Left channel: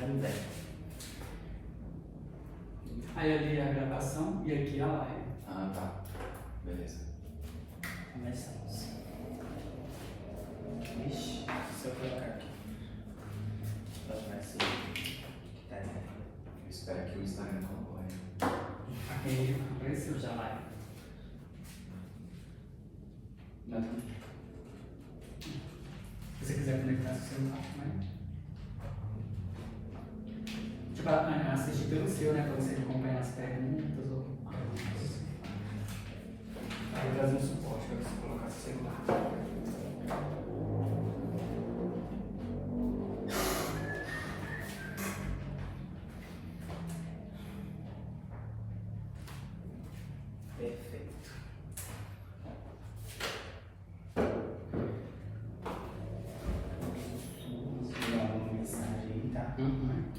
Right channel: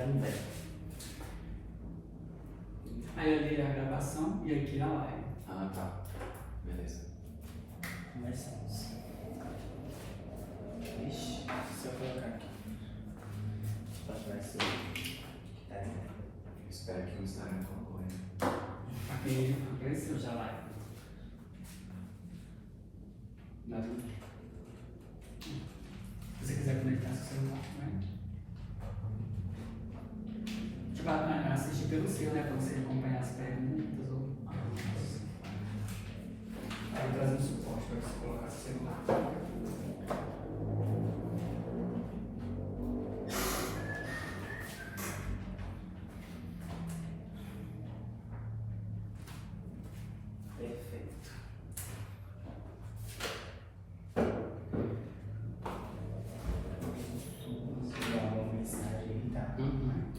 também. Aí ali a gravação e aqui a live. Ah, tá. Beleza. Começamos. Ixi, se eu colocar aqui. Vai ser. Tá aí. Eu espero que o Instagram concorra. Aqui apareceu já a live. Não. Se você quiser conectar seu celular, né? Tipo, assistir pelo seu, né? Pra você acompanhar as perguntas ou. Aí traz um suporte pra você colocar o celular. Perfeito. Vou dar uma mensagem aí, tá? Camarão.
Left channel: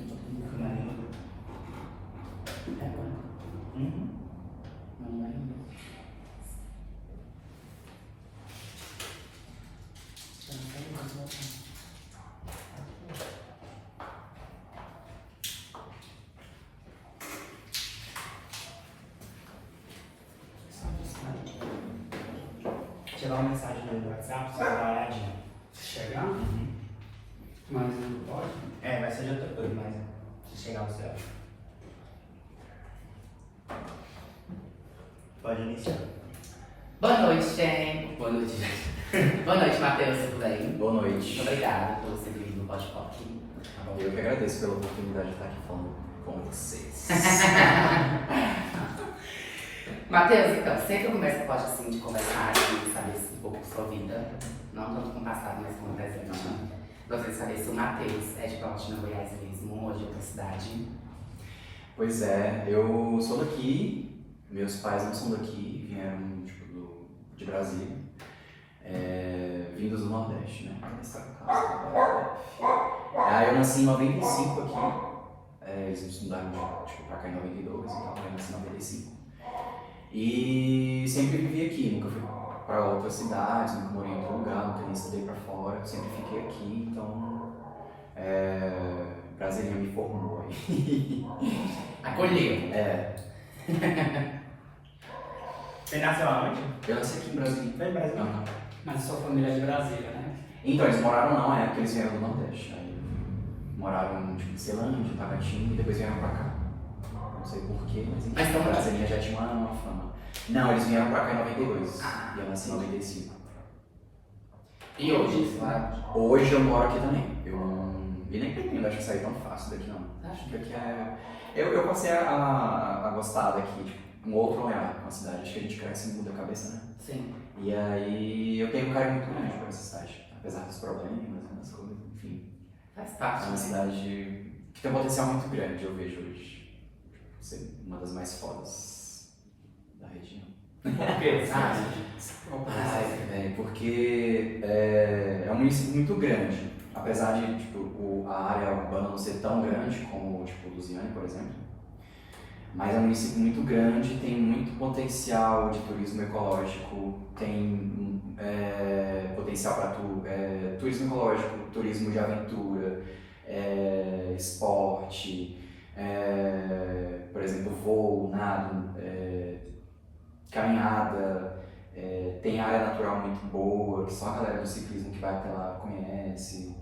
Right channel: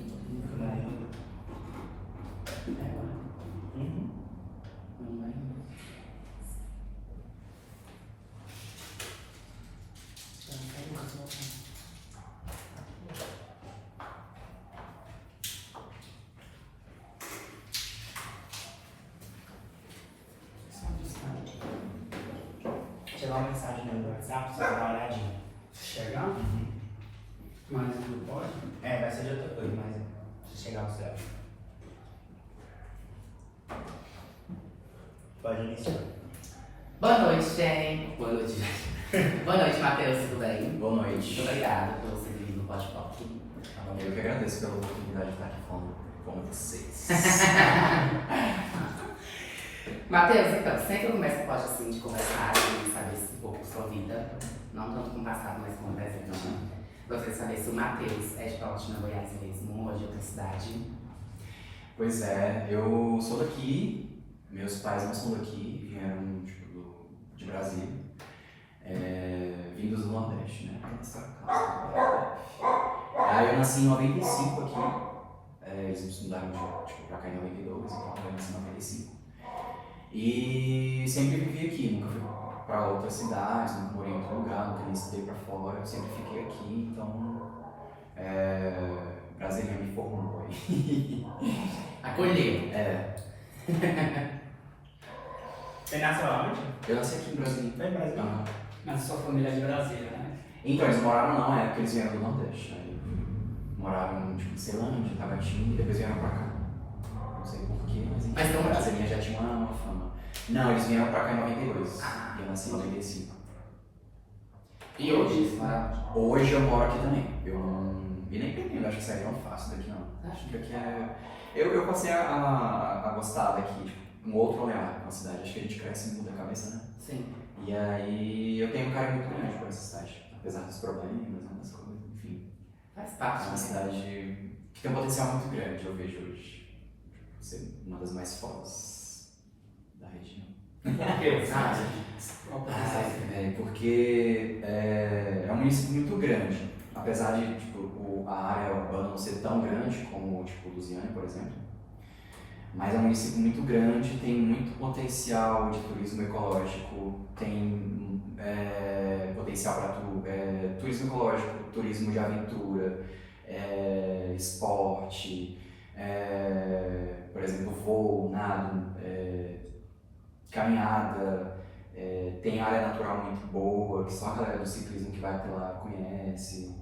Chegar uma mensagem no WhatsApp, você vai dar uma olhadinha. Chegar? Mas não pode? É, vai ser de outra coisa, mas se chegar você acha. Pode iniciar. Boa noite, gente. Boa noite, gente. Boa noite, Matheus, tudo bem? Boa noite. Muito obrigada por você vir no Pode Pop. Tá bom? Eu que agradeço pela oportunidade de estar aqui falando com vocês. Matheus, então, sempre eu começo pode assim de conversar e saber um pouco sua vida, não tanto com o passado, mas com o presente. Gostaria de saber se o Matheus é de Palotina, Goiás mesmo, ou de outra cidade. Pois é, eu sou daqui, meus pais não são daqui, vieram tipo, de Brasília, vindos do Nordeste, né? Aí eu nasci em 95 aqui, eles me mudaram tipo, pra cá em 92, então eu nasci em 95. E sempre vivi aqui, nunca fui pra outras cidades, nunca morei em outro lugar, nunca nem estudei pra fora, eu sempre fiquei aqui, então Brasília me formou. Acolheu. Você nasceu aonde? Eu nasci aqui em Brasília. Foi em Brasília? Aham. Mas sua família é de Brasília, né? Então, eles moraram não, é porque eles vieram do Nordeste. Aí, moraram tipo, em Ceilândia, Tabatinga, e depois vieram pra cá. Não sei porquê, mas enfim, Mas então, Brasília já tinha uma fama. Não, eles vieram pra cá em 92, Ah. e eu nasci em 95. E hoje, você mora onde? Hoje eu moro aqui também. E nem pretendo, acho que sair tão fácil daqui não. Acho que daqui é... Eu passei a gostar daqui, tipo, um outro olhar com a cidade. Acho que a gente cresce e muda a cabeça, né? Sim. E aí eu tenho um carinho muito grande por essa cidade. Apesar dos problemas, das coisas, enfim. Faz É parte, uma né? cidade que tem um potencial muito grande, eu vejo hoje. Ser uma das mais fodas da região. Por quê? Sabe? Porque é um município muito grande. Apesar de tipo, a área urbana não ser tão grande como tipo, Lusiânia, por exemplo. Mas é um município muito grande, tem muito potencial de turismo ecológico, tem potencial para turismo ecológico, turismo de aventura, esporte, por exemplo, voo, nado, caminhada, tem área natural muito boa, que só a galera do ciclismo que vai até lá conhece,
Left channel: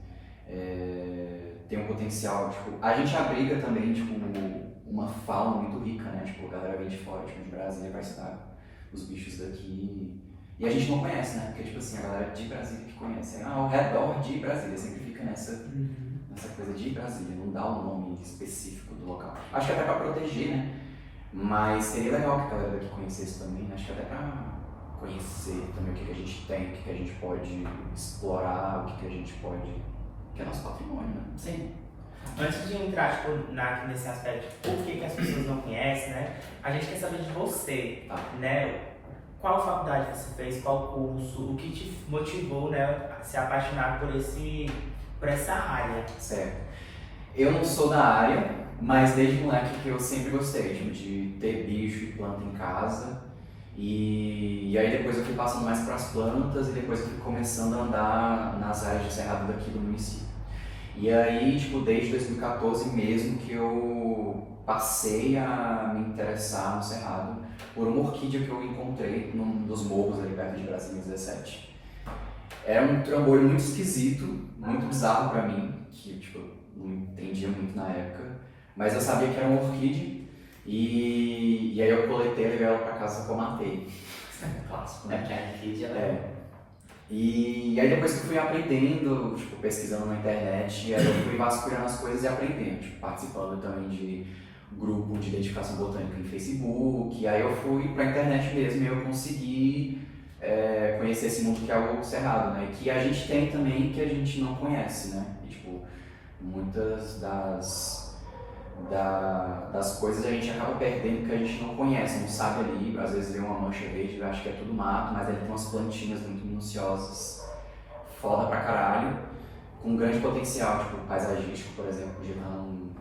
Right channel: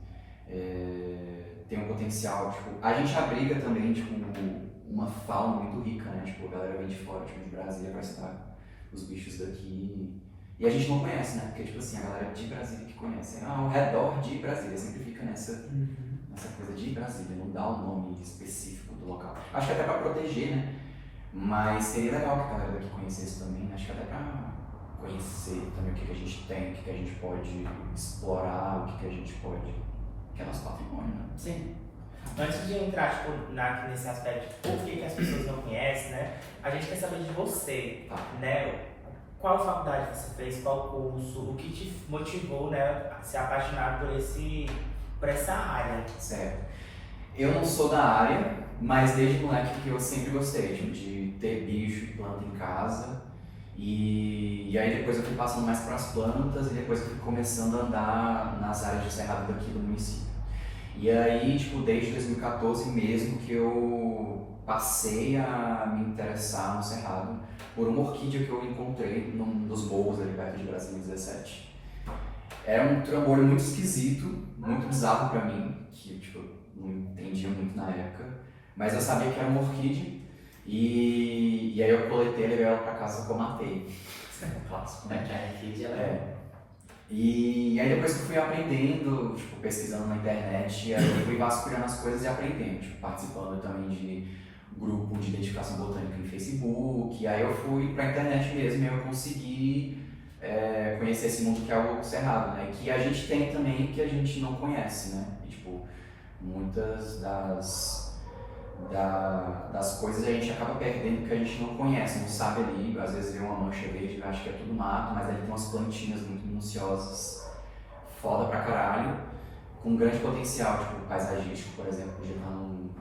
tem um potencial, tipo, a gente abriga também, tipo, uma fauna muito rica, né, tipo, a galera vem de fora, tipo, de Brasília vai estudar os bichos daqui, e a gente não conhece, né, porque, tipo assim, a galera de Brasília que conhece, ao redor de Brasília, sempre fica nessa coisa de Brasília, não dá um nome específico do local. Acho que até pra proteger, né, mas seria legal que a galera daqui conhecesse também, né? Acho que até pra conhecer também o que a gente tem, o que a gente pode explorar, o que a gente pode... que é nosso patrimônio, né? Sim. Antes de entrar tipo, nesse aspecto, por que as pessoas não conhecem, né? A gente quer saber de você, né? Qual faculdade você fez, qual curso, o que te motivou, né, a se apaixonar por essa área? Certo. Eu não sou da área, mas desde moleque que eu sempre gostei, tipo, de ter bicho e planta em casa. E aí depois eu fui passando mais para as plantas e depois eu fui começando a andar nas áreas de cerrado daqui do município. E aí, tipo, desde 2014 mesmo que eu passei a me interessar no Cerrado por uma orquídea que eu encontrei num dos morros ali perto de Brasília 17. Era um trambolho muito esquisito, muito bizarro pra mim, que tipo, não entendia muito na época, mas eu sabia que era uma orquídea e aí eu coletei e levei ela pra casa que eu matei. Clássico, né? Que a orquídea E aí depois que eu fui aprendendo, tipo, pesquisando na internet, e aí eu fui vasculhando as coisas e aprendendo, tipo, participando também de grupo de identificação botânica em Facebook, e aí eu fui pra internet mesmo e eu consegui conhecer esse mundo que é o Cerrado, né? Que a gente tem também que a gente não conhece, né? E, tipo, muitas das coisas a gente acaba perdendo que a gente não conhece, não sabe ali, às vezes vê uma mancha verde e acha que é tudo mato, mas ali tem umas plantinhas muito minuciosas, foda pra caralho, com grande potencial, tipo, paisagístico, por exemplo,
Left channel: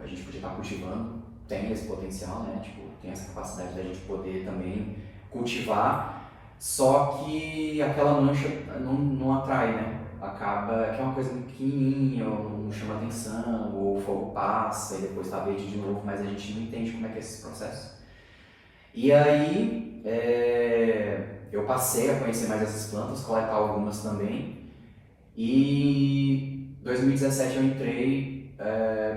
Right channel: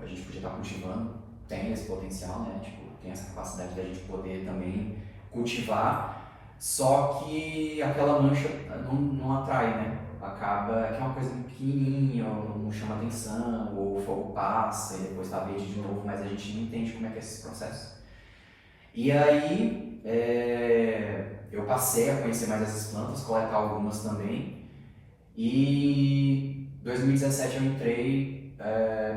a gente podia estar cultivando, tem esse potencial, né? Tipo, tem essa capacidade da gente poder também cultivar, só que aquela mancha não atrai, né? Acaba que é uma coisa muito pequenininha, ou não chama atenção, ou o fogo passa e depois tá verde de novo, mas a gente não entende como é que é esse processo. E aí eu passei a conhecer mais essas plantas, coletar algumas também, e em 2017 eu entrei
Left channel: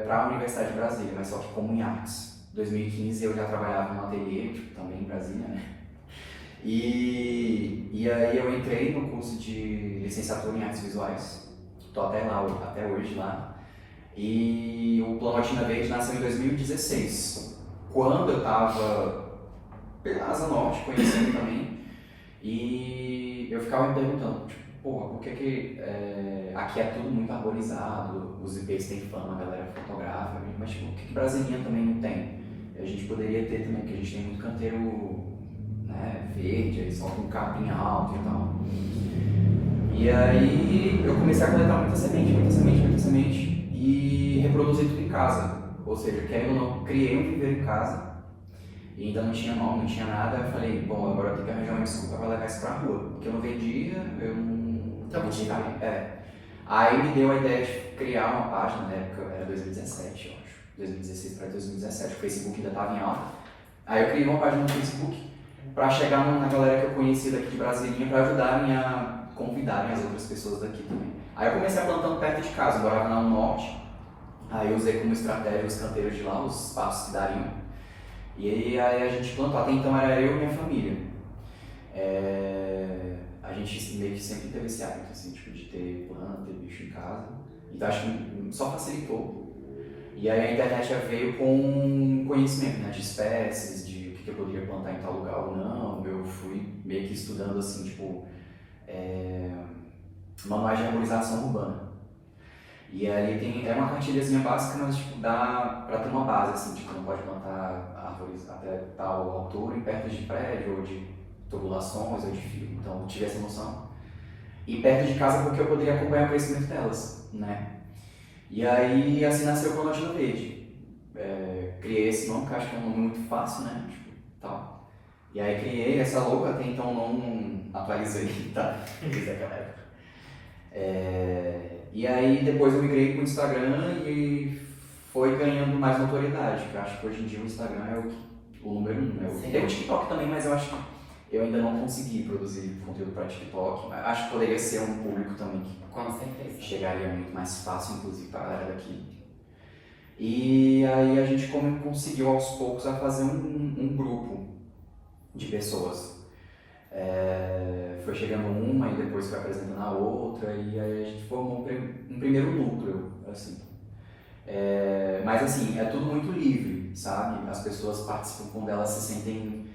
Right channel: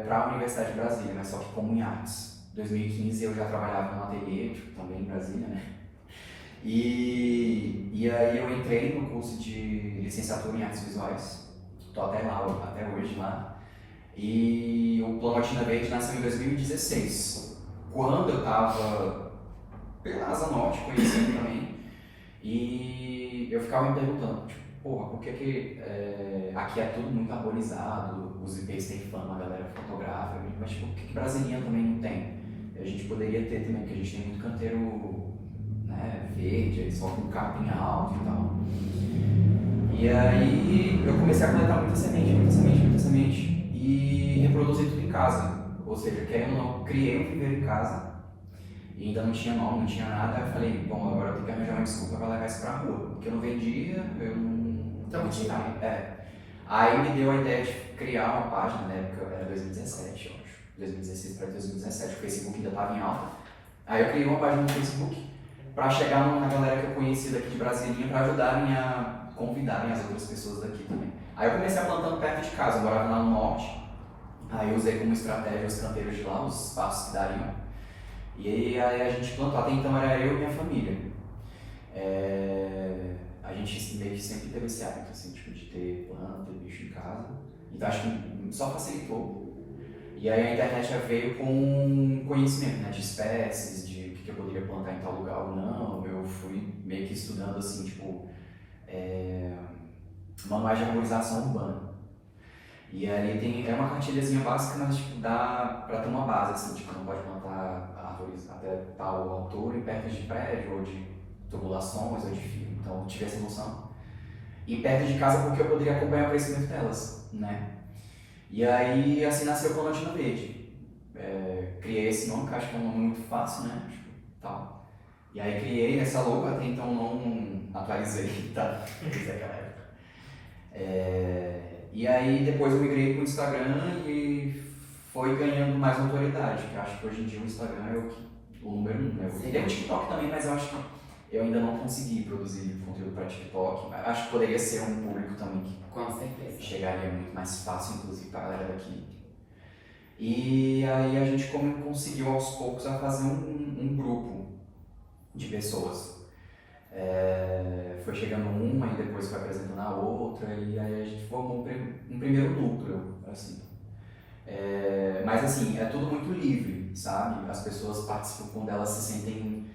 para a Universidade de Brasília, mas só que como em artes. Em 2015 eu já trabalhava no ateliê, tipo, também em Brasília, né? E aí eu entrei no curso de licenciatura em artes visuais, estou até lá, até hoje lá, e o Planaltina Verde nasceu em 2016, quando eu estava pela Asa Norte, conhecendo também, e eu ficava me perguntando, tipo, porra, por que aqui é tudo muito arborizado, os IPs têm fama, a galera fotografa, mas tipo, por que Brasília também não tem? A gente poderia ter também, porque a gente tem muito canteiro verde, eles soltam um capim alto e tal. E aí eu comecei a coletar muita semente e reproduzir tudo em casa. Ou seja, querendo ou não, criei um viveiro em casa e ainda não tinha mão, não tinha nada. Eu falei, bom, agora eu tenho que arranjar uma desculpa para levar isso pra rua, porque eu não vendia, eu não vendia. Aí me deu a ideia de criar uma página, na época era 2017, eu acho, 2016 para 2017, o Facebook ainda estava em alta. Aí eu criei uma página no Facebook para chegar na galera que eu conhecia daqui de Brasília para ajudarem a convidarem as outras pessoas daqui também. Aí eu comecei a plantando perto de casa, eu morava lá no norte, aí eu usei como estratégia os canteiros de lá, os espaços que dariam. E aí a gente plantou, até então era eu e minha família. A gente meio que sempre teve esse hábito, assim, tipo, de ter planta, ter bicho em casa, então acho que só facilitou. E aí a internet já veio com conhecimento, né, de espécies, de que eu poderia plantar em tal lugar ou não. Eu fui meio que estudando assim, tipo, manuais de arborização urbana. E aí é uma cartilhazinha básica, mas tipo, dá pra ter uma base, assim, tipo, não pode plantar árvores até tal altura em perto de prédio, ou de tubulações, ou de fio. Então eu tive essa noção. E perto de casa porque eu poderia acompanhar o crescimento delas, né? E aí assim nasceu o Planaltina Verde. Criei esse nome, que eu acho que é um nome muito fácil, né? Tal. E aí criei essa logo, até então não atualizei, tá? Desde aquela época. E aí depois eu migrei pro Instagram e foi ganhando mais notoriedade, que eu acho que hoje em dia o Instagram é o número 1, né? Tem o TikTok também, mas eu acho que eu ainda não consegui produzir conteúdo para TikTok. Acho que poderia ser um público também que com certeza chegaria muito mais fácil, inclusive, para a galera daqui. E aí a gente conseguiu aos poucos a fazer um grupo de pessoas. Foi chegando uma e depois foi apresentando a outra, e aí a gente formou um primeiro núcleo, assim. Mas assim, é tudo muito livre, sabe? As pessoas participam quando elas se sentem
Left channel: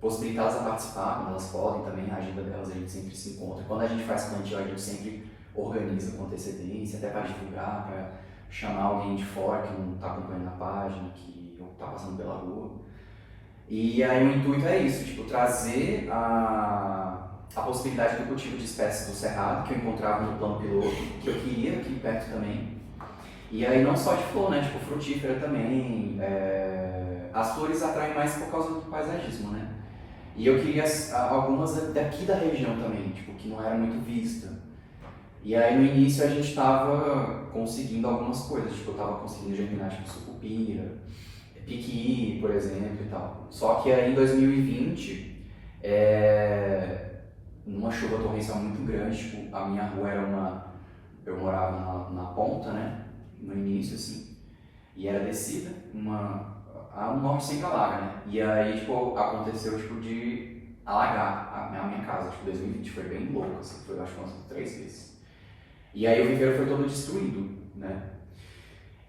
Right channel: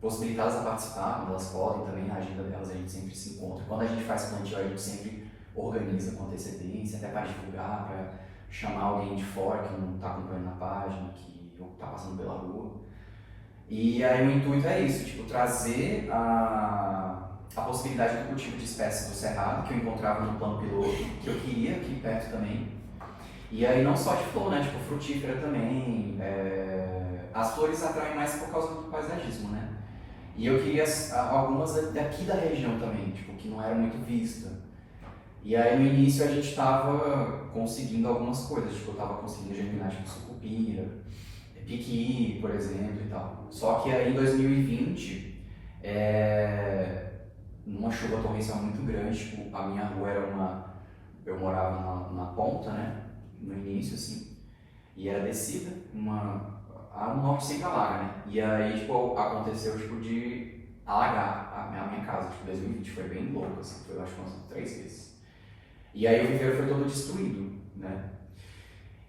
possibilitadas a participar, quando elas podem também, na agenda delas a gente sempre se encontra. Quando a gente faz plantio, a gente sempre organiza com antecedência, até para divulgar, para chamar alguém de fora que não está acompanhando a página, que está passando pela rua. E aí o intuito é isso, tipo, trazer a possibilidade do cultivo de espécies do Cerrado, que eu encontrava no plano piloto, que eu queria aqui perto também. E aí não só de flor, né, tipo, frutífera também. As flores atraem mais por causa do paisagismo, né? E eu queria algumas daqui da região também, tipo, que não era muito vista. E aí no início a gente estava conseguindo algumas coisas, tipo, eu estava conseguindo germinar tipo sucupira, piqui, por exemplo, e tal. Só que aí em 2020, numa chuva torrencial muito grande, tipo, a minha rua eu morava na ponta, né, no início, assim, e era descida, a norte sempre alaga, né, e aí, tipo, aconteceu, tipo, de alagar a minha casa, tipo, 2020 foi bem louco, assim, foi, eu acho que umas 3 vezes. E aí o viveiro foi todo destruído, né?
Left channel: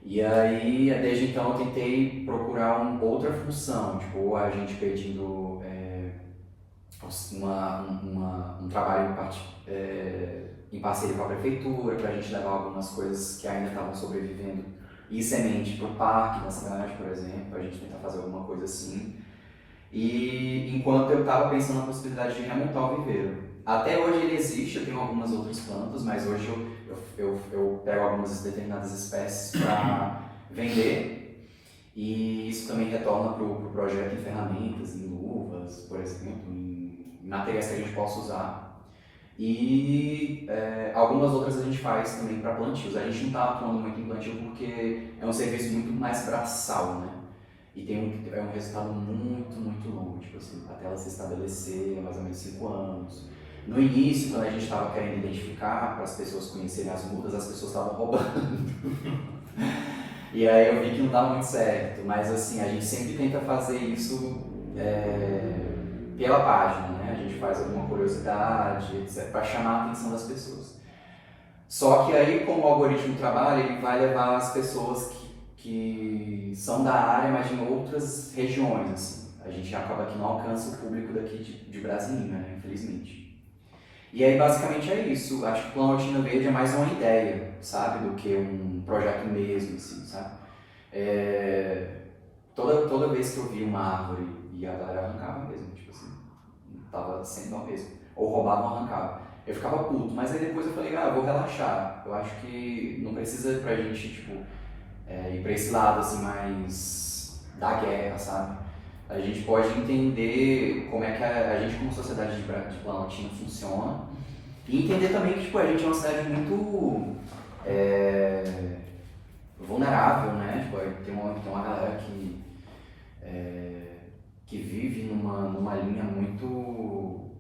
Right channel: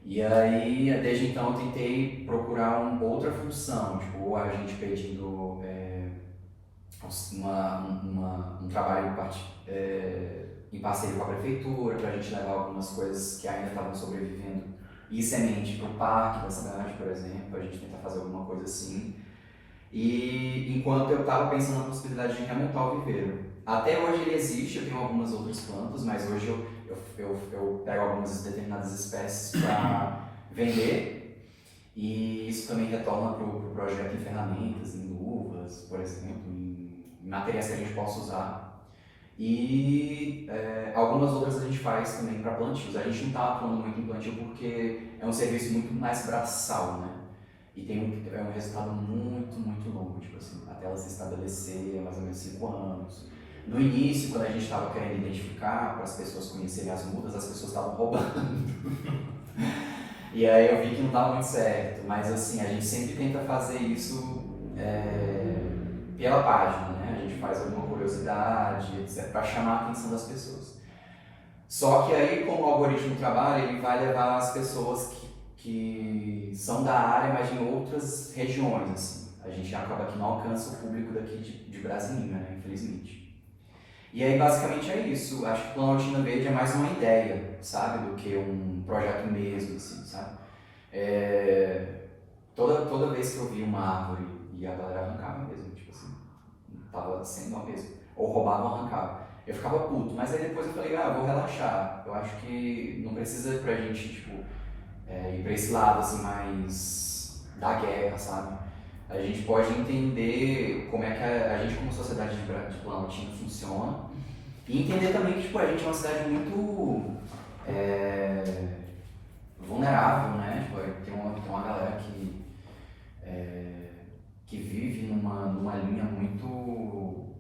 E aí, desde então, eu tentei procurar outra função, tipo, ou a gente pedindo um trabalho em parceria com a prefeitura, para a gente levar algumas coisas que ainda estavam sobrevivendo e semente para o parque da cidade, por exemplo, para a gente tentar fazer alguma coisa assim. E enquanto eu estava pensando na possibilidade de remontar o viveiro. Até hoje ele existe, eu tenho algumas outras plantas, mas hoje eu pego algumas determinadas espécies para vender, e isso também retorna para o projeto em ferramentas, em luvas, por exemplo, em materiais que a gente possa usar. E algumas outras a gente faz também para plantios. A gente não está atuando muito em plantio porque é um serviço muito mais braçal, né? E tem um resultado muito, muito longo, tipo assim, até ela se estabelecer, mais ou menos 5 anos. No início, quando a gente estava querendo identificar, para as pessoas conhecerem as mudas, as pessoas estavam roubando. E aí eu vi que não dava muito certo, mas assim, a gente sempre tenta fazer isso pela página, né? A gente faz alguma curiosidade, etc., para chamar a atenção das pessoas. Só que aí, como o algoritmo trabalha, ele vai levar as pessoas que são da área, mas em outras regiões, assim. A gente acaba que não alcança o público daqui de Brasília, né? Infelizmente. E aí, basicamente, é isso. Acho que Planaltina Verde é mais uma ideia, sabe? Do que um projeto mesmo, assim, sabe? Toda vez que eu via uma árvore e a galera arrancava mesmo, tipo assim, tava sendo mal mesmo. Ou roubava ou arrancava. Eu ficava puto, mas aí depois eu falei, eu vou relaxar. Eu acho que não precisa pra gente, tipo, ir pra esse lado, assim, mais da guerra, sabe? A gente pode entender como é que a gente, como sociedade de Planaltina, funciona, e entender também que, tipo, a gente é uma cidade muito vulnerável, né? Tipo, tem uma galera que vive numa linha muito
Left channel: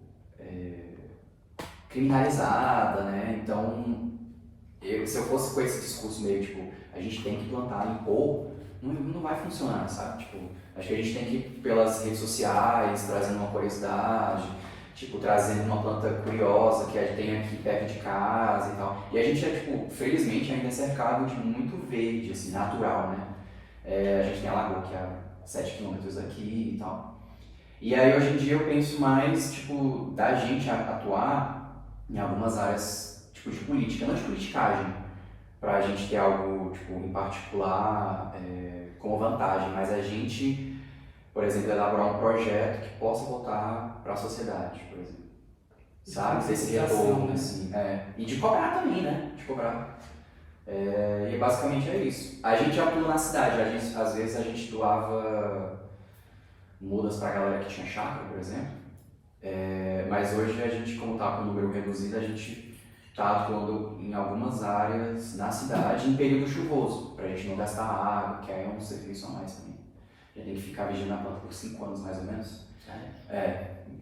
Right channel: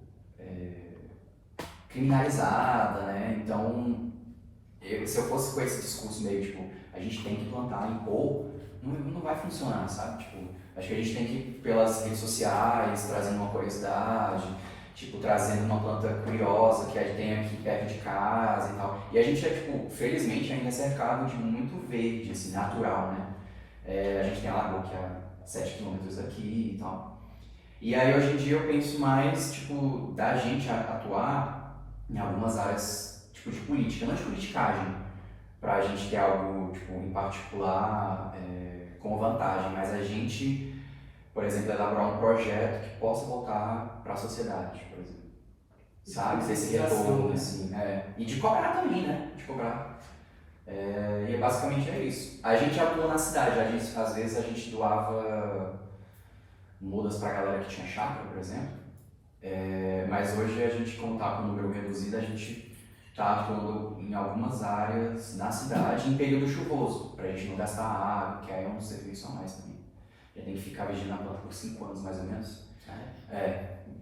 criminalizada, né? Então, se eu fosse com esse discurso meio, tipo, a gente tem que plantar e impor, não vai funcionar, sabe? Tipo, acho que a gente tem que ir pelas redes sociais, trazendo uma curiosidade, tipo, trazendo uma planta curiosa que a gente tem aqui perto de casa e tal. E a gente tipo, felizmente ainda é cercado de muito verde, assim, natural, né? A gente tem a lagoa que é a 7 km daqui e tal. E aí hoje em dia eu penso mais, tipo, da gente atuar em algumas áreas, tipo, de política, não de politicagem, pra gente ter algo, tipo, em particular como vantagem, mas a gente, por exemplo, elaborar um projeto que possa voltar para a sociedade, por exemplo. Sabe? Ter esse retorno, assim. E de cobrar também, né? De cobrar. E basicamente é isso. A gente atua na cidade, às vezes a gente doava mudas para a galera que tinha chácara, por exemplo. Mas hoje a gente, como está com o número reduzido, a gente está atuando em algumas áreas na cidade em período chuvoso, para a gente não gastar água, que é um serviço a mais também. Já tem que ficar vigiando a planta por 5 anos mais ou menos.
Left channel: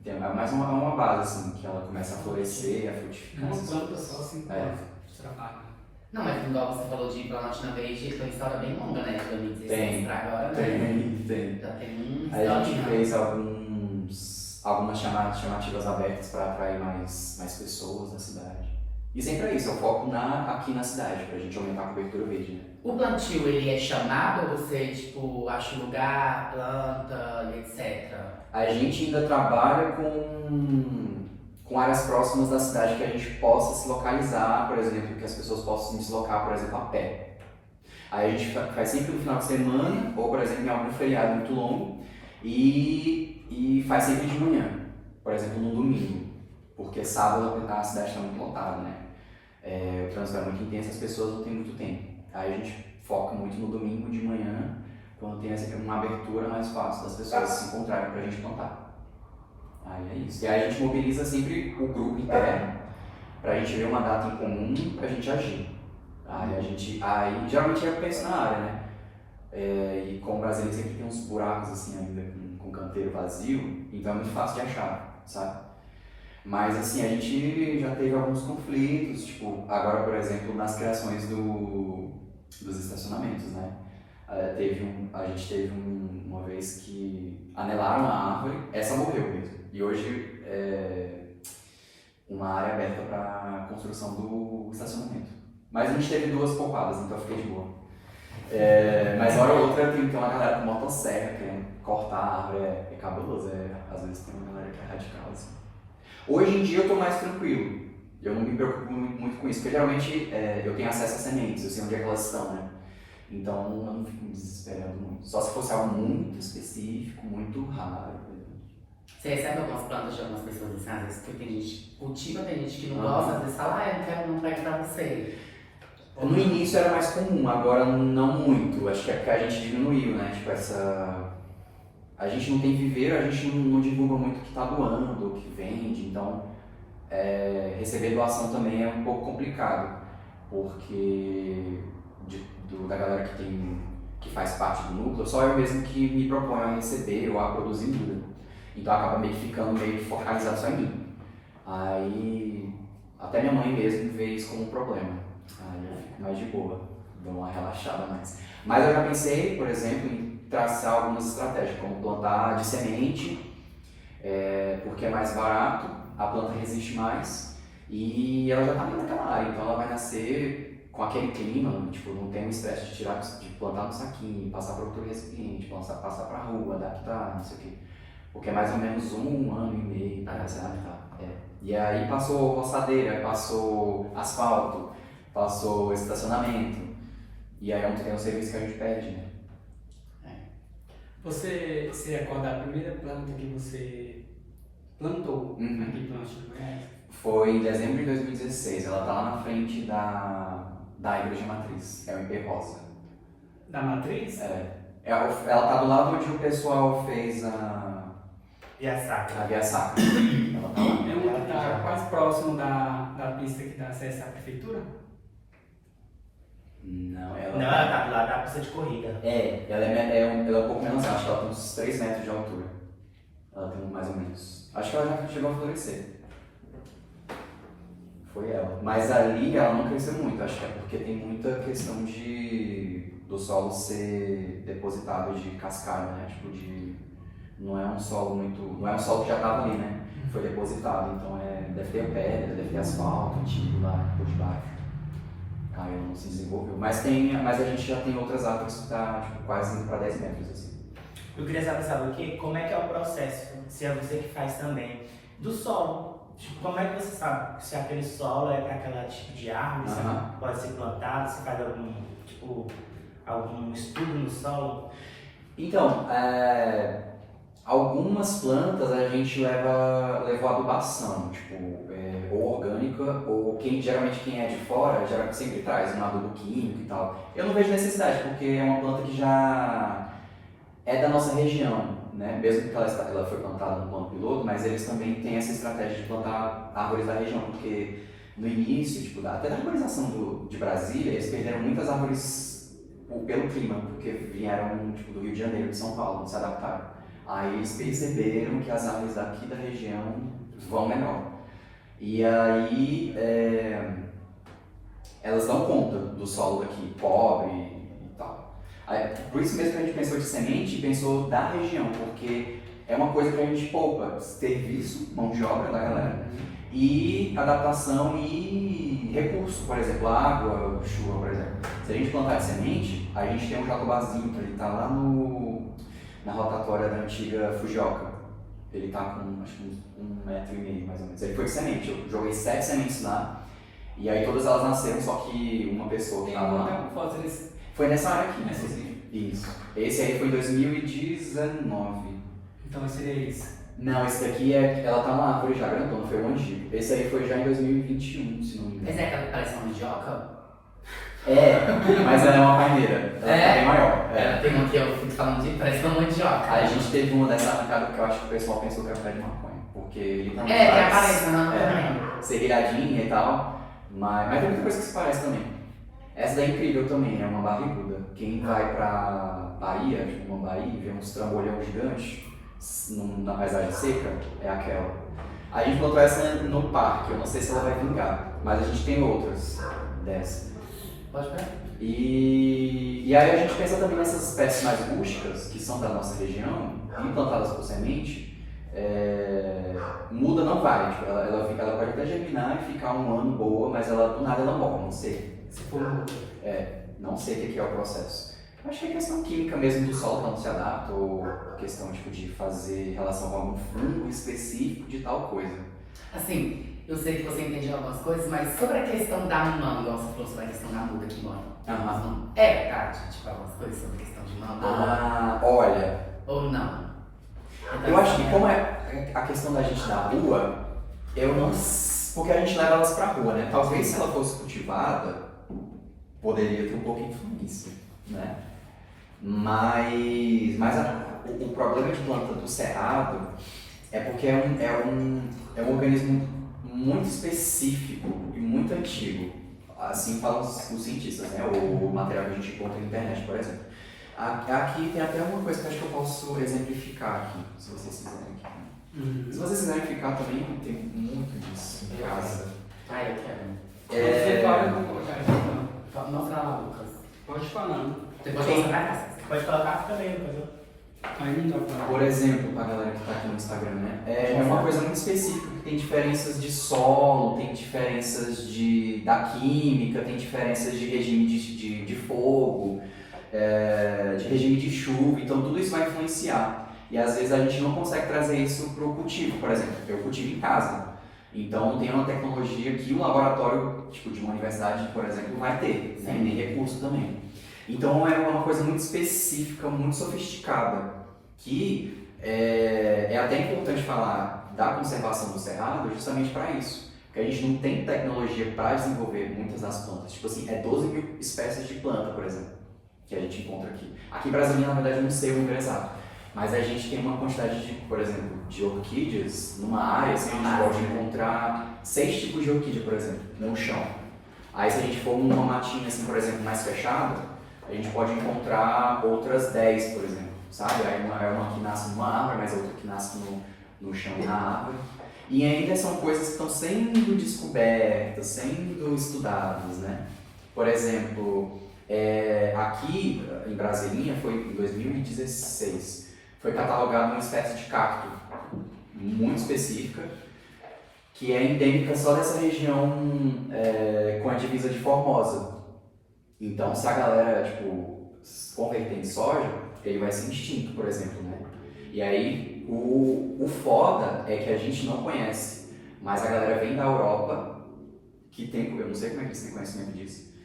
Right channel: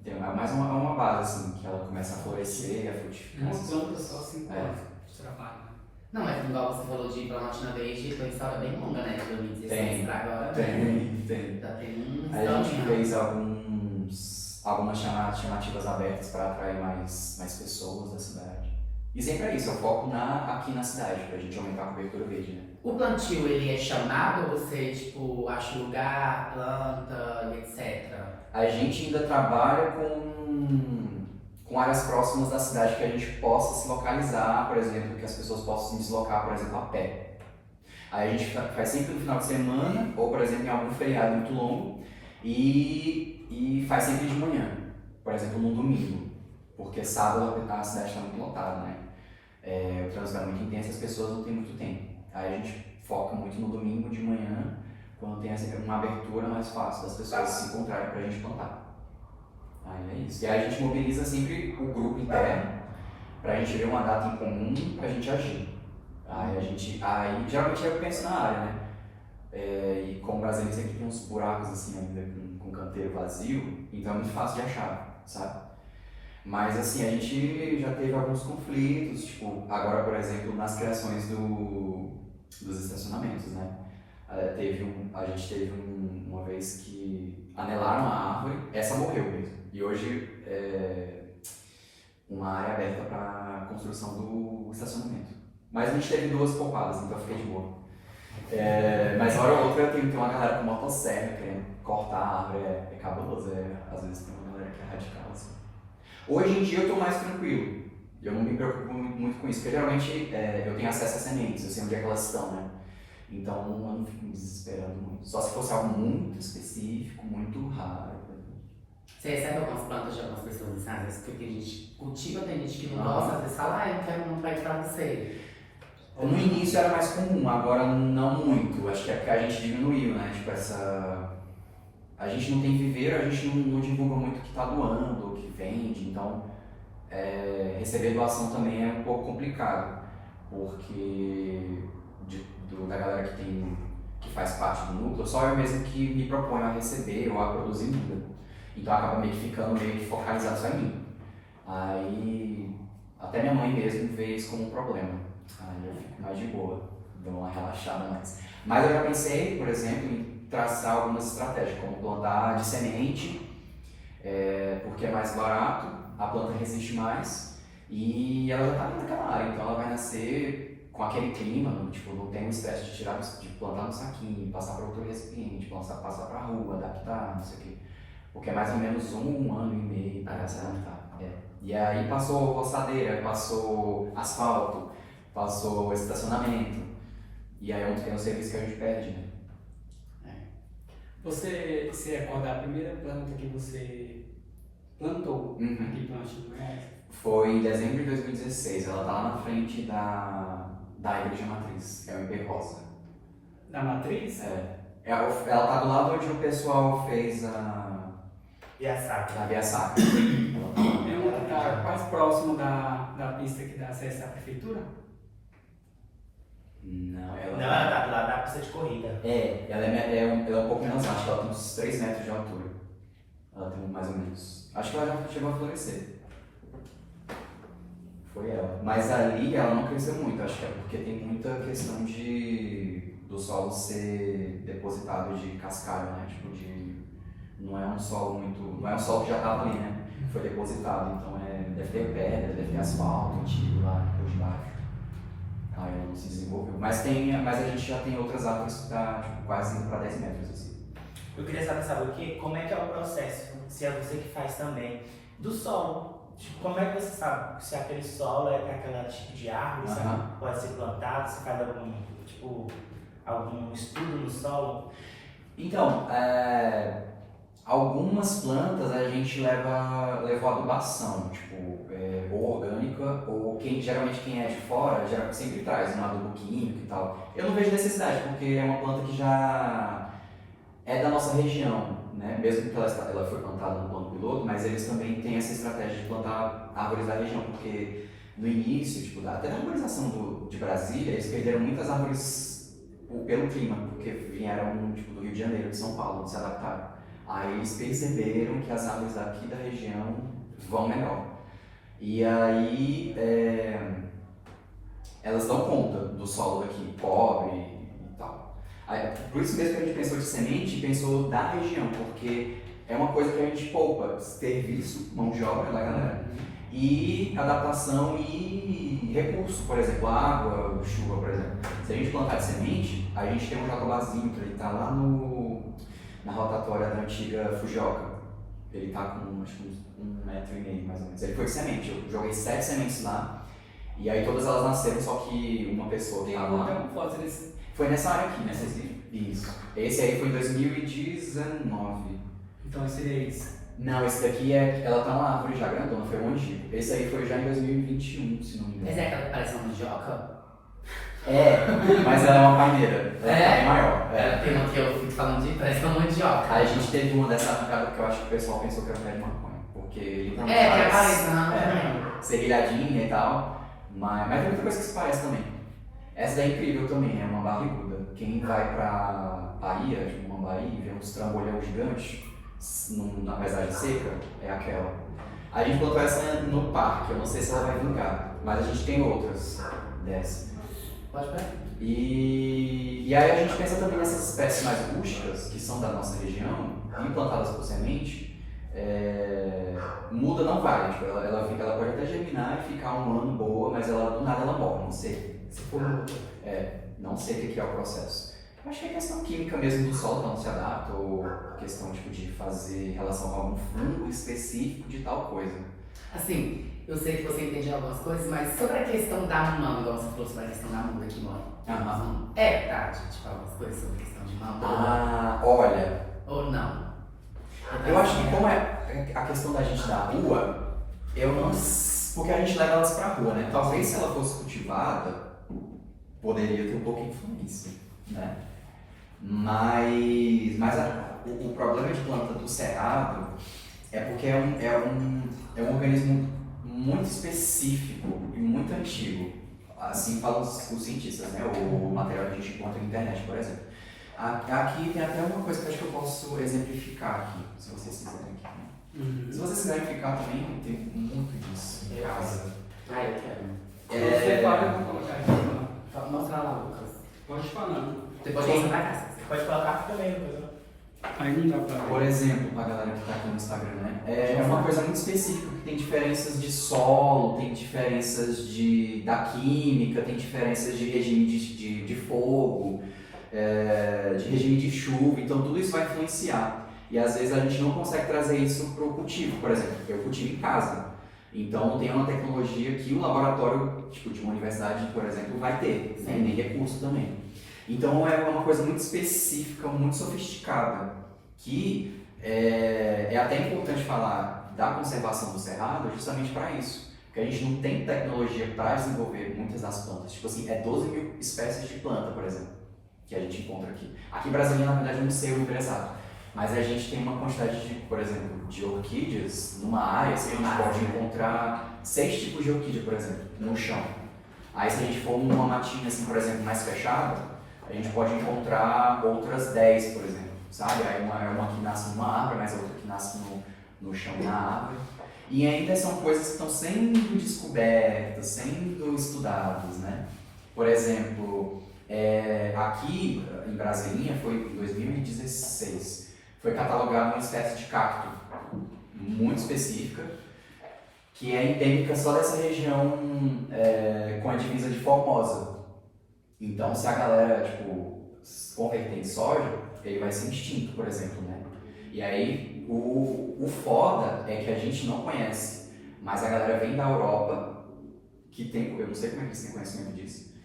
Tem mais uma base assim, que ela começa a florescer, a frutificar. Uma planta só 5 anos de trabalho. Não, mas igual você falou de Planaltina Verde, foi uma história bem longa, né? De 2016 pra agora, né? Tem. Já tem A gente fez algumas chamativas abertas para atrair mais pessoas da cidade. E sempre é isso, é o foco aqui na cidade, pra gente aumentar a cobertura verde, né? O plantio, ele é chamado ou você, tipo, acha lugar, planta, etc? A gente ainda trabalha com áreas próximas da cidade que a gente possa se localizar, por exemplo, que as pessoas possam se deslocar, por exemplo, a pé. Aí a gente faz sempre no final de semana, ou por exemplo em algum feriado muito longo, e faz sempre de manhã, por exemplo no domingo, porque sábado a cidade está muito lotada, né? O trânsito é muito intenso, as pessoas não têm muito tempo. Aí a gente foca muito no domingo de manhã, quando tem uma abertura mais fácil das pessoas se encontrarem para a gente plantar. Aí é isso. E aí a gente mobiliza sempre o grupo interno pra gente ver uma data em comum pra gente agir. Aí geralmente eu penso na área, né? E como o Brasil sempre tem uns buracos assim ainda com canteiro vazio, então é muito fácil de achar, sabe? Mas assim, a gente já teve alguns conflitos, tipo, agora por exemplo nas criações dos estacionamentos, né? A gente teve uma vez que anelaram a árvore, essa morreu mesmo, e hoje uma área aberta para construção do estacionamento. Mas a gente teve 2 poupadas, então eu fiquei de boa. Mas hora ou outra tem uma galera com motosserra querendo cortar a árvore, é cabuloso, às vezes tem uma galera que é radical assim. Hoje em dia eu tô mais tranquilo, eu não me preocupo muito com isso, porque geralmente eu tenho acesso a sementes, eu sei onde é que elas estão, né? Então eu não fico me desesperando muito, só se fosse algo muito específico, muito raro. Você recebe algumas plantas de algumas pessoas assim, às vezes que tem gente que cultiva, tem gente que não gosta, às vezes fala, eu não quero, não pego pra você. No início era mais comum, agora não muito. Acho que é porque a gente diminuiu, né? Tipo, a gente não tem viveiro, a gente não divulga muito o que está doando, o que vende, então receber doação também é um pouco complicado, porque da galera que faz parte do núcleo, só eu mesmo que me proponho a receber ou a produzir vida. Então acaba meio que ficando meio focalizado só em mim. Aí até minha mãe mesmo vê isso como um problema. Aí eu fico mais de boa, dou uma relaxada mais. Mas eu já pensei, por exemplo, em traçar algumas estratégias, como plantar de semente, porque é mais barato, a planta resiste mais e ela já está ali naquela área, então ela vai nascer com aquele clima, tipo, não tem o estresse de plantar no saquinho, passar para outro recipiente, passar para a rua, adaptar, não sei o quê. Porque é mais ou menos 1 ano e meio para se adaptar. E aí passou roçadeira, passou asfalto, passou estacionamento, e aí é um serviço que a gente perde, né? Você se recorda da primeira planta que você plantou aqui em Plantio do Goiás? Foi em dezembro de 2016, ela tá lá na frente da igreja matriz, é o IP Rosa. Da matriz? Ela tá do lado onde o pessoal fez a Via Sacra. Via Sacra. Ela tá lá. É uma que está quase próximo da pista que dá acesso à prefeitura? Não, ela tá do lado da pista de corrida. ela é um pouco menos alta, ela tem uns 3 metros de altura. Ela tem mais ou menos. Acho que ela já chegou a florescer. Foi ela. Mas ali ela não cresceu muito, acho que é porque tem muita questão do solo ser depositado de cascalho, né? Tipo não é um solo que já estava ali, né? Foi depositado, então deve ter pedra, deve ter asfalto antigo lá por debaixo. Aí não se desenvolveu. Mas a gente já tem outras árvores que está tipo, quase indo para 10 metros assim. Eu queria saber o quê? Como é que é o processo, se é você que faz também, do solo. Tipo, como é que você sabe se aquele solo é para aquele tipo de árvore, se pode ser plantado, se faz algum estudo no solo? Então, algumas plantas a gente levou adubação, tipo, ou orgânica, ou geralmente quem é de fora sempre traz um adubo químico e tal. Eu não vejo necessidade, porque é uma planta que já é da nossa região, né? Mesmo que ela foi plantada no plano piloto, mas eles também têm essa estratégia de plantar árvores da região, porque no início, tipo, até na urbanização de Brasília, eles perderam muitas árvores pelo clima, porque vieram tipo, do Rio de Janeiro, de São Paulo, não se adaptaram. Aí eles perceberam que as árvores daqui da região vão melhor. E aí elas dão conta do solo daqui, pobre e tal. Aí, por isso mesmo que a gente pensou de semente e pensou da região, porque é uma coisa que a gente poupa, serviço, mão de obra da galera, e adaptação e recurso, por exemplo, água, chuva, por exemplo. Se a gente plantar de semente, a gente tem um jacobazinho que ele está lá na rotatória da antiga Fujioka. Ele está com acho que uns 1,5 metro mais ou menos. Ele foi de semente, eu joguei 7 sementes lá, e aí todas elas nasceram, só que uma pessoa que estava lá. Foi nessa área aqui, nessa Isso. Esse aí foi em 2019. Então seria isso. Não, esse daqui ela tá uma árvore já grandona, foi um antigo. Esse aí foi já em 2021, se não me engano. Mas é aquela que parece uma mandioca? Mas ela é uma palmeira. Ela é bem maior. Ela tem uma que eu fico falando de parece uma mandioca. Aí a gente teve uma dessa arrancada que eu acho que o pessoal pensou que era pé de maconha. Porque ele não que aparece, não. serrilhadinha e tal. Mas tem muita coisa que se parece também. Essa daí é incrível também, é uma barriguda. Quem vai pra Bahia, tipo Mambaí, e vê uns trambolhão gigantes na paisagem seca, é aquela. A gente plantou essa no parque, eu não sei se ela vai vingar, mas a gente tem outras dessa. Pode ver. E aí a gente pensa também nessas espécies mais rústicas, que são da nossa região, implantadas por semente, muda não vai, tipo, ela pode até germinar e ficar um ano boa, mas ela do nada ela morre, não sei. Se for muda. Não sei o que é o processo. Acho que é questão química mesmo do solo que não se adapta, ou questão tipo, de fazer relação com algum fungo específico de tal coisa. Assim, eu sei que você entende algumas coisas, mas sobre a questão da manga, você falou sobre a questão da muda que mora. É verdade, tipo, algumas coisas sobre a questão de manga. Olha. Ou não? Eu acho que como é a questão da gente da rua, eu não. Porque a gente leva elas pra rua, né? Talvez se ela fosse cultivada, poderia ter um pouco de influência, né? Mas o problema de planta do cerrado é porque é um organismo muito específico e muito antigo. Assim falam os cientistas, né? O material que a gente encontra na internet, por exemplo. Aqui tem até uma coisa que eu acho que eu posso exemplificar aqui, se vocês quiserem aqui. Né? Se vocês quiserem ficar também, tem muito disso em casa. Eu quero. Você pode colocar. Mostra lá, Lucas. Pode falar. Depois você pra casa. Pode colocar também, depois eu... Aí não dá pra... Por exemplo, pra galera que tá aqui no Instagram, né? É uma coisa muito específica, que tem diferenças de solo, tem diferenças da química, tem diferenças de regime de fogo, de regime de chuva, então tudo isso vai influenciar. E às vezes a gente não consegue trazer isso pro cultivo. Por exemplo, eu cultivo em casa, então tem uma tecnologia que um laboratório, tipo de uma universidade, por exemplo, vai ter, né? Nem recurso também. Então é uma coisa muito específica, muito sofisticada, que é até importante falar da conservação do cerrado justamente para isso. Porque a gente não tem tecnologia para desenvolver muitas das plantas. Tipo assim, 12 mil espécies de planta, por exemplo, que a gente encontra aqui. Aqui em Brasília, na verdade, eu não sei o número exato. Mas a gente tem uma quantidade de, por exemplo, de orquídeas numa área, assim, a gente pode encontrar 6 tipos de orquídea, por exemplo, no chão. Aí se a gente for numa matinha, assim, por exemplo, mais fechada, a gente pode encontrar outras 10, por exemplo, sabe? Aí uma que nasce numa árvore, mas outra que nasce no chão da árvore. E ainda são coisas que estão sendo descobertas, sendo estudadas, né? Por exemplo, aqui em Brasilinha, foi em 2016, foi catalogada uma espécie de cacto muito específica, que é endêmica só dessa região com a divisa de Formosa. Então, se a galera, se converter em soja, ele vai ser extinto, por exemplo, né? E aí, o foda é que a gente não conhece, mas a galera vem da Europa, que tem, eu não sei como é que eles têm conhecimento disso,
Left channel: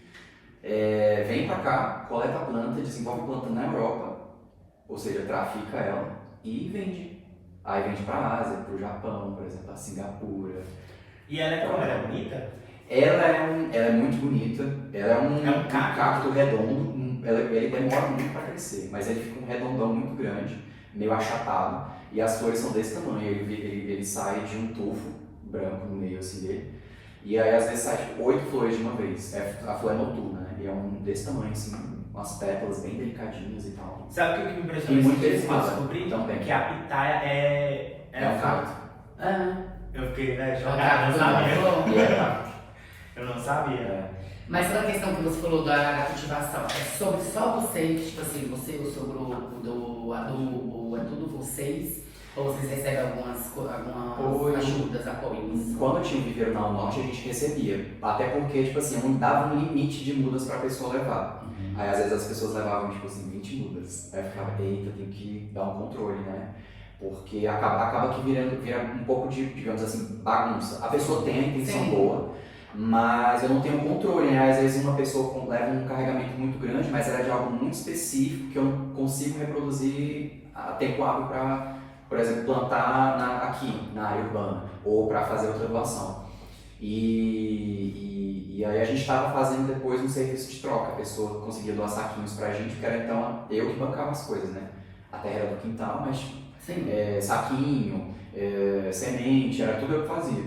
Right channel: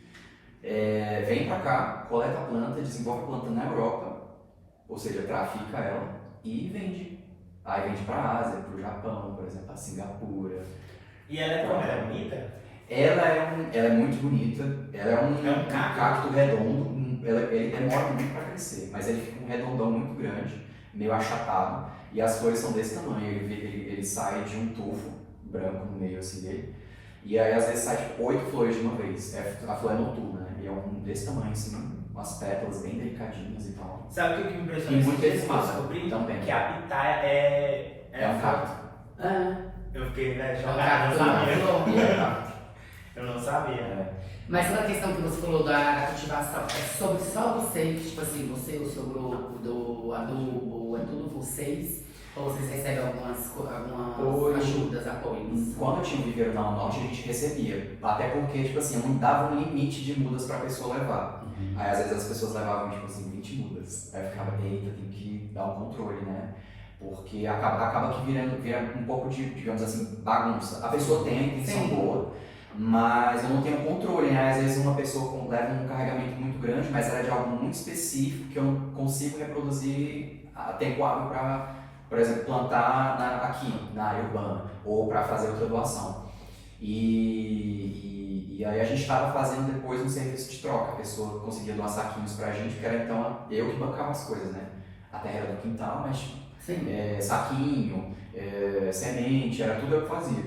vem pra cá, coleta a planta, desenvolve a planta na Europa, ou seja, trafica ela e vende. Aí vende pra Ásia, pro Japão, por exemplo, a Singapura. E ela é como? Ela é bonita? Ela é muito bonita, ela é um cacto redondo, ele demora muito para crescer, mas ele fica um redondão muito grande, meio achatado, e as flores são desse tamanho, ele sai de um tufo branco no meio assim dele, e aí às vezes sai 8 flores de uma vez, a flor é noturna, né? E é um desse tamanho assim, umas pétalas bem delicadinhas e tal. Sabe o que me E impressiona? muito Eu delicado descobri também. que a pitaia é um cacto. Eu fiquei, né, Cacto, jogado, E é cacto. Eu não sabia. Mas a questão que você falou da cultivação, é sobre só vocês, tipo assim, você, o seu grupo, do adubo, é tudo vocês? Ou vocês recebem algumas ajudas, apoios? Quando eu tinha o viveiro na Norte, a gente recebia. Até porque, tipo assim, não dava um limite de mudas pra pessoa levar. Aí às vezes as pessoas levavam, tipo assim, 20 mudas. Aí eu ficava, eita, tem que dar um controle, né? Porque acaba que vira um pouco de, digamos assim, bagunça. A pessoa tem a intenção boa, mas eu não tenho controle, né? Às vezes uma pessoa leva um carregamento muito grande, mas ela é de algo muito específico que eu não consigo reproduzir a tempo hábil para, por exemplo, plantar aqui, na área urbana, ou para fazer outra doação. E aí a gente estava fazendo depois um serviço de troca, a pessoa conseguia doar saquinhos pra gente, que era então eu que bancava as coisas, né? A terra era do quintal, mas saquinho, semente, era tudo eu que fazia.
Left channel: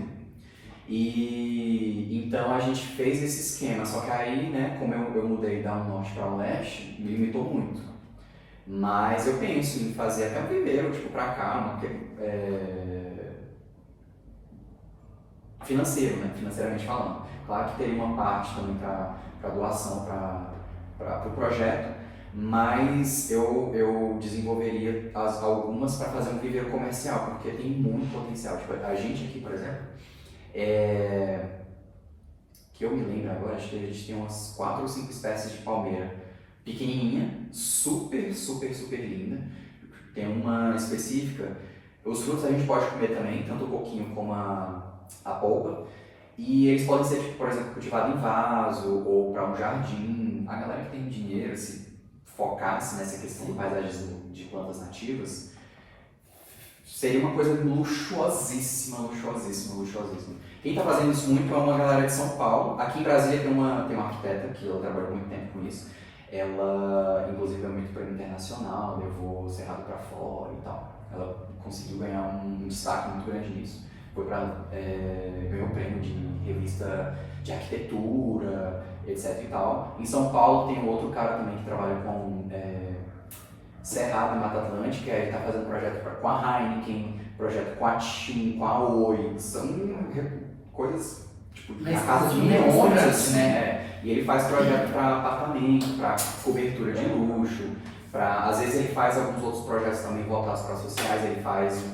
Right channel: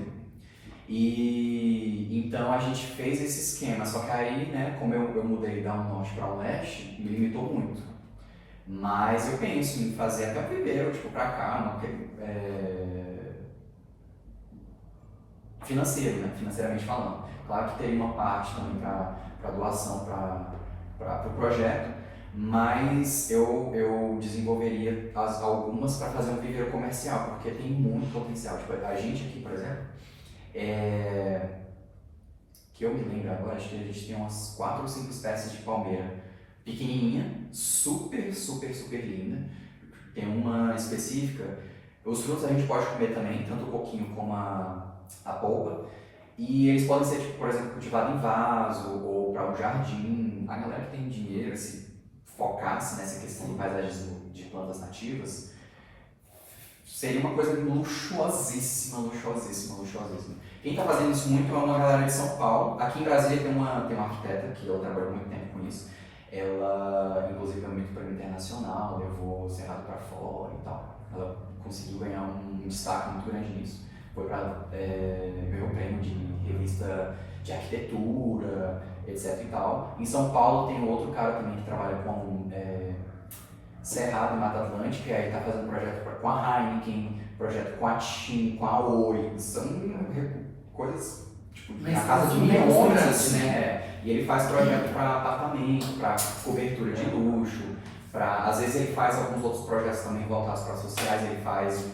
E então a gente fez esse esquema, só que aí, né, como eu mudei da um norte para um leste, me limitou muito. Mas eu penso em fazer até o primeiro, tipo, para cá, financeiro, né, financeiramente falando. Claro que teria uma parte também para doação para o projeto, mas eu desenvolveria algumas para fazer um primeiro comercial, porque tem muito potencial. Tipo, a gente aqui, por exemplo, que eu me lembro agora, acho que a gente tem umas 4 ou 5 espécies de palmeira pequenininha, super, super, super linda. Tem uma específica, os frutos a gente pode comer também, tanto o coquinho como a polpa. E eles podem ser, tipo, por exemplo, cultivados em vaso ou para um jardim. A galera que tem dinheiro, se focasse nessa questão do paisagismo de plantas nativas, seria uma coisa luxuosíssima, luxuosíssima, luxuosíssima. Quem está fazendo isso muito é uma galera de São Paulo. Aqui em Brasília tem uma arquiteta que ela trabalhou muito tempo com isso. Ela, inclusive, é muito prêmio internacional, levou o Cerrado para fora e tal. Ela conseguiu ganhar um destaque muito grande nisso. Ganhou prêmio de revista de arquitetura, etc e tal. Em São Paulo tem outro cara também que trabalha com Cerrado e Mata Atlântica, e aí está fazendo projeto com a Heineken, projeto com a TIM, com a Oi. São coisas tipo na casa de milhões, assim, né? E ele faz projeto para apartamento, para cobertura de luxo, às vezes ele faz alguns outros projetos também voltados para sociais. Ele faz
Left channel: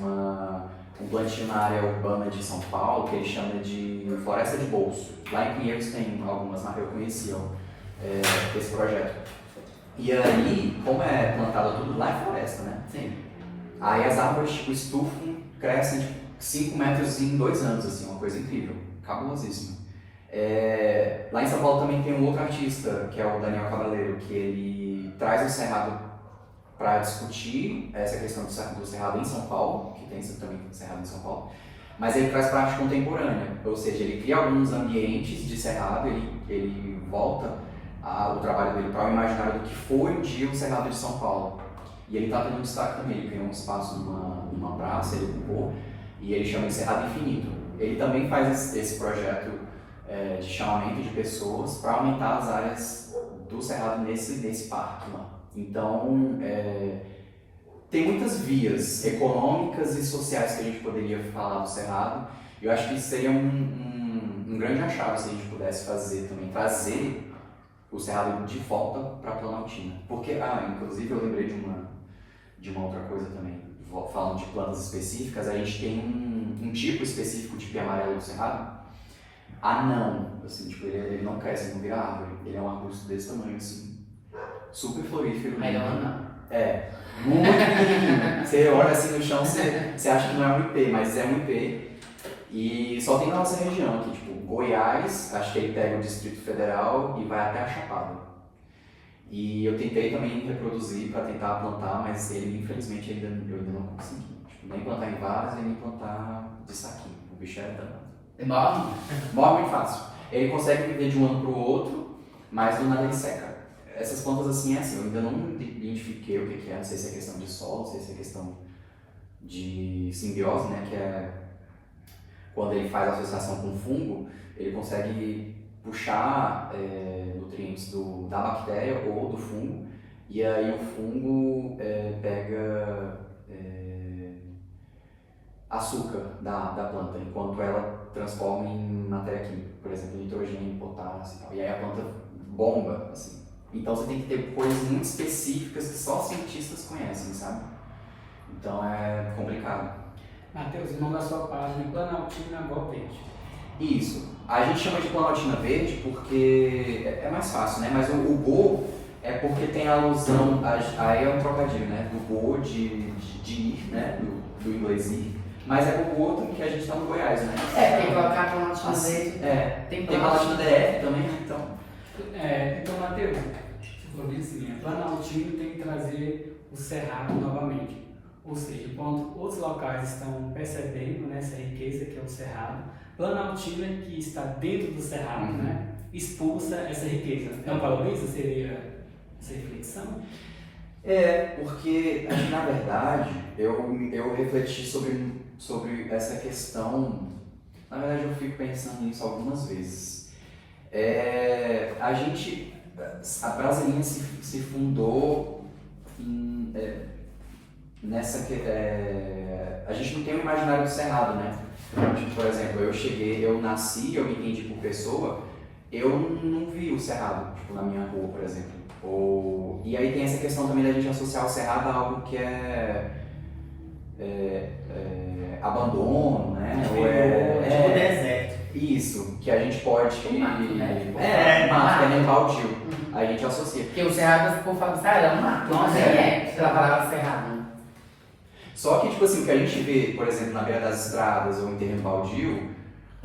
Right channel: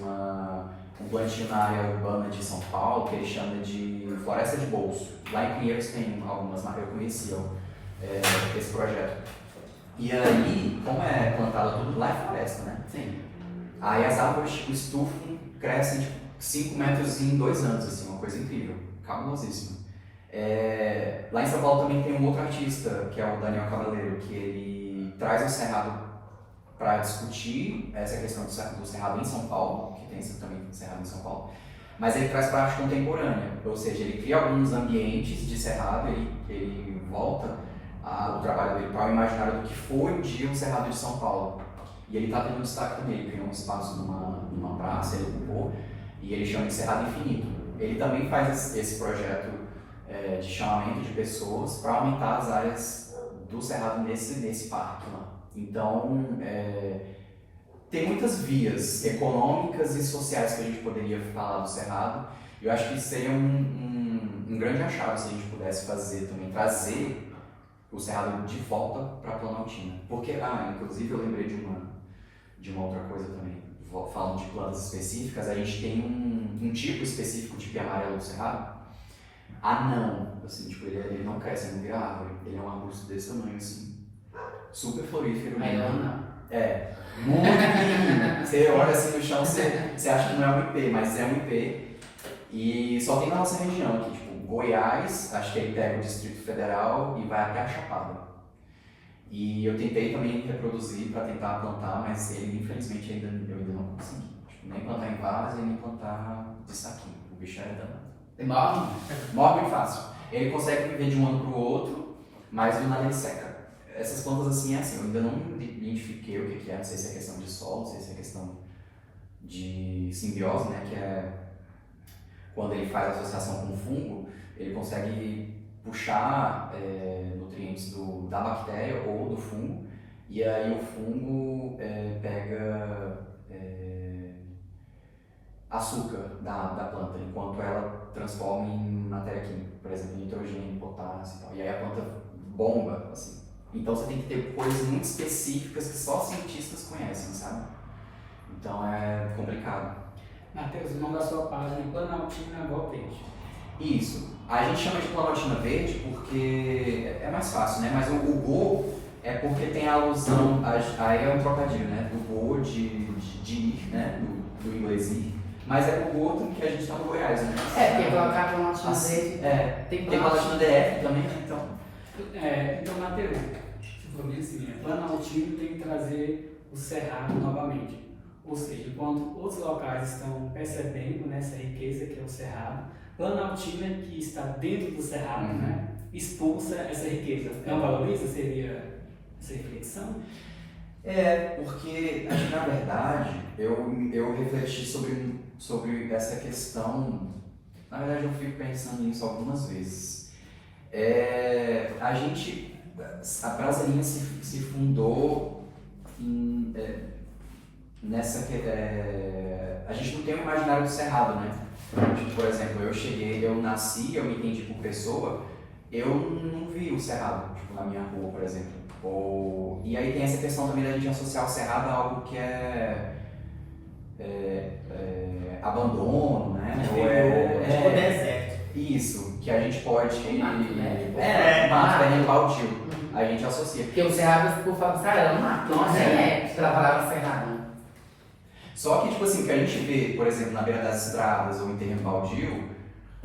um plantio na área urbana de São Paulo, que ele chama de Floresta de Bolso. Lá em Pinheiros tem algumas marcas que eu conhecia esse projeto. E aí, como é plantado tudo lá, é floresta, né? Sim. Aí as árvores, tipo, estufam, crescem tipo, 5 metros em 2 anos, assim, uma coisa incrível, cabulosíssima. Lá em São Paulo também tem um outro artista, que é o Daniel Cabaleiro, que ele traz o Cerrado para discutir essa questão do Cerrado em São Paulo, que tem também Cerrado em São Paulo, mas ele traz para a arte contemporânea, ou seja, ele cria alguns ambientes de Cerrado, ele volta o trabalho dele para o imaginário do que foi um dia o Cerrado de São Paulo. E ele está tendo destaque também, ele criou um espaço numa praça, ele ocupou, e ele chama de Cerrado Infinito. Ele também faz esse projeto de chamamento de pessoas para aumentar as áreas do Cerrado nesse parque lá. Então, tem muitas vias econômicas e sociais que a gente poderia falar do Cerrado. Eu acho que isso seria um grande achado se a gente pudesse fazer também, trazer o Cerrado de volta para a Planaltina. Porque, inclusive eu lembrei de uma outra coisa também, falando de plantas específicas, a gente tem um tipo específico de pia amarelo do Cerrado, anão, assim, tipo, ele não cresce, não vira árvore, ele é um arbusto desse tamanho, assim, super florífero. Aí eu não. Muito pequenininho. Você olha assim no chão, você acha que não é um IP, mas é um IP. E só tem na nossa região aqui, tipo, Goiás, acho que ele pega o Distrito Federal e vai até a Chapada. E eu tentei também reproduzir para tentar plantar, mas ele, infelizmente, eu ainda não consegui. Tipo, nem plantar em vaso e nem plantar de saquinho. O bicho era danado. Morre muito fácil. Ele consegue viver de um ano para o outro, mas do nada ele seca. Essas plantas assim, eu ainda não identifiquei o que é, não sei se é questão de solo, não sei se é questão de simbiose, né, que é quando ele faz a associação com o fungo, ele consegue puxar nutrientes da bactéria ou do fungo, e aí o fungo pega açúcar da planta, enquanto ela transforma em matéria química, por exemplo, nitrogênio, potássio e tal, e aí a planta bomba, assim. Então você tem que ter coisas muito específicas que só cientistas conhecem, sabe? Então é complicado. Matheus, o nome da sua página é Planaltina Go Verde. Isso. A gente chama de Planaltina Verde porque é mais fácil, né? Mas o Go é porque tem a alusão, aí é um trocadilho, né? Do Go, de ir, né? Do inglês ir. Mas é o outro que a gente tá no Goiás, né? Tem que colocar Planaltina Verde. Tem Planaltina DF também, né? Então, Matheus, você falou assim, a Planaltina tem que trazer o Cerrado novamente. Ou seja, enquanto outros locais estão percebendo, né, essa riqueza que é o Cerrado, Planaltina, que está dentro do Cerrado, né, expulsa essa riqueza. Não valoriza? Seria essa reflexão? Porque, na verdade, eu refleti sobre essa questão Na verdade, eu fico pensando nisso algumas vezes. A Brasilinha se fundou a gente não tem o imaginário do Cerrado, né? Tipo, por exemplo, eu nasci, eu me entendi por pessoa, eu não vi o Cerrado, tipo, na minha rua, por exemplo. E aí tem essa questão também da gente associar o Cerrado a algo que é abandono, né? Tipo deserto. Isso, que a gente pode. Mato, né? Mato, nem baldio. A gente associa. Porque o cerrado, por falar do cerrado, é um mato. Não é pela palavra cerrado. Só que, tipo assim, o que a gente vê, por exemplo, na beira das estradas ou em terreno baldio,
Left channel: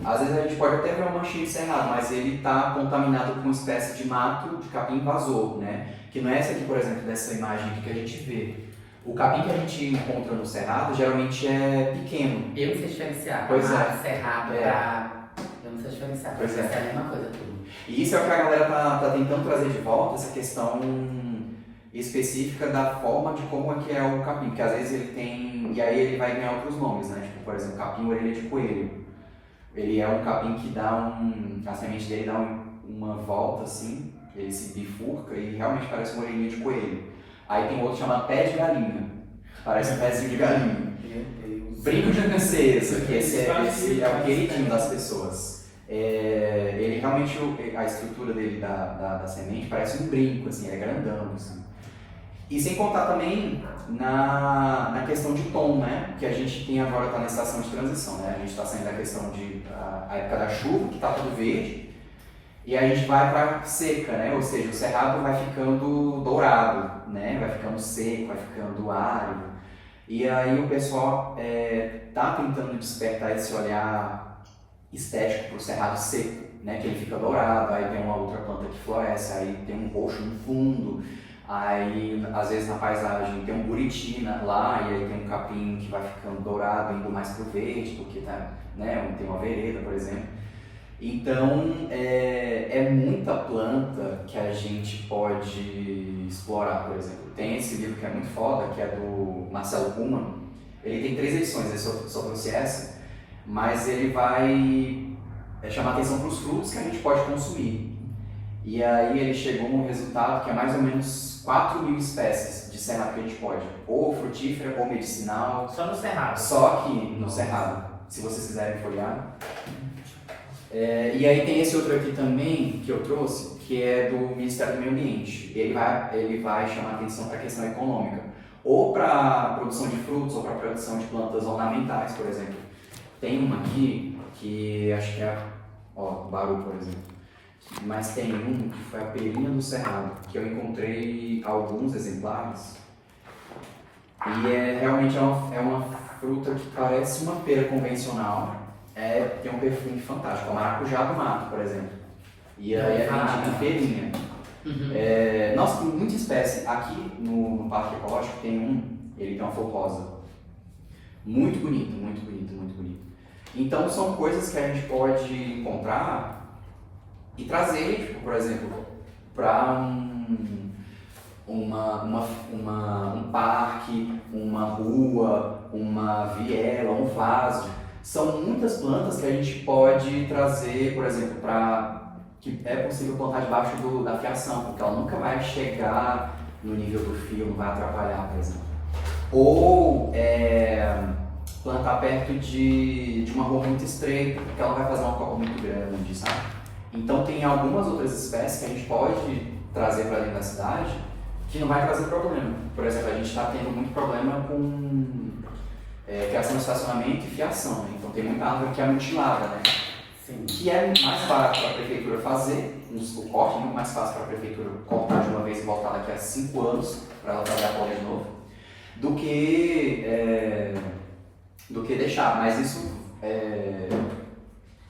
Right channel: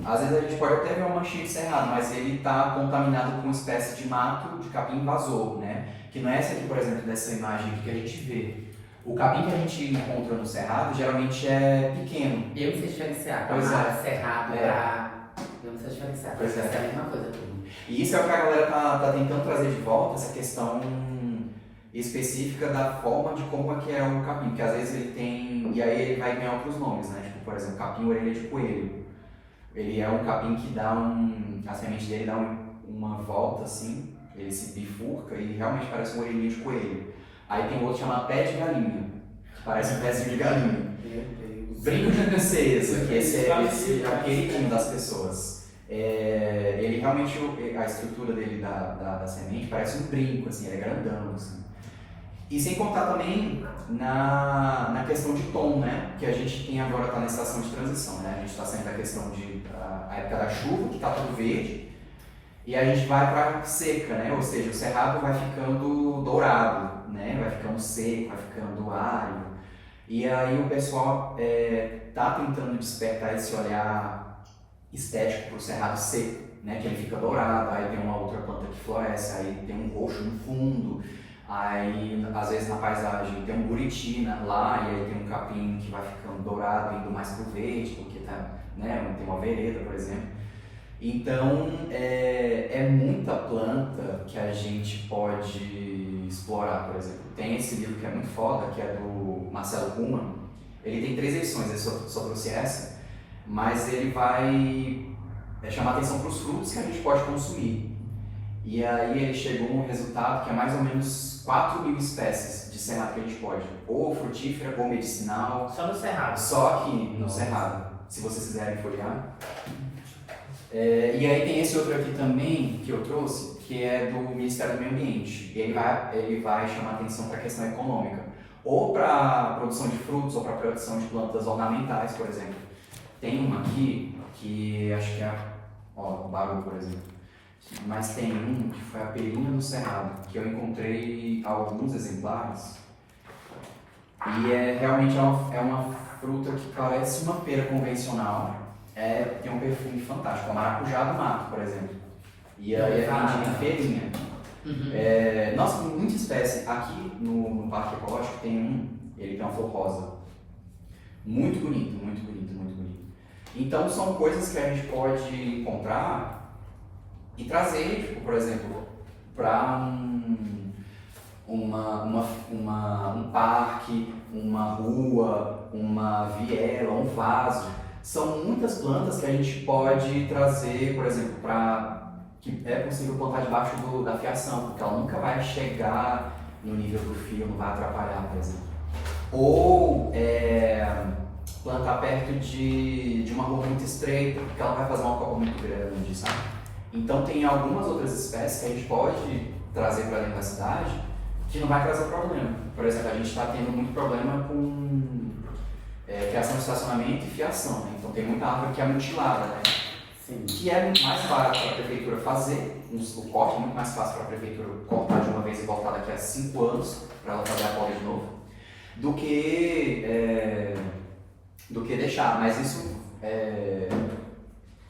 às vezes a gente pode até ver uma manchinha de cerrado, mas ele está contaminado com uma espécie de mato de capim invasor, né? Que não é essa aqui, por exemplo, dessa imagem aqui que a gente vê. O capim que a gente encontra no cerrado geralmente é pequeno. Eu não sei diferenciar. Pois é. Cerrado eu não sei diferenciar. Pois é. É a mesma coisa tudo. E isso é o que a galera tá tentando trazer de volta, essa questão específica da forma de como é que é o capim, porque às vezes ele tem, e aí ele vai ganhar outros nomes, né? Tipo, por exemplo, capim orelha de coelho. Ele é um capim que a semente dele dá uma volta assim, ele se bifurca e realmente parece uma orelhinha de coelho. Aí tem outro chamado pé de galinha, que parece um pezinho de galinha. Brinco de princesa, que esse é o queridinho das pessoas. Ele realmente, a estrutura dele da semente parece um brinco, assim, ele é grandão, assim. E sem contar também na questão de tom, né? Que a gente tem agora, está na estação de transição, né? A gente está saindo da questão a época da chuva, que está tudo verde, e a gente vai para seca, né? Ou seja, o cerrado vai ficando dourado, né? Vai ficando seco, vai ficando árido. E aí o pessoal está tentando despertar esse olhar estético para o cerrado seco, né? Que ele fica dourado, aí tem uma outra planta que floresce, aí tem um roxo no fundo. Aí, às vezes na paisagem tem um buriti lá, e aí tem um capim que vai ficando dourado, indo mais pro verde, porque tem uma vereda, por exemplo. Então, é muita planta que a gente pode explorar, por exemplo. Tem esse livro que é muito foda, que é do Marcelo Kuma. Ele tem 3 edições, eu só trouxe essa, mas ele vai chamar atenção para os frutos que a gente pode consumir. E aí ele chegou a um resultado que é mais ou menos 4.000 espécies de cerrado que a gente pode, ou frutífera ou medicinal. Só no cerrado. Só aqui no cerrado, se vocês quiserem folhear. E aí tem esse outro aqui também que eu trouxe, que é do Ministério do Meio Ambiente. Ele vai chamar atenção para a questão econômica, ou para a produção de frutos, ou para a produção de plantas ornamentais, por exemplo. Tem uma aqui que acho que é Baru, por exemplo. Mas tem um que foi a perinha do cerrado, que eu encontrei alguns exemplares. E realmente é uma fruta que parece uma pera convencional. Tem um perfume fantástico, é o maracujá do mato, por exemplo. E aí é vendido em feirinha. Nossa, tem muita espécie. Aqui no Parque Ecológico ele tem uma flor rosa. Muito bonito, muito bonito, muito bonito. Então são coisas que a gente pode encontrar e trazer, tipo, por exemplo, para um parque, uma rua, uma viela, um vaso. São muitas plantas que a gente pode trazer, por exemplo, que é possível plantar debaixo da fiação, porque ela nunca vai chegar no nível do fio, não vai atrapalhar, por exemplo. Ou plantar perto de uma rua muito estreita, porque ela vai fazer uma copa muito grande, sabe? Então tem algumas outras espécies que a gente pode trazer para dentro da cidade que não vai trazer problema. Por exemplo, a gente está tendo muito problema com criação de estacionamento e fiação, né? Então tem muita árvore que é mutilada, né? Sim. Que é muito mais barato para a prefeitura fazer, o corte é muito mais fácil para a prefeitura cortar de uma vez e voltar daqui a 5 anos para ela fazer a poda de novo, do que deixar. Mas isso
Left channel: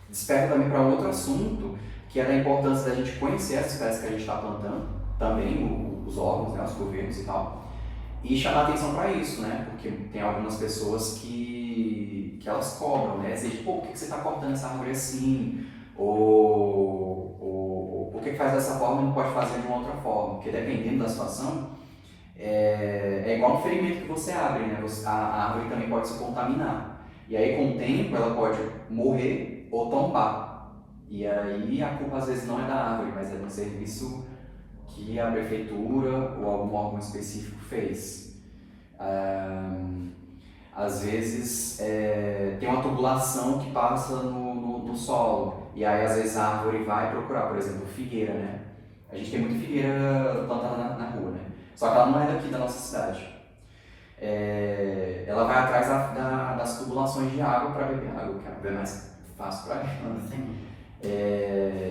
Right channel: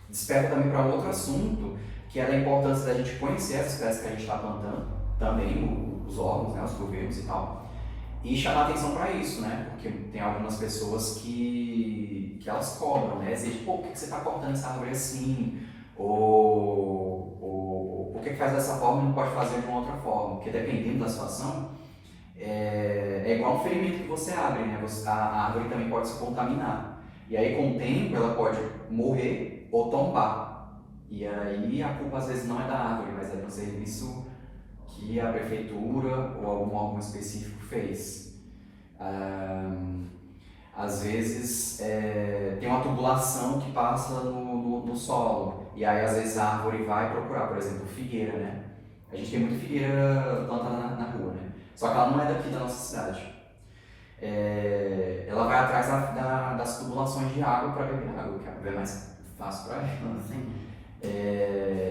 desperta também para outro assunto, que é da importância da gente conhecer as espécies que a gente está plantando, também os órgãos, né, os governos e tal, e chamar atenção para isso, né, porque tem algumas pessoas que elas cobram, né, assim, por que você está cortando essa árvore assim, ou por que faz dessa forma e não pode fazer de uma outra forma, porque dependendo da situação, é igual um ferimento que você abre, né, a árvore também pode se contaminar, e aí com o tempo ela pode morrer, ou tombar. E aí a culpa às vezes não é da árvore, mas é do serviço que a prefeitura ou algum órgão específico fez. Às vezes tem uma tubulação que passa no solo, e aí às vezes a árvore vai procurar, por exemplo, figueira, né? A gente tem muita figueira plantada na rua, né? Só que ela não é daqui da nossa cidade. Ela vai atrás das tubulações de água para beber água, que é mais fácil para ela. Sim.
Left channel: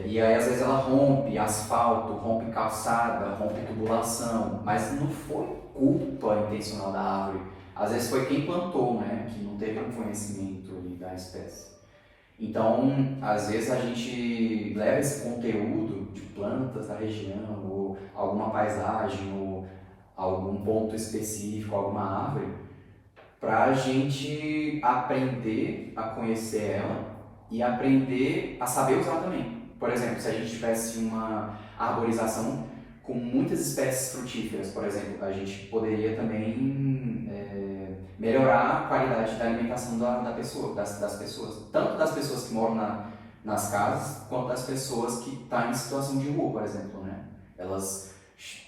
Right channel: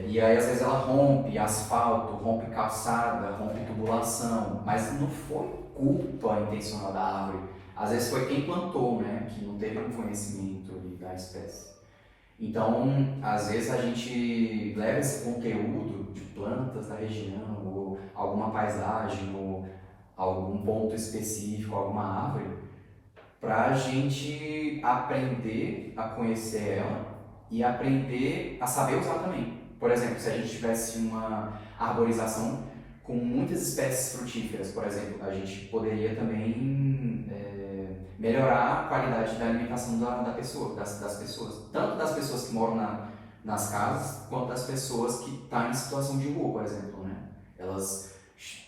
E aí às vezes ela rompe asfalto, rompe calçada, rompe tubulação, mas não foi culpa intencional da árvore. Às vezes foi quem plantou, né, que não teve um conhecimento ali da espécie. Então, às vezes a gente leva esse conteúdo de plantas da região, ou alguma paisagem, ou algum ponto específico, alguma árvore, para a gente aprender a conhecer ela e aprender a saber usar também. Por exemplo, se a gente tivesse uma arborização com muitas espécies frutíferas, por exemplo, a gente poderia também melhorar a qualidade da alimentação das pessoas, tanto das pessoas que moram nas casas, quanto das pessoas que estão em situação de rua, por exemplo, né? Elas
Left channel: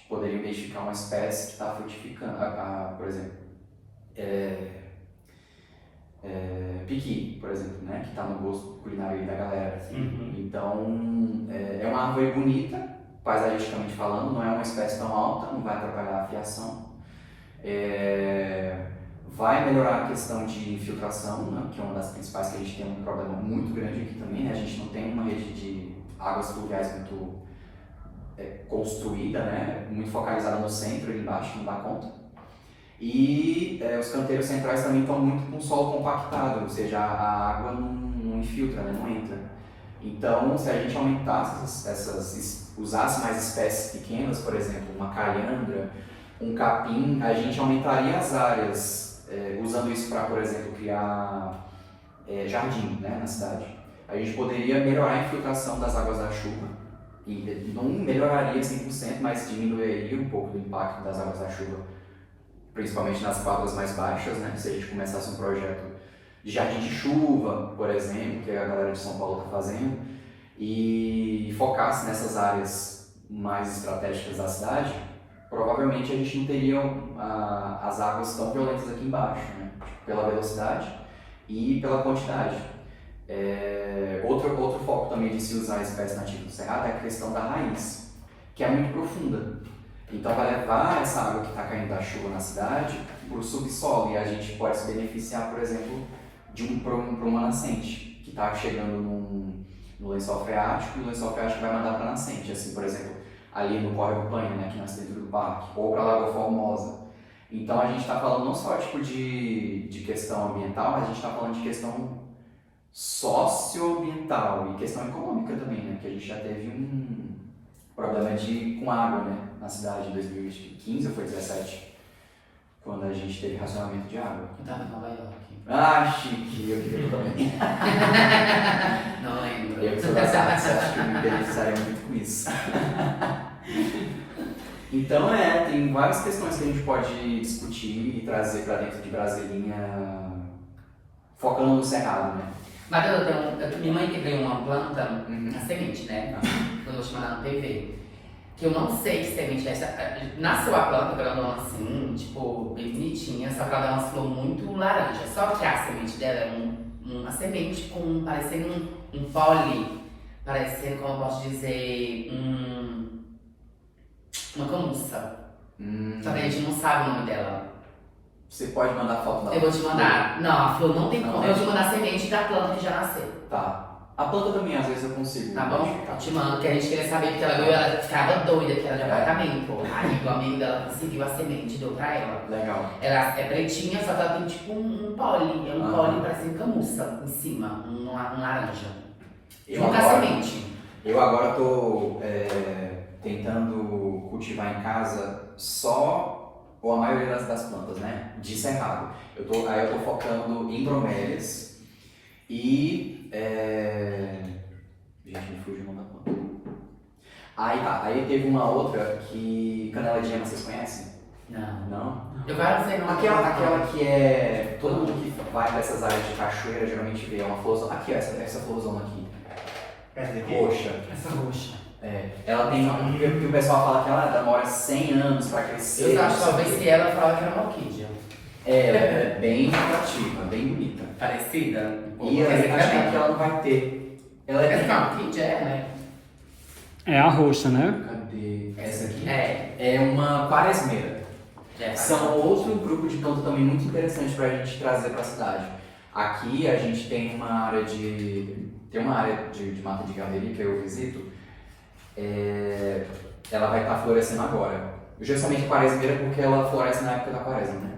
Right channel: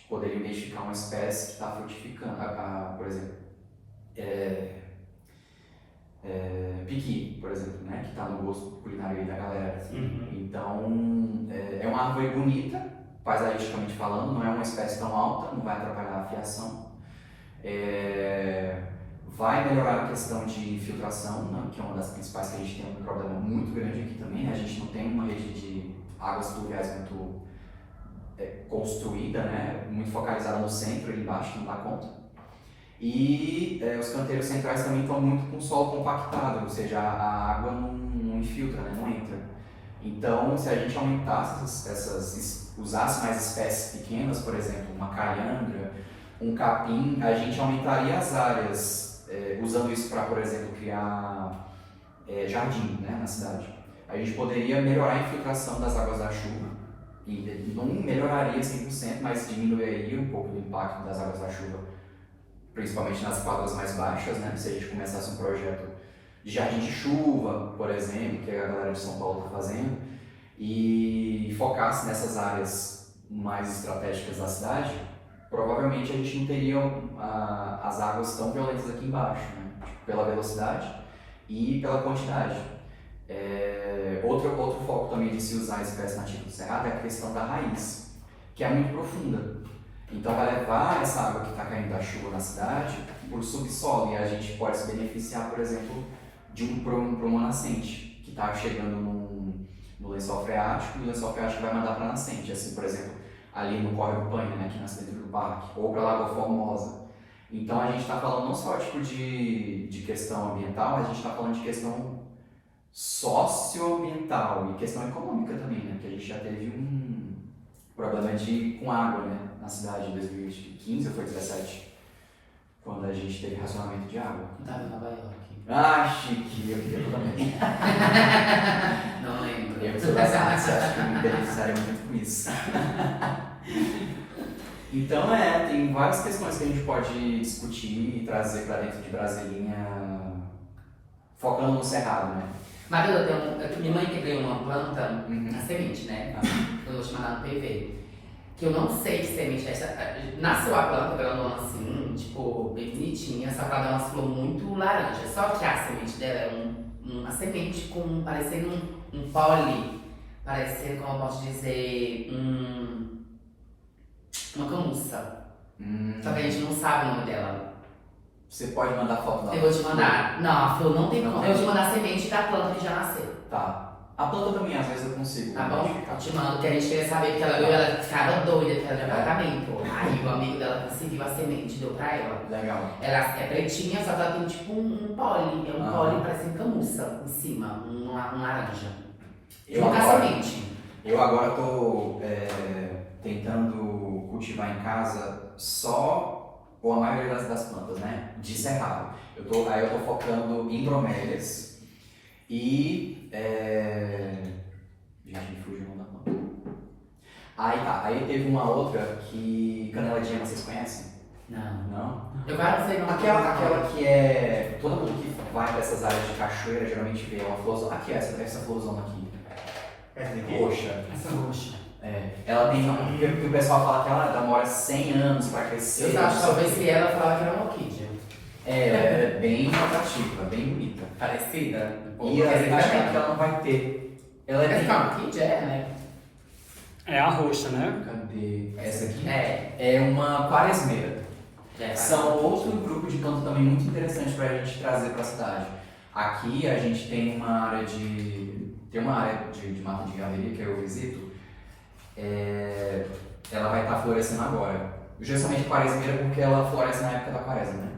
poderiam identificar uma espécie que está frutificando, por exemplo, piqui, por exemplo, né? Que está no gosto culinário aí da galera. Então, é uma árvore bonita, paisagisticamente falando, não é uma espécie tão alta, não vai atrapalhar a fiação. Vai melhorar a questão de infiltração, né, que é uma das principais, que a gente tem um problema muito grande aqui também, né? A gente não tem uma rede de águas pluviais muito construída, né? Muito focalizada no centro, ali embaixo, não dá conta. E os canteiros centrais também estão muito com o solo compactado, ou seja, a água não infiltra, né? Não entra. Então, se a gente aumentasse usasse mais espécies pequenas, por exemplo, uma calhandra, um capim, a gente aumentaria as áreas, usando isso para, por exemplo, criar jardim, né, na cidade. A gente poderia melhorar a infiltração das águas da chuva, e não melhoraria 100%, mas diminuiria um pouco do impacto das águas da chuva, principalmente nas quadras mais baixas, né? Se a gente começasse um projeto de jardim de chuva, por exemplo, que a galera de São Paulo está fazendo, e focasse nessas áreas mais estratégicas da cidade, provavelmente a gente não teria as águas tão violentas aqui embaixo, né? Pela velocidade e pela quantidade. Outro foco também de se usar a espécie nativa do cerrado é a questão da raiz, que é muito profunda. Então vai levar essa água que está caindo da chuva na cidade para o subsolo, e a gente pode se beneficiar, por exemplo, para uma nascente que está chegando no lençol freático, e o lençol freático vai mandar para a nascente, assim, por exemplo, ali no Córrego Panha, né, que nasce dentro do parque, ou para a Lagoa Formosa. Então a gente está falando não só tipo de questão ambiental, mas a gente está falando de questão socioambiental e questão econômica também, né, que a gente já teve um problema com água, né, na cidade em 2015 ou foi 2017, quando a gente teve racionamento de água. Eu tava em Nova York. Ah, chique, eu queria também. Não lembro. Eu que sou das artes, acho que me beneficiaria muito com isso. Então tem várias questões que a gente pode discutir e trazer para dentro de Brasilinha, focando no cerrado, né? Mas minha mãe que veio uma planta, a semente, né? Eu vou te mandar no PV. Que eu não sei que semente é essa. Nasceu a planta grandona assim, tipo, bem bonitinha, só que ela dá uma flor muito laranja. Só que a semente dela é uma semente parecendo um pólen, parecendo, como eu posso dizer, uma camuça. Só que a gente não sabe o nome dela. Você pode mandar foto da Eu vou te mandar. Não, a flor não tem como. Eu vou te mandar a semente da planta que já nasceu. Tá. A planta também, às vezes eu consigo. Tá bom? Eu te mando, que a gente queria saber, que ela ficava doida, que era de apartamento. Aí o amigo dela conseguiu a semente e deu pra ela. Legal. Ela é pretinha, só que ela tem tipo um pólen. É um pólen parecendo camuça em cima, um laranja. Uma semente. Eu agora tô tentando cultivar em casa só, ou a maioria das plantas, né? De cerrado. Aí eu tô focando em bromélias e gente, me fugiu o nome da planta. Aí teve uma outra que canela de gema, vocês conhecem? Não. Não? Eu quero sei não. Aquela que é. Todo mundo que vai para essas áreas de cachoeira geralmente vê uma florzona. Aqui, essa florzona aqui. Essa daqui? Roxa. Essa roxa. É. Ela tem. Que o pessoal fala que ela demora 100 anos para crescer. Eu acho que talvez se ela falar que era uma orquídea. Ela é bem atrativa, bem bonita. Parecida? E eu acho que ela não vai ter. Ela Essa tem. é uma orquídea, né? É a roxa, né? Cadê? Essa aqui? É. É uma quaresmeira. É, São outro grupo de planta também muito interessante para a gente trazer para a cidade. Aqui a gente tem uma área de mata de galeria que eu visito. Ela vai estar florescendo agora. Justamente quaresmeira porque ela floresce na época da quaresma, né?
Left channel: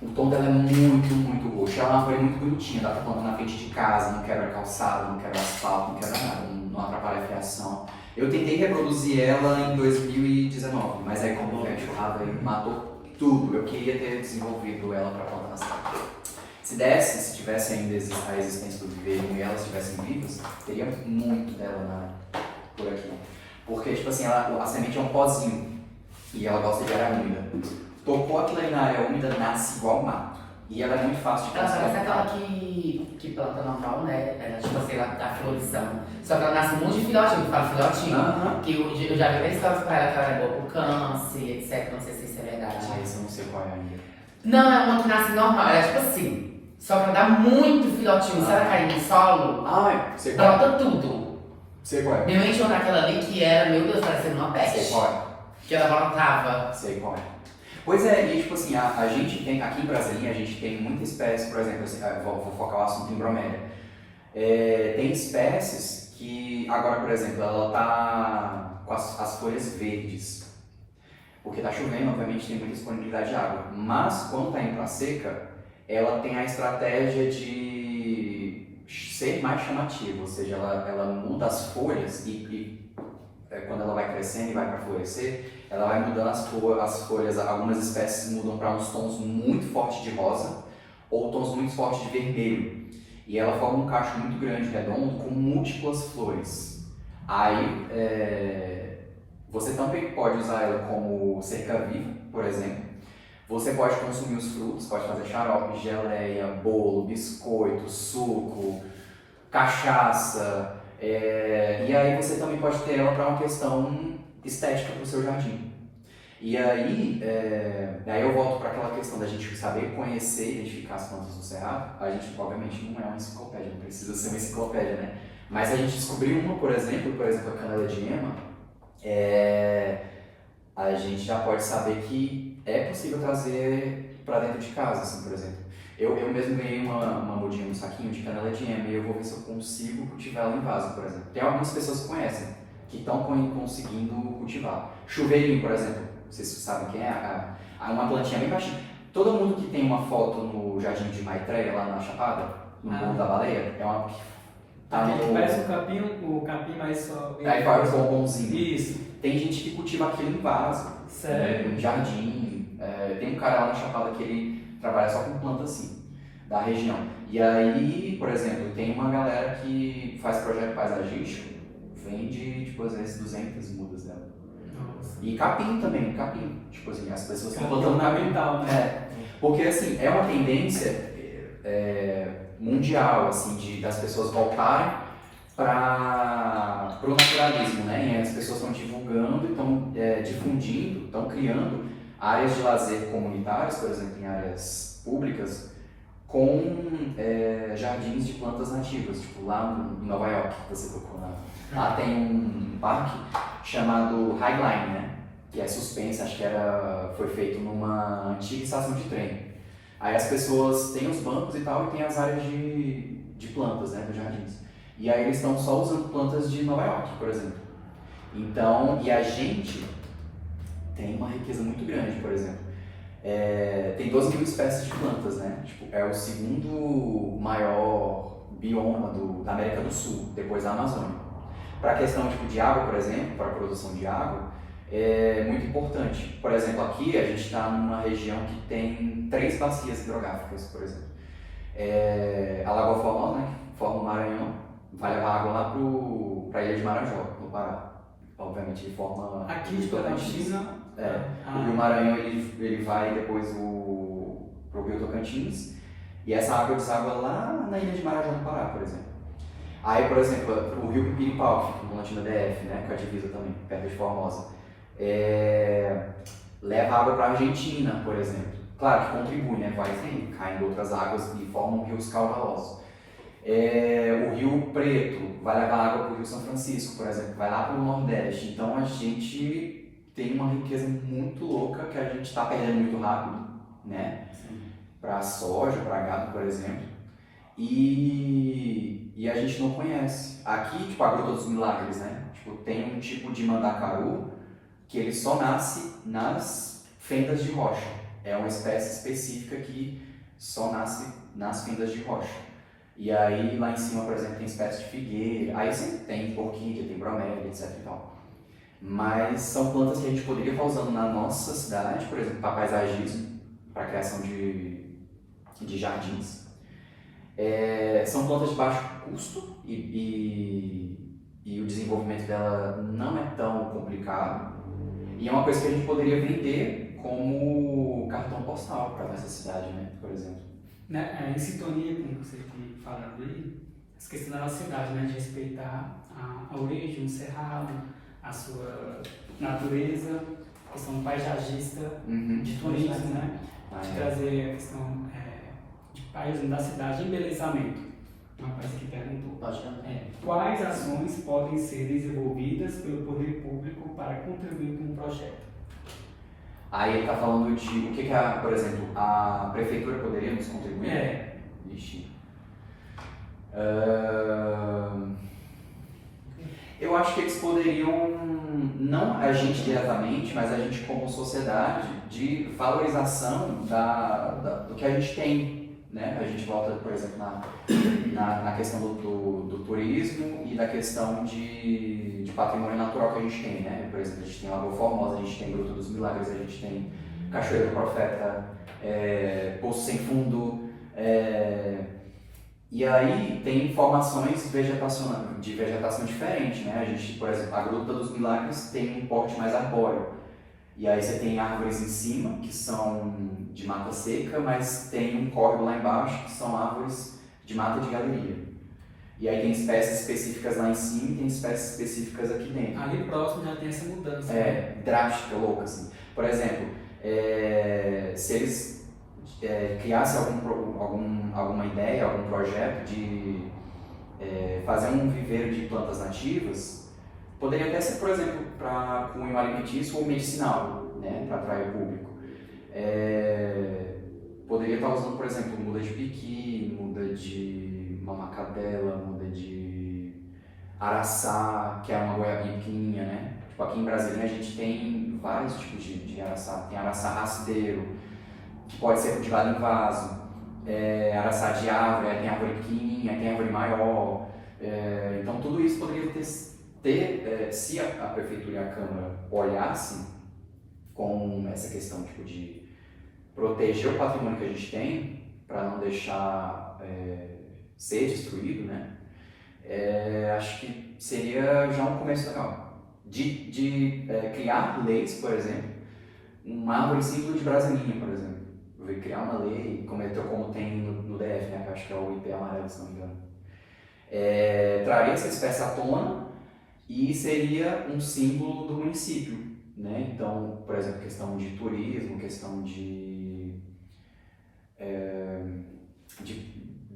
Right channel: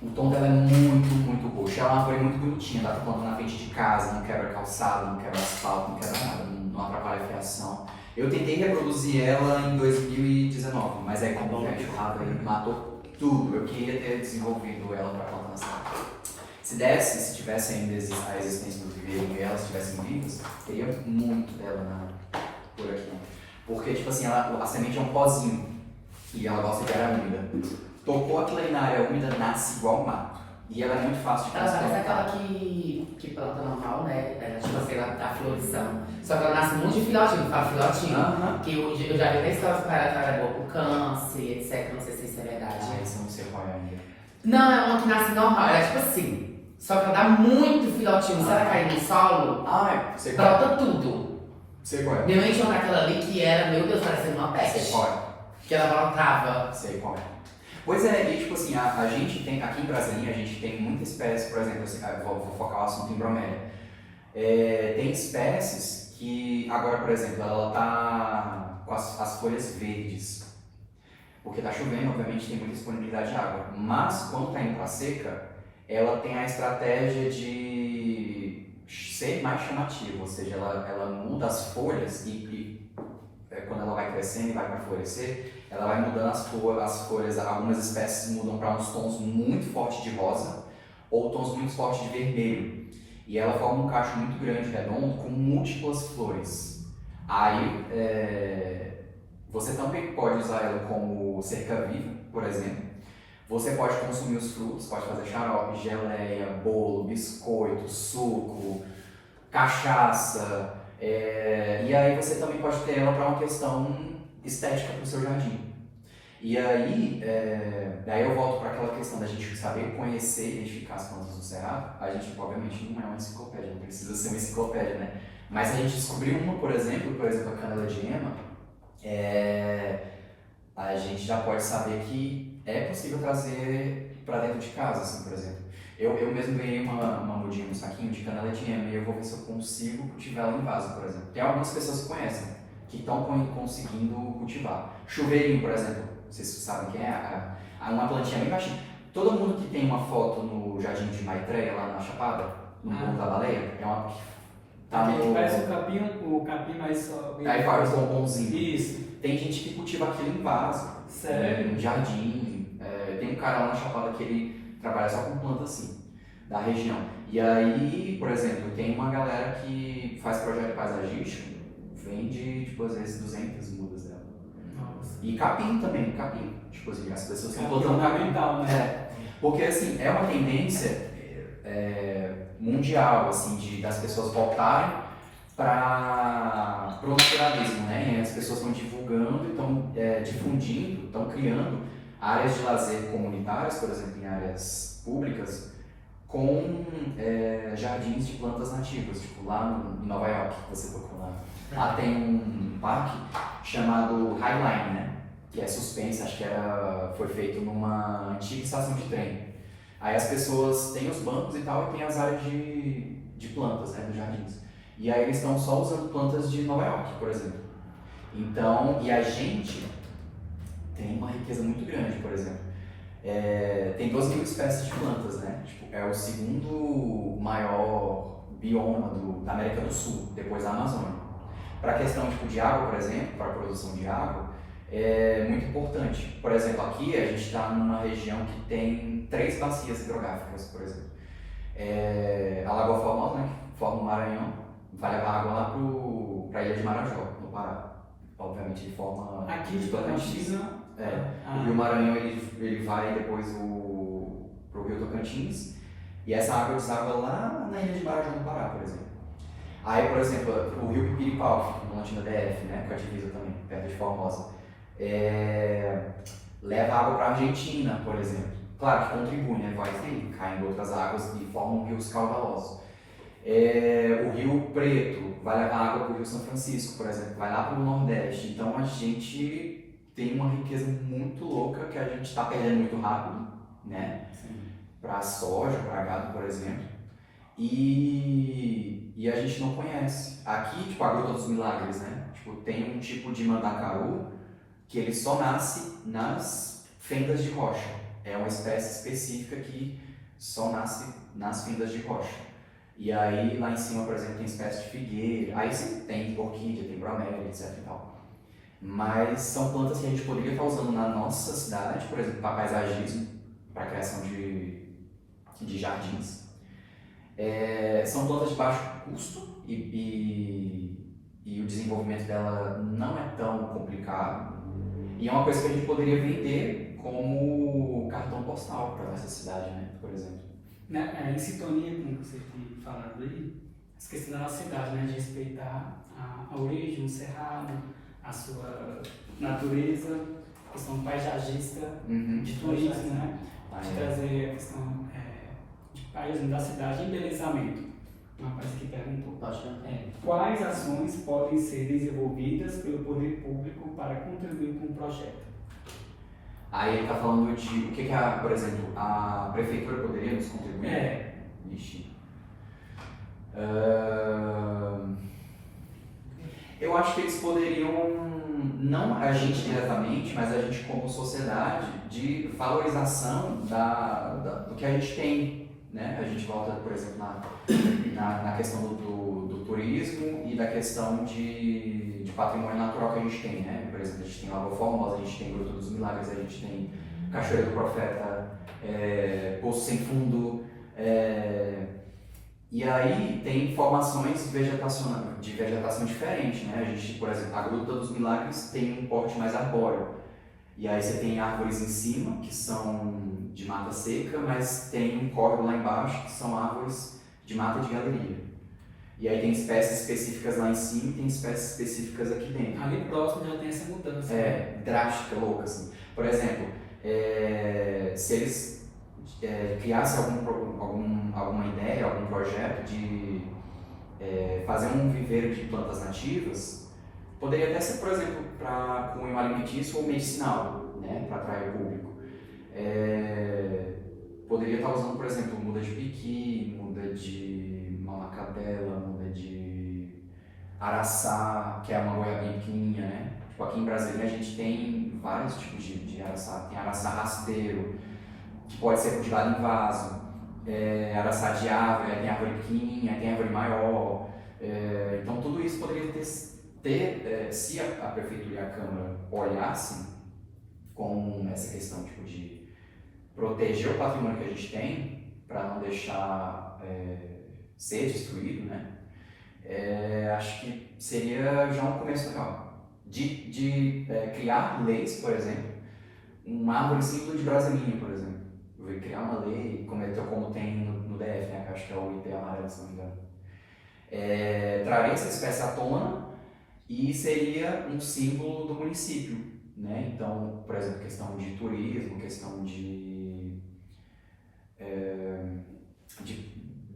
O tom dela é muito, muito roxo. É uma flor muito bonitinha, dá pra plantar na frente de casa, não quebra calçado, não quebra asfalto, não quebra nada, não atrapalha a fiação. Eu tentei reproduzir ela em 2019, mas aí como o enxurrada ele matou tudo. Eu queria ter desenvolvido ela para plantar na cidade. Se desse, se tivesse ainda a existência do viveiro e elas estivessem vivas, teria muito dela por aqui. Porque, tipo assim, a semente é um pozinho e ela gosta de área úmida. Tocou aquilo ali na área úmida, nasce igual mato. E ela é muito fácil de ela conseguir. parece aquela que planta normal, né? Tipo assim, ela dá florição. Só que ela nasce um monte de filhotinho, fala filhotinho. Que eu já vi até histórias pra ela que ela é boa pro câncer, etc. Não sei se isso é verdade. Esse eu não sei qual é ainda. Não, é uma que nasce normal, ela é tipo assim. Só que ela dá muito filhotinho, sabe cair no solo? Sei qual é. Brota tudo. Sei qual é. Minha mãe tinha aquela ali que era, meu Deus, parecendo uma peste. Sei qual é. Que ela brotava. Sei qual é. Pois é, e tipo assim, a gente tem, aqui em Brasília, a gente tem muita espécie, por exemplo, assim, vou focar o assunto em bromélia. Tem espécies que, agora, por exemplo, ela tá com as folhas verdes, porque tá chovendo, obviamente tem muita disponibilidade de água, mas quando tá indo pra seca, ela tem a estratégia de ser mais chamativa, ou seja, ela muda as folhas e quando ela vai crescendo e vai para florescer, ela vai mudando as folhas, algumas espécies mudam para uns tons muito fortes de rosa ou tons muito fortes de vermelho. E ela forma um cacho muito grande, redondo, com múltiplas flores. Aí, você também pode usar ela como cerca-viva, por exemplo. Você pode consumir os frutos, pode fazer xarope, geleia, bolo, biscoito, suco, cachaça. E aí você também pode ter ela para uma questão estética para o seu jardim. E aí, daí eu volto para aquela questão da gente saber conhecer e identificar as plantas do cerrado. A gente, obviamente, não é uma enciclopédia, não precisa ser uma enciclopédia, né? Mas a gente descobriu uma, por exemplo, a canela de ema, a gente já pode saber que é possível trazer para dentro de casa, assim, por exemplo. Eu mesmo ganhei uma mudinha no saquinho de canela de ema e eu vou ver se eu consigo cultivar ela em vaso, por exemplo. Tem algumas pessoas que conhecem, que estão conseguindo cultivar. Chuveirinho, por exemplo, vocês sabem quem é? Uma plantinha bem baixinha. Todo mundo que tem uma foto no Jardim de Maitreya, lá na Chapada, no Morro da Baleia, é uma... Tá no... Parece o capim, mas só... Aí faz um bombonzinho. Isso. Tem gente que cultiva aquilo em vaso. Sério? Em jardim. Tem um cara lá na Chapada que ele trabalha só com planta assim, da região. E aí, por exemplo, tem uma galera que faz projeto paisagístico, vende, tipo, às vezes 200 mudas dela. Nossa. E capim também, capim. Tipo assim, as pessoas estão Capim plantando capim. ornamental, né? Porque assim, é uma tendência mundial, assim, das pessoas voltarem para o naturalismo, né? E as pessoas estão divulgando, estão difundindo, estão criando áreas de lazer comunitárias, por exemplo, em áreas públicas, com jardins de plantas nativas, tipo lá em Nova York, que você tocou lá. Lá tem um parque chamado Highline, né? Que é suspense, acho que foi feito numa antiga estação de trem. Aí as pessoas têm os bancos e tal, e tem as áreas de plantas, né, dos jardins. E aí eles estão só usando plantas de Nova York, por exemplo. Então, e a gente tem uma riqueza muito grande, por exemplo. Tem 12 mil espécies de plantas, né? Tipo, é o segundo maior bioma da América do Sul, depois da Amazônia. Para a questão tipo, de água, por exemplo, para a produção de água, é muito importante. Por exemplo, aqui a gente está numa região que tem 3 bacias hidrográficas, por exemplo. A Lagoa Formosa, né, que forma o Maranhão, vai levar água lá para a ilha de Marajó, no Pará. Obviamente, de forma... Aqui de Tocantins O Rio Maranhão ele vai depois pro Rio Tocantins e essa água deságua lá na ilha de Marajó, no Pará, por exemplo. Aí, por exemplo, o Rio Pipiripau, que fica no Lantino DF, né, com a divisa também, perto de Formosa, leva água para a Argentina, por exemplo. Claro que contribui, né, vai caindo outras águas e formam rios caudalosos. O Rio Preto vai levar água para o Rio São Francisco, por exemplo, vai lá para o Nordeste. Então a gente tem uma riqueza muito louca que a gente está perdendo muito rápido, né? Para soja, para gado, por exemplo. E a gente não conhece. Aqui, tipo, a Gruta dos Milagres, né? Tipo, tem um tipo de mandacaru que ele só nasce nas fendas de rocha. É uma espécie específica que só nasce nas fendas de rocha. E aí lá em cima, por exemplo, tem espécie de figueira, aí sim tem orquídea, tem bromélia, etc e tal. Mas são plantas que a gente poderia estar usando na nossa cidade, por exemplo, para paisagismo, para criação de jardins. São plantas de baixo custo e o desenvolvimento dela não é tão complicado. E é uma coisa que a gente poderia vender como cartão postal para nossa cidade, né, por exemplo. Em sintonia com o que você tinha falado aí, essa questão da nossa cidade, né, de respeitar a origem, o cerrado, a sua natureza, a questão paisagista, de turismo, né, de trazer a questão de paisagem da cidade, embelezamento. Uma coisa que perguntou. Quais ações podem ser desenvolvidas pelo poder público para contribuir com o projeto? Aí ele está falando de o que por exemplo, a prefeitura poderia nos contribuir? Vixe. Eu acho que eles poderiam, não a gente diretamente, mas a gente como sociedade, de valorização do que a gente tem, né? A gente volta, por exemplo, na questão do turismo e da questão de patrimônio natural que a gente tem, né? Por exemplo, a gente tem Lagoa Formosa, a gente tem Gruta dos Milagres, a gente tem Cachoeira do Profeta, Poço Sem Fundo, e aí tem formações de vegetação diferente, né? A gente, por exemplo, a Gruta dos Milagres tem um porte mais arbóreo, e aí você tem árvores em cima, que são de mata seca, mas tem um córrego lá embaixo, que são árvores de mata de galeria. E aí tem espécies específicas lá em cima e tem espécies específicas aqui dentro. Ali próximo já tem essa mudança. Drástica, louca, assim. Por exemplo, se eles criassem alguma ideia, algum projeto de fazer um viveiro de plantas nativas, poderia até ser, por exemplo, para cunho alimentício ou medicinal, né, para atrair o público. Poderia estar usando, por exemplo, muda de piqui, muda de mamacadela, muda de araçá, que é uma goiabinha pequenininha, né? Tipo, aqui em Brasília a gente tem vários tipos de araçá. Tem araçá rasteiro, que pode ser cultivado em vaso, araçá de árvore, tem árvore pequenininha, tem árvore maior. Então tudo isso poderia ter se a Prefeitura e a Câmara olhassem com essa questão tipo, de proteger o patrimônio que a gente tem, para não deixar ser destruído, né? Acho que seria já um começo legal. De criar leis, por exemplo, uma árvore símbolo de Brasilinha, por exemplo. Criar uma lei, como tem no DF, né? Acho que é o IP amarelo, se não me engano. Traria essa espécie à tona e seria um símbolo do município, né? Então, por exemplo, questão de turismo, questão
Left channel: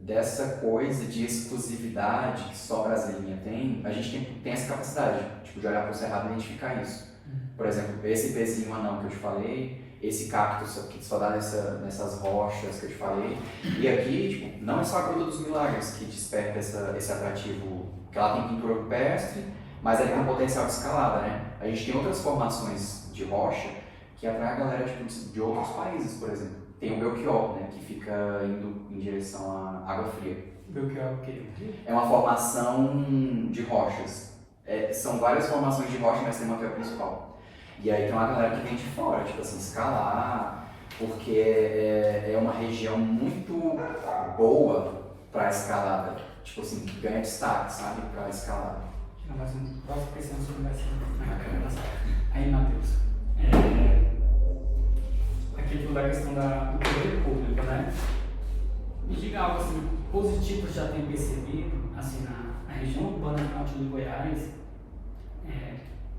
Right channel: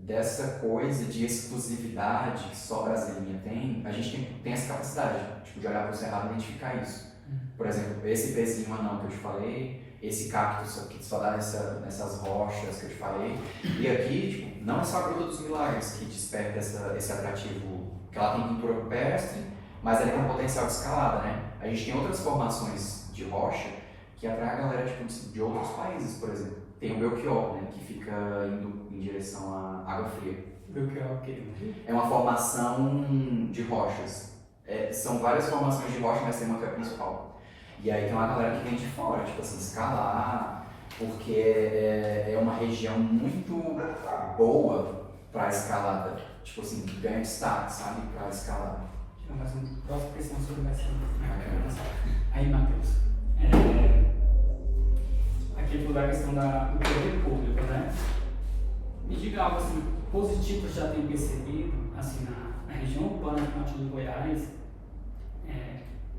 dessa coisa de exclusividade que só Brasília tem, a gente tem essa capacidade tipo, de olhar para o cerrado e identificar isso. Por exemplo, esse pezinho anão que eu te falei, esse cactus que só dá nessas rochas que eu te falei, e aqui tipo, não é só a Gruta dos Milagres que desperta esse atrativo, que ela tem pintura rupestre, mas ela tem um potencial de escalada, né? A gente tem outras formações de rocha que atrai a galera tipo, de outros países, por exemplo. Tem o Belchior, né, que fica indo em direção à água fria. Belchior o quê? É uma formação de rochas. São várias formações de rocha, mas tem uma que é a principal. E aí tem uma galera que vem de fora, tipo assim, escalar, porque é uma região muito boa para escalada. Tipo assim, ganha destaque, sabe, para escalada. Mas uma próxima questão sobre essa. Aí, Matheus, Aqui da questão do poder público, né? Me diga algo assim, positivo que já tem percebido, assim, na região urbana do norte de Goiás,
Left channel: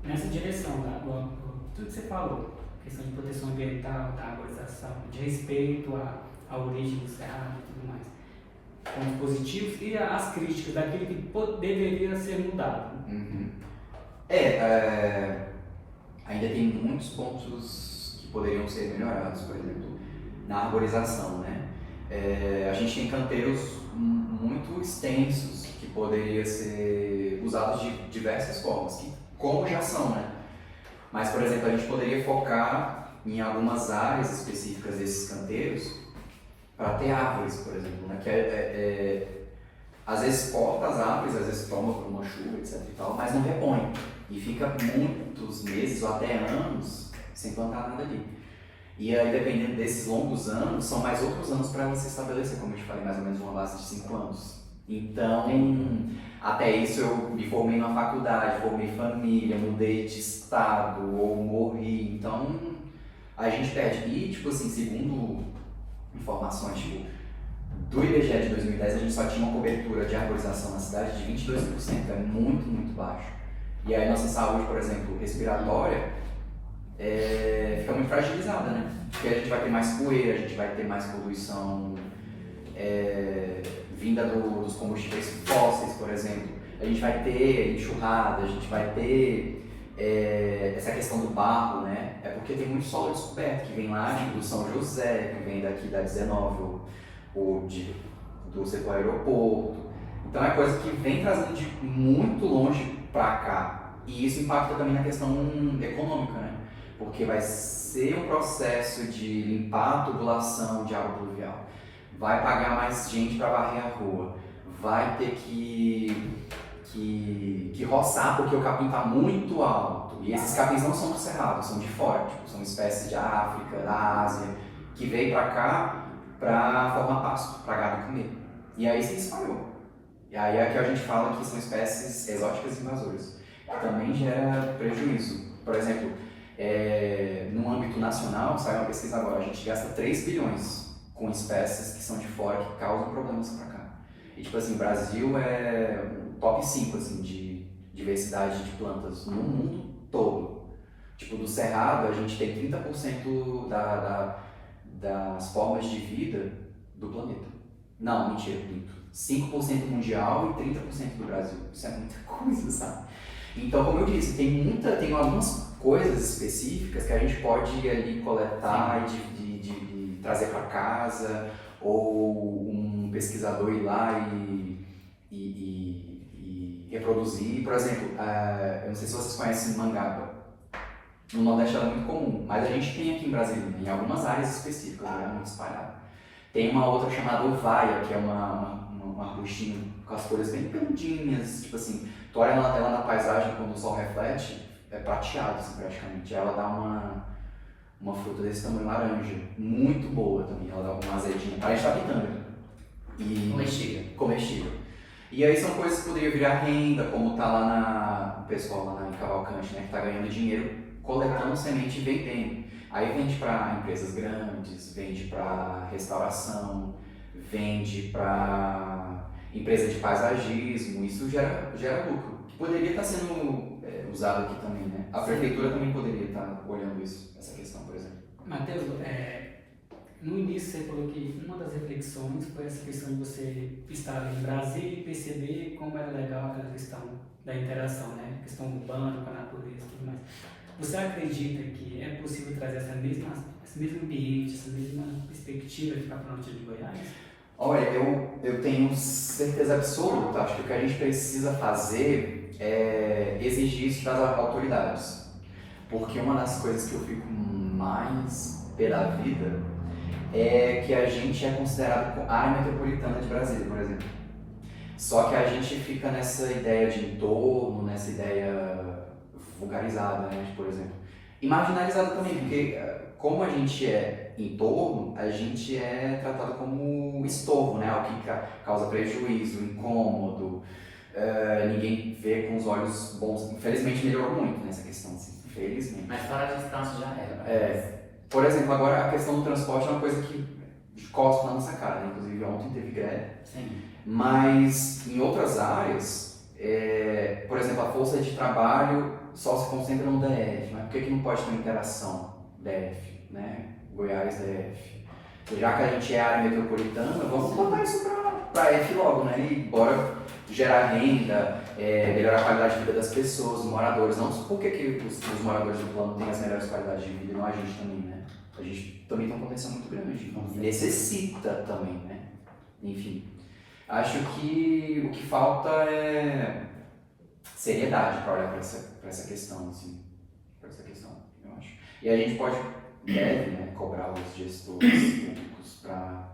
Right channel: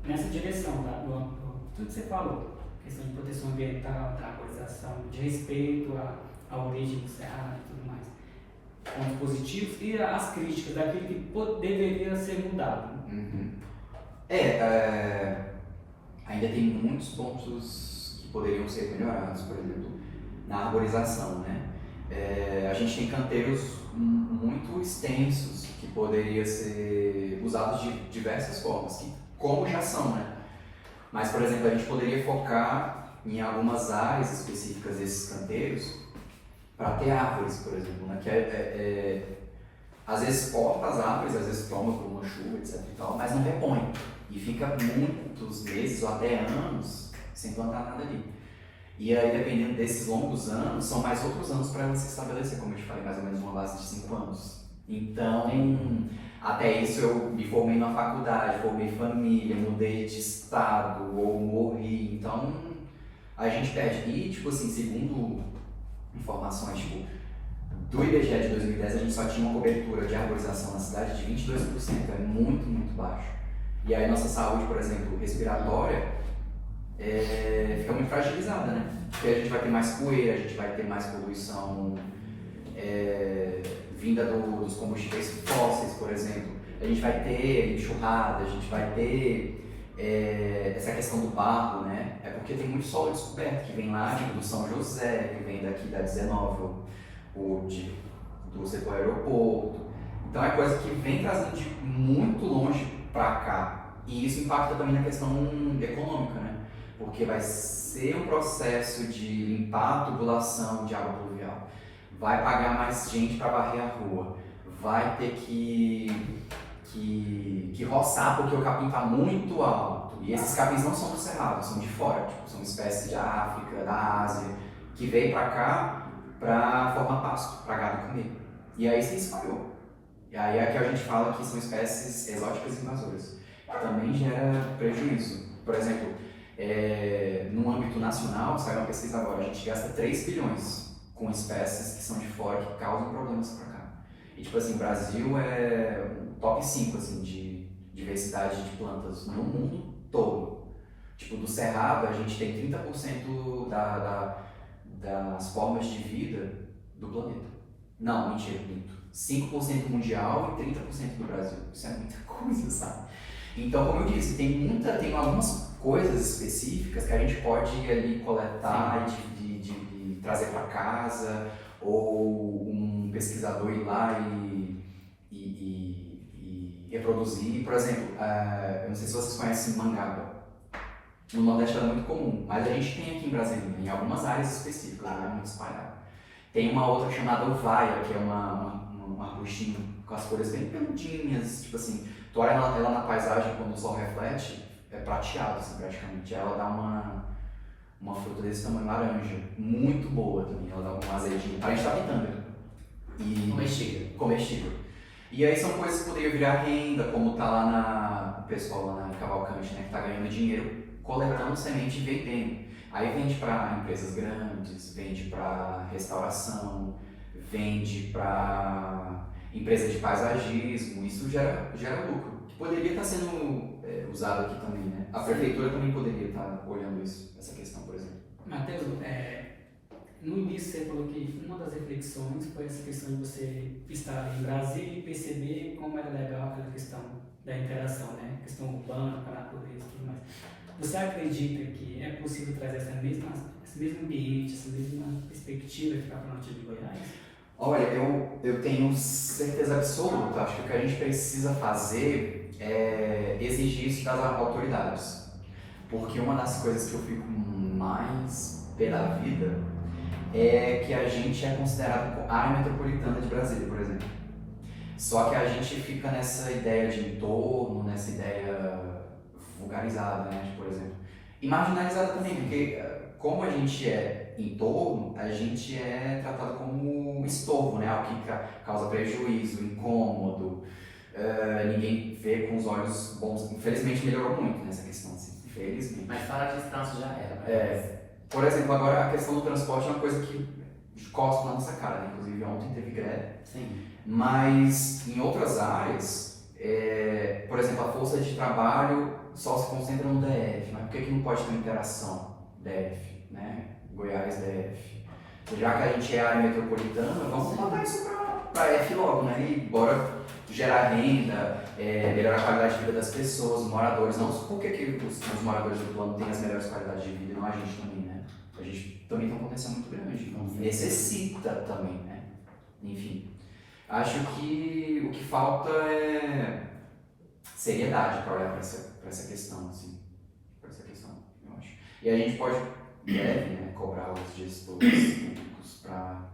nessa direção, tudo que você falou, questão de proteção ambiental, da arborização, de respeito à origem do cerrado e tudo mais. Pontos positivos e as críticas daquilo que deveria ser mudado. Uhum. Ainda tem muitos pontos que poderiam ser melhorados, por exemplo, na arborização, né? A gente tem canteiros muito extensos que poderiam ser usados de diversas formas, como já são, né? Mas, por exemplo, a gente poderia focar em algumas áreas específicas desses canteiros para ter árvores, por exemplo, né? Que às vezes corta as árvores, às vezes toma por uma chuva, etc e tal, mas não repõe. E fica muitos meses ou até anos sem plantar nada ali. E aí, dependendo desses longos anos, são mais outros anos para ela se estabelecer, como eu te falei, mais ou menos uma base de 5 anos. Então, até isso eu me formei na faculdade, formei família, mudei de estado ou morri. Então, a gente perde. E, tipo assim, segundo informações, tipo, do IBGE de 2010, a gente só tinha uma cobertura de arborização na cidade de 22%, é muito, muito baixo. E aí nossa saúde, por exemplo, respiratória, fica muito fragilizada, né? Porque a gente vai ter mais poeira, a gente vai ter mais poluição vinda dos combustíveis fósseis, por exemplo. A gente vai ter enxurrada, a gente vai ter essa questão do barro, né? É porque tem muito solo descoberto, que vem lá do São José, que vem daqui da 19, do setor aeroporto. Então é coisa que vem trazendo de muito longe para cá. E isso impacta também na questão econômica, né? Porque vai ser um processo de limpar a tubulação de água pluvial, vai pagar mais gente para varrer a rua, vai ter que roçar porque o capim está muito alto. E esses capins não são do cerrado, são de fora, tipo, são espécies de África, da Ásia, que veio para cá para formar pasto, para gado comer. E aí se espalhou. E aí é que a gente fala que são espécies exóticas invasoras, que também gera prejuízo. Por exemplo, no âmbito nacional, saiu uma pesquisa agora, a gente gasta 3 bilhões com espécies que são de fora, que causam problemas para cá. E tipo assim, o Brasil é o top 5 assim, de diversidade de plantas no mundo todo. Tipo, do cerrado a gente tem 30% das formas de vida do planeta. Não, mentira, minto. 5% mundial e 30% do Brasil. Isso é muita coisa, sabe? Então, como eu disse, tem algumas coisas específicas que a gente pode ir ali coletar de trazer para casa, ou um pesquisador ir lá e reproduzir. Por exemplo, eu não sei se vocês conhecem mangaba. No Nordeste é muito comum, mas a gente tem aqui em Brasília, em algumas áreas específicas, né, muito espalhado. Tem uma outra chamada ovaia, que é uma arbustinha com as folhas bem peludinhas, tipo assim, tu olha ela na paisagem quando o sol reflete, é prateado assim, praticamente. Ela dá uma fruta desse tamanho laranja, muito boa também, ela dá uma azedinha, parece da pitanga. Comestível. E aí são coisas que poderiam virar renda, como tá lá o pessoal lá em Cavalcante, né, que tá ganhando dinheiro coletando semente e vendendo. Aí vende para empresas grandes, vende para restauração, vende para empresas de paisagismo, isso gera lucro, que poderia estar sendo usado aqui também, né? A prefeitura também poderia estar olhando essa questão, por exemplo. Matheus, no início você falou que uma das reflexões foi essa questão de você estar em Brasília e perceber como era legal aquela questão da interação, né? A questão urbana com a natureza e tudo mais. Você acredita que é possível trazer esse mesmo ambiente, essa mesma perspectiva para o norte de Goiás? Olha, eu tenho certeza absoluta. Acho que o que a gente precisa fazer é exigir isso das autoridades. Porque uma das coisas que eu fico mais pé da vida é que a gente é considerado área metropolitana de Brasília, por exemplo. Só que a gente fica nessa ideia de entorno, nessa ideia vulgarizada, né, por exemplo. E marginalizada também, porque como a gente é entorno, a gente é tratado como estorvo, né, o que causa prejuízo, incômodo, ninguém vê com os olhos bons. Infelizmente melhorou muito nessa questão, assim. Infelizmente. Mas fora a distância já era. Por exemplo, agora a questão do transporte é uma coisa que costa na nossa cara, né? Inclusive ontem teve greve. Sim. Mas em outras áreas, por exemplo, a força de trabalho só se concentra no DF, mas por que não pode ter uma interação DF, né? Goiás DF? Já que a gente é área metropolitana, vamos botar isso para F logo, né? E bora gerar renda, melhorar a qualidade de vida das pessoas, dos moradores. Não por que os moradores do plano têm as melhores qualidades de vida e não a gente também, né? A gente também tem uma potência muito grande, necessita também, né? Enfim, acho que o que falta é seriedade para olhar para essa questão, assim, para essa questão, eu acho. E a gente deve, né, cobrar os gestores públicos para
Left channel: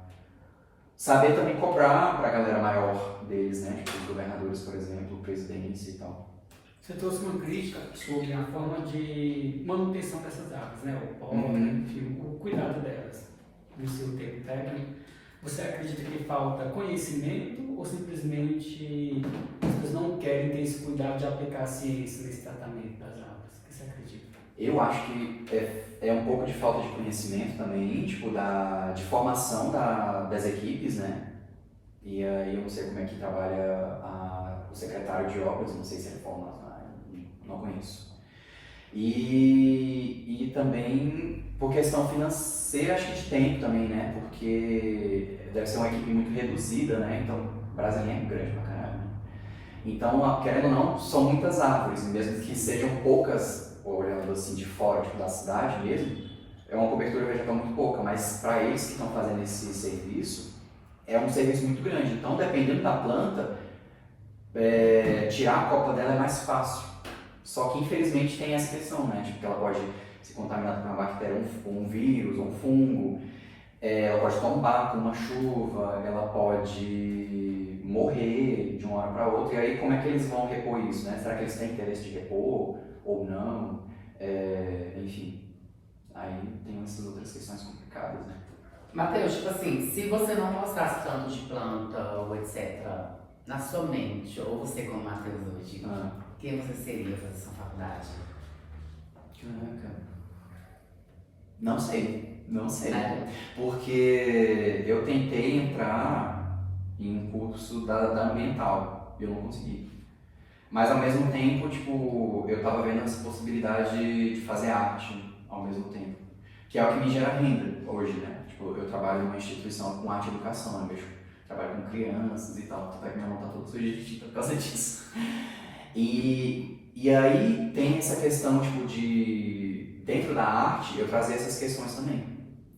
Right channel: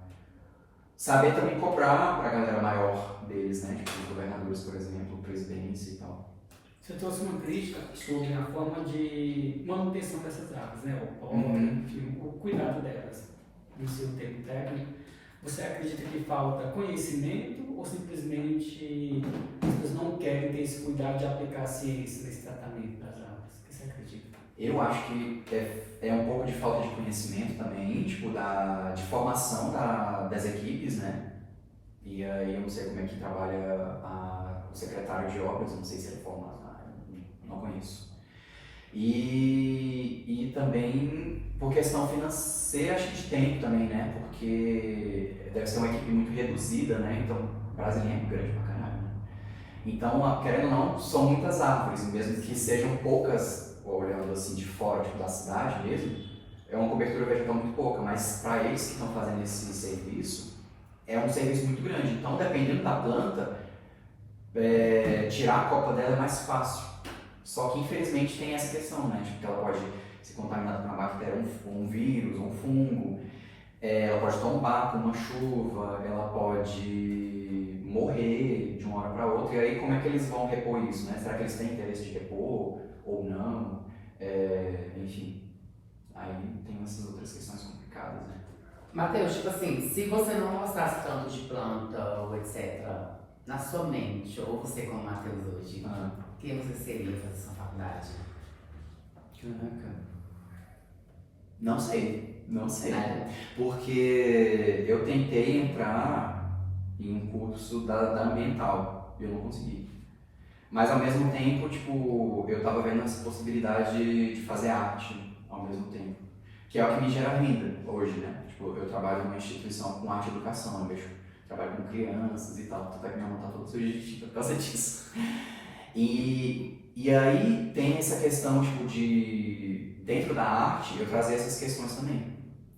saber também cobrar para a galera maior deles, né, tipo os governadores, por exemplo, presidentes e tal. Você trouxe uma crítica sobre a forma de manutenção dessas áreas, né? O poda, o cuidado delas, no seu termo técnico. Você acredita que falta conhecimento ou simplesmente as pessoas não querem ter esse cuidado de aplicar a ciência nesse tratamento das árvores? O que você acredita? Eu acho que é um pouco de falta de conhecimento também, tipo, de formação das equipes, né? E aí eu não sei como é que trabalha o secretário de obras, não sei se ele é formado, não conheço. E também por questão financeira, acho que de tempo também, né? Porque deve ser uma equipe muito reduzida, né? Então, Brasília é grande pra caralho. Então, querendo ou não, são muitas árvores, e mesmo que sejam poucas, olhando assim de fora, tipo, da cidade mesmo, é uma cobertura vegetal muito pouca, mas para eles que estão fazendo esse serviço, é um serviço muito grande. Então, dependendo da planta, tirar a copa dela é mais fácil. Só que, infelizmente, tem essa questão, né? Tipo, que ela pode ser contaminada por uma bactéria, um vírus, um fungo, ela pode tombar com uma chuva, ela pode morrer de uma hora para outra. E aí, como é que eles vão repor isso, né? Será que eles têm interesse de repor ou não? Enfim, aí tem essas outras questões complicadas, né? Matheus, tipo assim, se você não gostasse tanto de planta ou etc., na sua mente, ou você como Matheus hoje, quem você seria fazer sua faculdade? Caraca. Não sei. Porque eu tentei entrar em um curso da ambiental e eu não consegui. Mas ao mesmo tempo, tipo, eu tava vendo essa possibilidade de fazer arte ao mesmo tempo. Que é o que me gera renda hoje, né? Tipo, eu trabalho em uma instituição com arte e educação, eu trabalho com crianças e tal, vai me montar todo sujeito por causa disso. E aí tem essa questão, tipo, de dentro da arte, eu trazer essas questões também,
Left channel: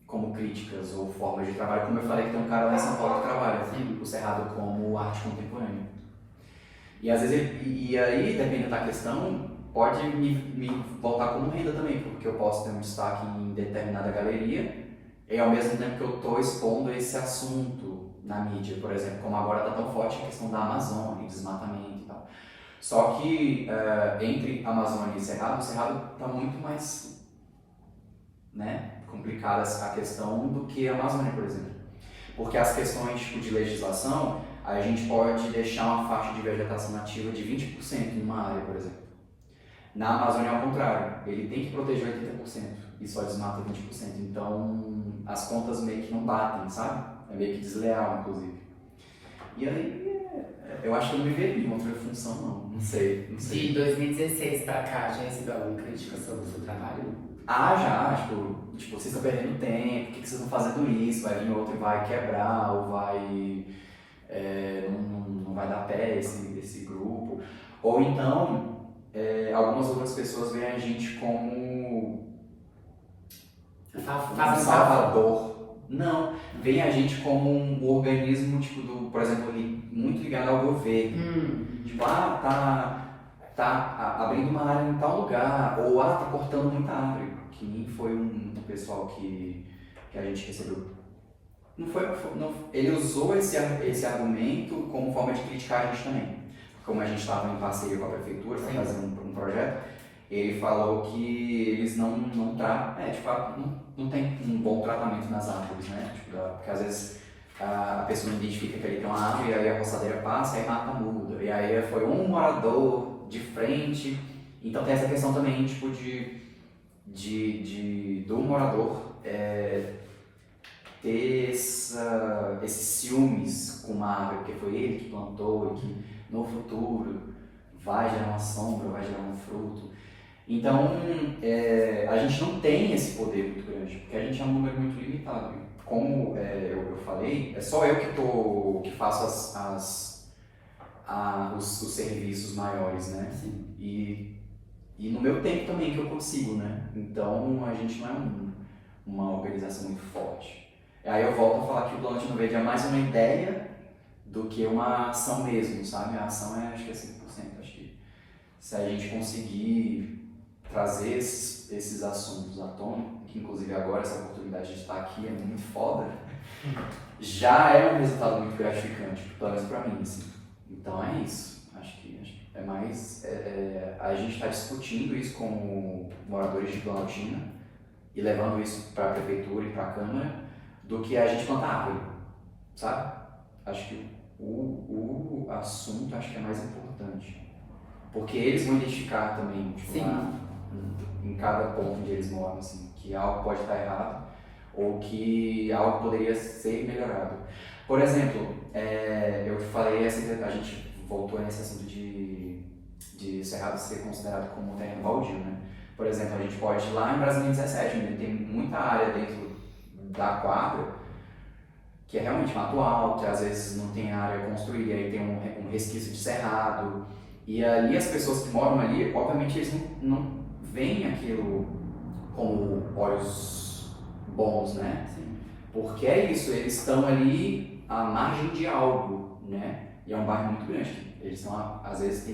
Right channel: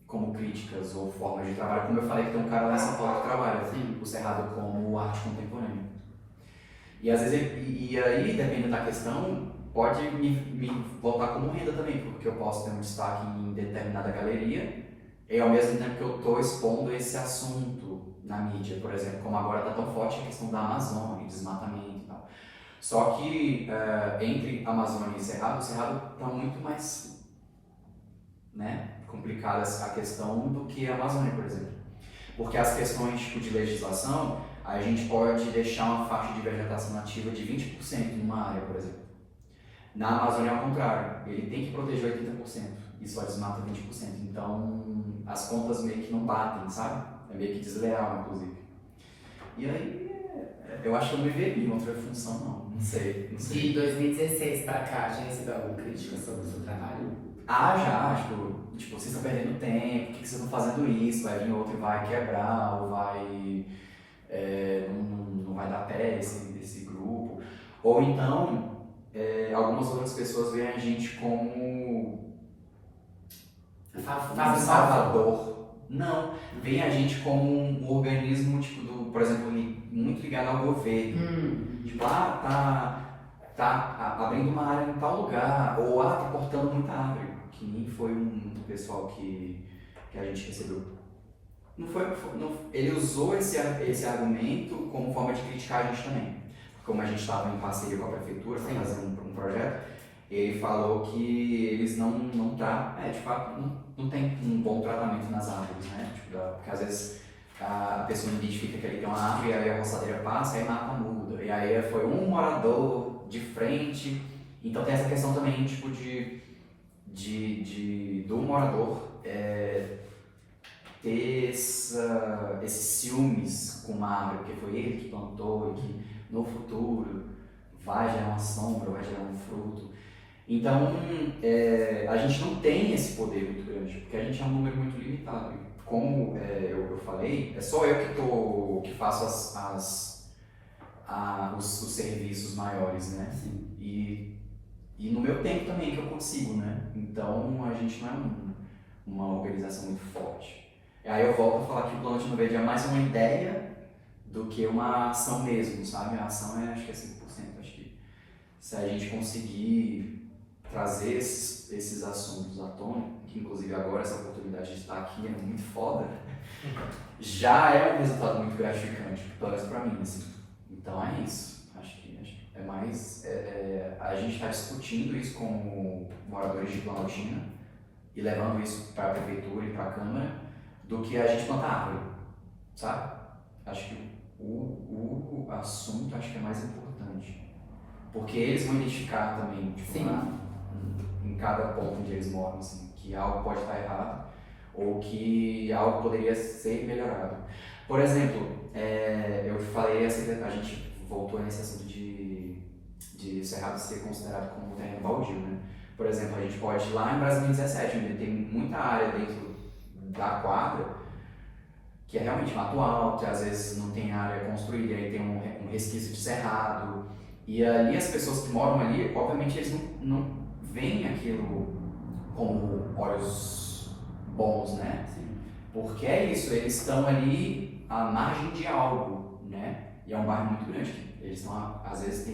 como críticas ou formas de trabalho, como eu falei que tem um cara lá em São Paulo que trabalha, o Cerrado, como arte contemporânea. E às vezes, e aí, dependendo da questão, pode me botar como renda também, porque eu posso ter um destaque em determinada galeria, e ao mesmo tempo que eu estou expondo esse assunto na mídia, por exemplo, como agora está tão forte a questão da Amazônia, desmatamento e tal. Só que entre Amazônia e Cerrado, o Cerrado está muito mais, né, complicada a questão do que a Amazônia, por exemplo. Porque as questões tipo, de legislação, a gente pode deixar uma faixa de vegetação nativa de 20% numa área, por exemplo. Na Amazônia é ao contrário, ele tem que proteger 80% e só desmata 20%. Então as contas meio que não batem, sabe? É meio que desleal, inclusive. E aí, eu acho que eu não me veria em outra função, não sei. De 2016 pra cá, já recebeu alguma crítica sobre o seu trabalho? Já, tipo, vocês estão perdendo tempo, por que vocês estão fazendo isso? Vai vir outro e vai quebrar, ou vai... não vai dar pé esse grupo. Ou então, algumas outras pessoas veem a gente como um salvador. Não, veem a gente como um organismo, tipo, por exemplo, muito ligado ao governo. Tipo, tá abrindo uma área em tal lugar, ou tá cortando muita árvore, que nem foi um pessoal que a gente recebeu. Ele usou esse argumento como forma de criticar a gente também. Como a gente estava em parceria com a prefeitura para fazer um projeto, ele falou que eles não tratam, de fato, não tem um bom tratamento nas árvores, né? Tipo, porque às vezes a pessoa identifica que ele tem uma árvore, e aí a roçadeira passa e aí mata a muda. E aí foi um morador de frente Então tem essa questão também, tipo, do morador ter esses ciúmes com uma árvore, porque foi ele que plantou e que no futuro vai gerar uma sombra, vai gerar um fruto. Então, a gente não tem esse poder muito grande, porque a gente é um número muito limitado. Como eu falei, é só eu que faço os serviços maiores, né? Sim. E no meu tempo também que eu consigo, né? Então, a gente não é uma organização muito forte. Aí eu volto a falar que o Plano Latino Verde é mais uma ideia do que uma ação mesmo, sabe? A ação acho que é 5%. Acho que se a gente conseguir trazer esses assuntos à tona, que inclusive agora essa oportunidade de estar aqui é muito foda, já é um resultado muito gratificante, pelo menos pra mim, assim. Então é isso. Acho que é mais... a gente está discutindo isso como moradores de Planaltina e levando isso para a prefeitura e para a Câmara, do que a gente plantar árvore, sabe? Acho que o assunto acho que é mais importante. Porque eles vão identificar também, tipo, em cada ponto onde eles moram, assim, que algo pode estar errado ou que algo poderia ser melhorado. Por exemplo, eu falei, a gente voltou nesse assunto de Cerrado ser considerado como um terreno baldio, né? Por exemplo, a gente pode ir lá em Brasília 17, onde tem muita área dentro da quadra, que é realmente mato alto, às vezes não tem área construída, aí tem um resquício de cerrado, e ali as pessoas que moram ali, obviamente eles não veem aquilo como olhos bons, né? Sim. Porque é isso, eles estão ali à margem de algo, né? E é um bairro muito grande, eles estão, às vezes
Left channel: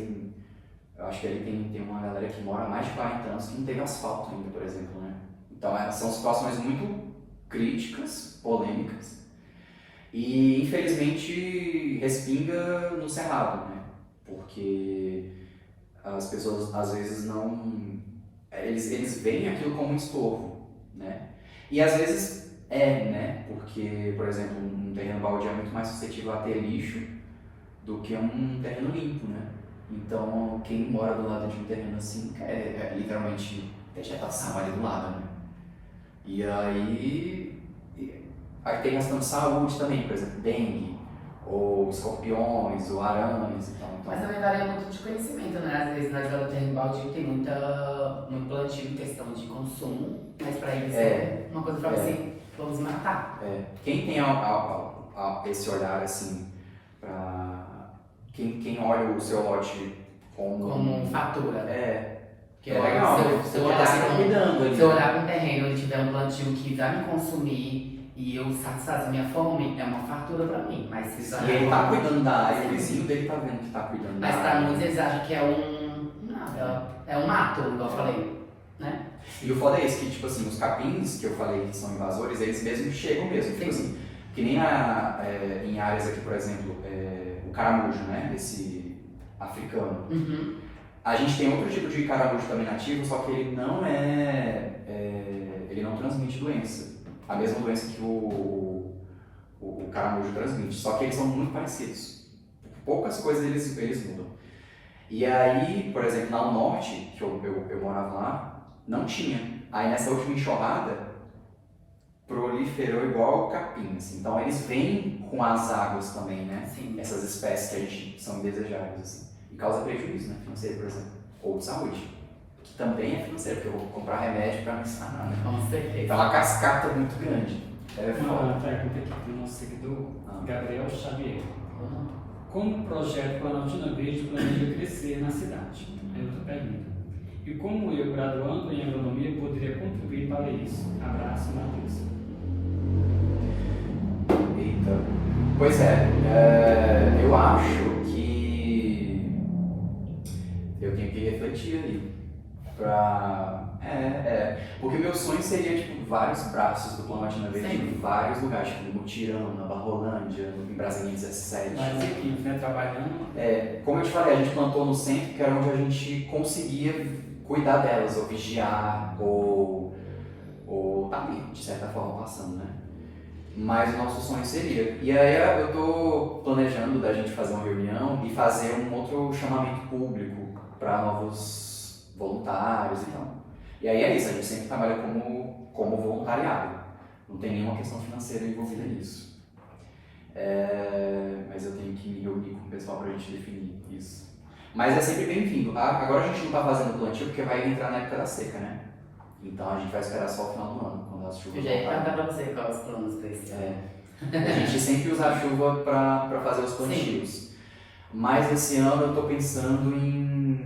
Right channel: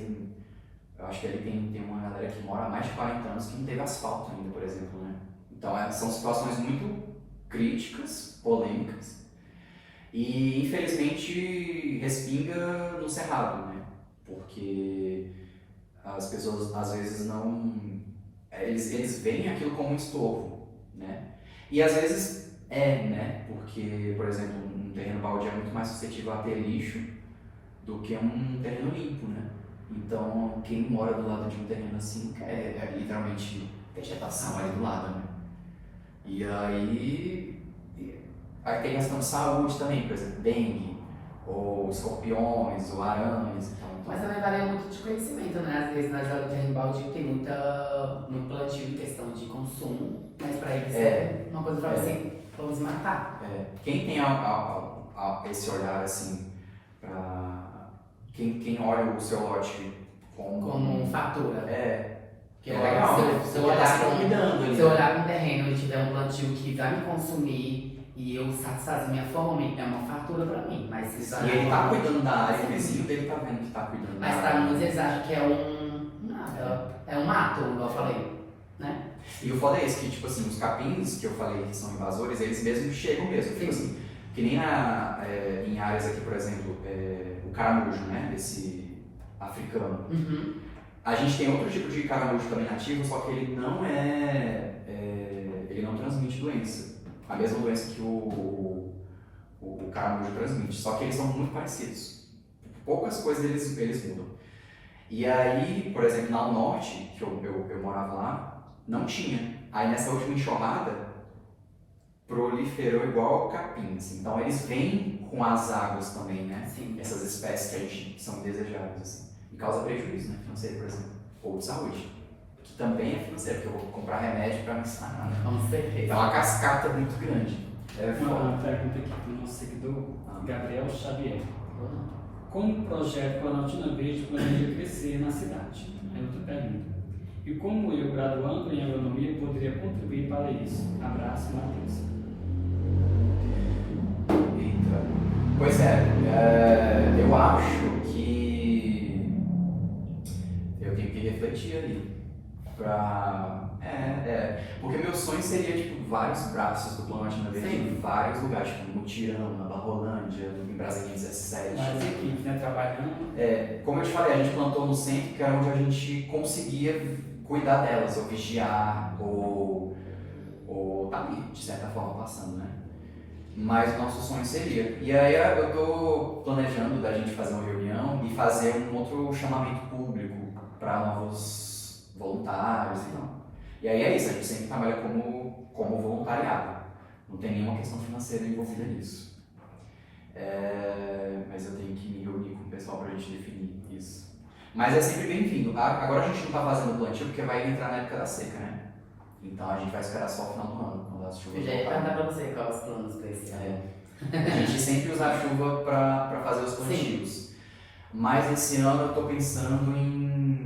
eu acho que ali tem uma galera que mora há mais de 40 anos que não teve asfalto ainda, por exemplo, né? Então são situações muito críticas, polêmicas, e infelizmente respinga no Cerrado, né? Porque as pessoas às vezes eles veem aquilo como um estorvo, né? E às vezes né? Porque, por exemplo, um terreno baldio é muito mais suscetível a ter lixo do que um terreno limpo, né? Então, quem mora do lado de um terreno assim é literalmente vegetação ali do lado, né? E aí tem questão de saúde também, por exemplo, dengue, ou escorpiões, ou aranhas e tal. Então, Mas também varia muito de conhecimento, né? Às vezes nós do terreno baldio tem muito plantio em questão de consumo, mas para eles é uma coisa para você, vamos matar. Quem tem esse olhar assim, quem olha o seu lote como fatura. Que é legal, se eu olhar cuidando para um terreno e tiver um plantio que vai me consumir e eu satisfazer minha fome, é uma fatura para mim. Mas se ele tá cuidando da área, o vizinho dele tá vendo que tá cuidando da área. Mas para muitos eles acham que é um mato, como eu falei, né? E o foda é esse, que tipo assim, os capins que eu falei que são invasores, eles mesmos chegam mesmo, tipo assim, que nem em áreas aqui, por exemplo, o caramujo, né, esse africano. Uhum. A gente tem outro tipo de caramujo também nativo, só que ele não ele não transmite doença. A mesma doença que o caramujo transmite, só que eles são muito parecidos. Poucas coisas eles mudam. E aí, por exemplo, lá no norte, que eu morava lá, não tinha. Aí nessa última enxurrada, proliferou igual capim, assim. Então eles vêm com as águas também, né? Sim. Essas espécies que a gente são indesejáveis, assim. E causa prejuízo, né? Financeiro, por exemplo. Ou de saúde. Que também é financeiro, porque eu vou comprar remédio para me sanar. Com certeza. Então a cascata é muito grande. Uma pergunta aqui do nosso seguidor, Gabriel Xavier. Como o projeto Planaltina Verde planeja crescer na cidade? É outra pergunta. E como eu, graduando em agronomia, poderia contribuir para isso? Abraço, Matheus. Eita. Pois eu acho que eu tenho que refletir ali. Porque meu sonho seria tipo vários braços do Planaltina Verde em vários lugares, tipo Mutirão, na Barrolândia, em Brasília 17. Mas equipe, né, trabalhando. Como eu te falei, a gente plantou no centro, que era onde a gente conseguia cuidar delas, ou vigiar, ou tá ali, de certa forma, passando, né? Mas o nosso sonho seria. E aí eu tô planejando da gente fazer uma reunião e fazer um outro chamamento público para novos voluntários e tal. E aí é isso, a gente sempre trabalha como voluntariado. Não tem nenhuma questão financeira envolvida nisso. Mas eu tenho que me reunir com o pessoal para a gente definir isso. Mas é sempre bem-vindo. Agora a gente não está fazendo plantio porque vai entrar na época da seca, né? Então a gente vai esperar só o final do ano, quando as chuvas Eu já ia voltarem. perguntar pra você qual os planos pra esse ano. A gente sempre usa a chuva para fazer os plantios. Mas esse ano eu estou pensando em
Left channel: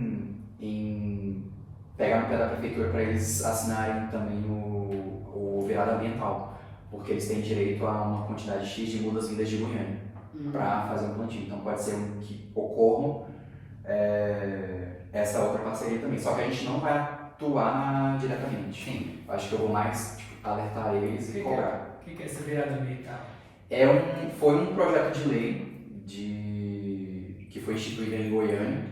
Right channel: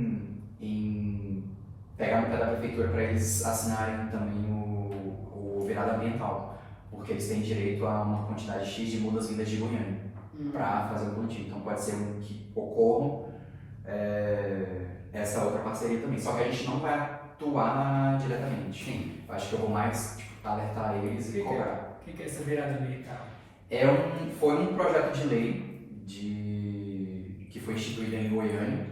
pegar no pé da prefeitura para eles assinarem também o virado ambiental. Porque eles têm direito a uma quantidade X de mudas vindas de Goiânia para fazer o plantio. Então pode ser que ocorram essa outra parceria também. Só que a gente não vai atuar diretamente. Sim. Acho que eu vou mais alertar eles e cobrar. O que é essa virada ambiental? Foi um projeto de lei que foi instituído em Goiânia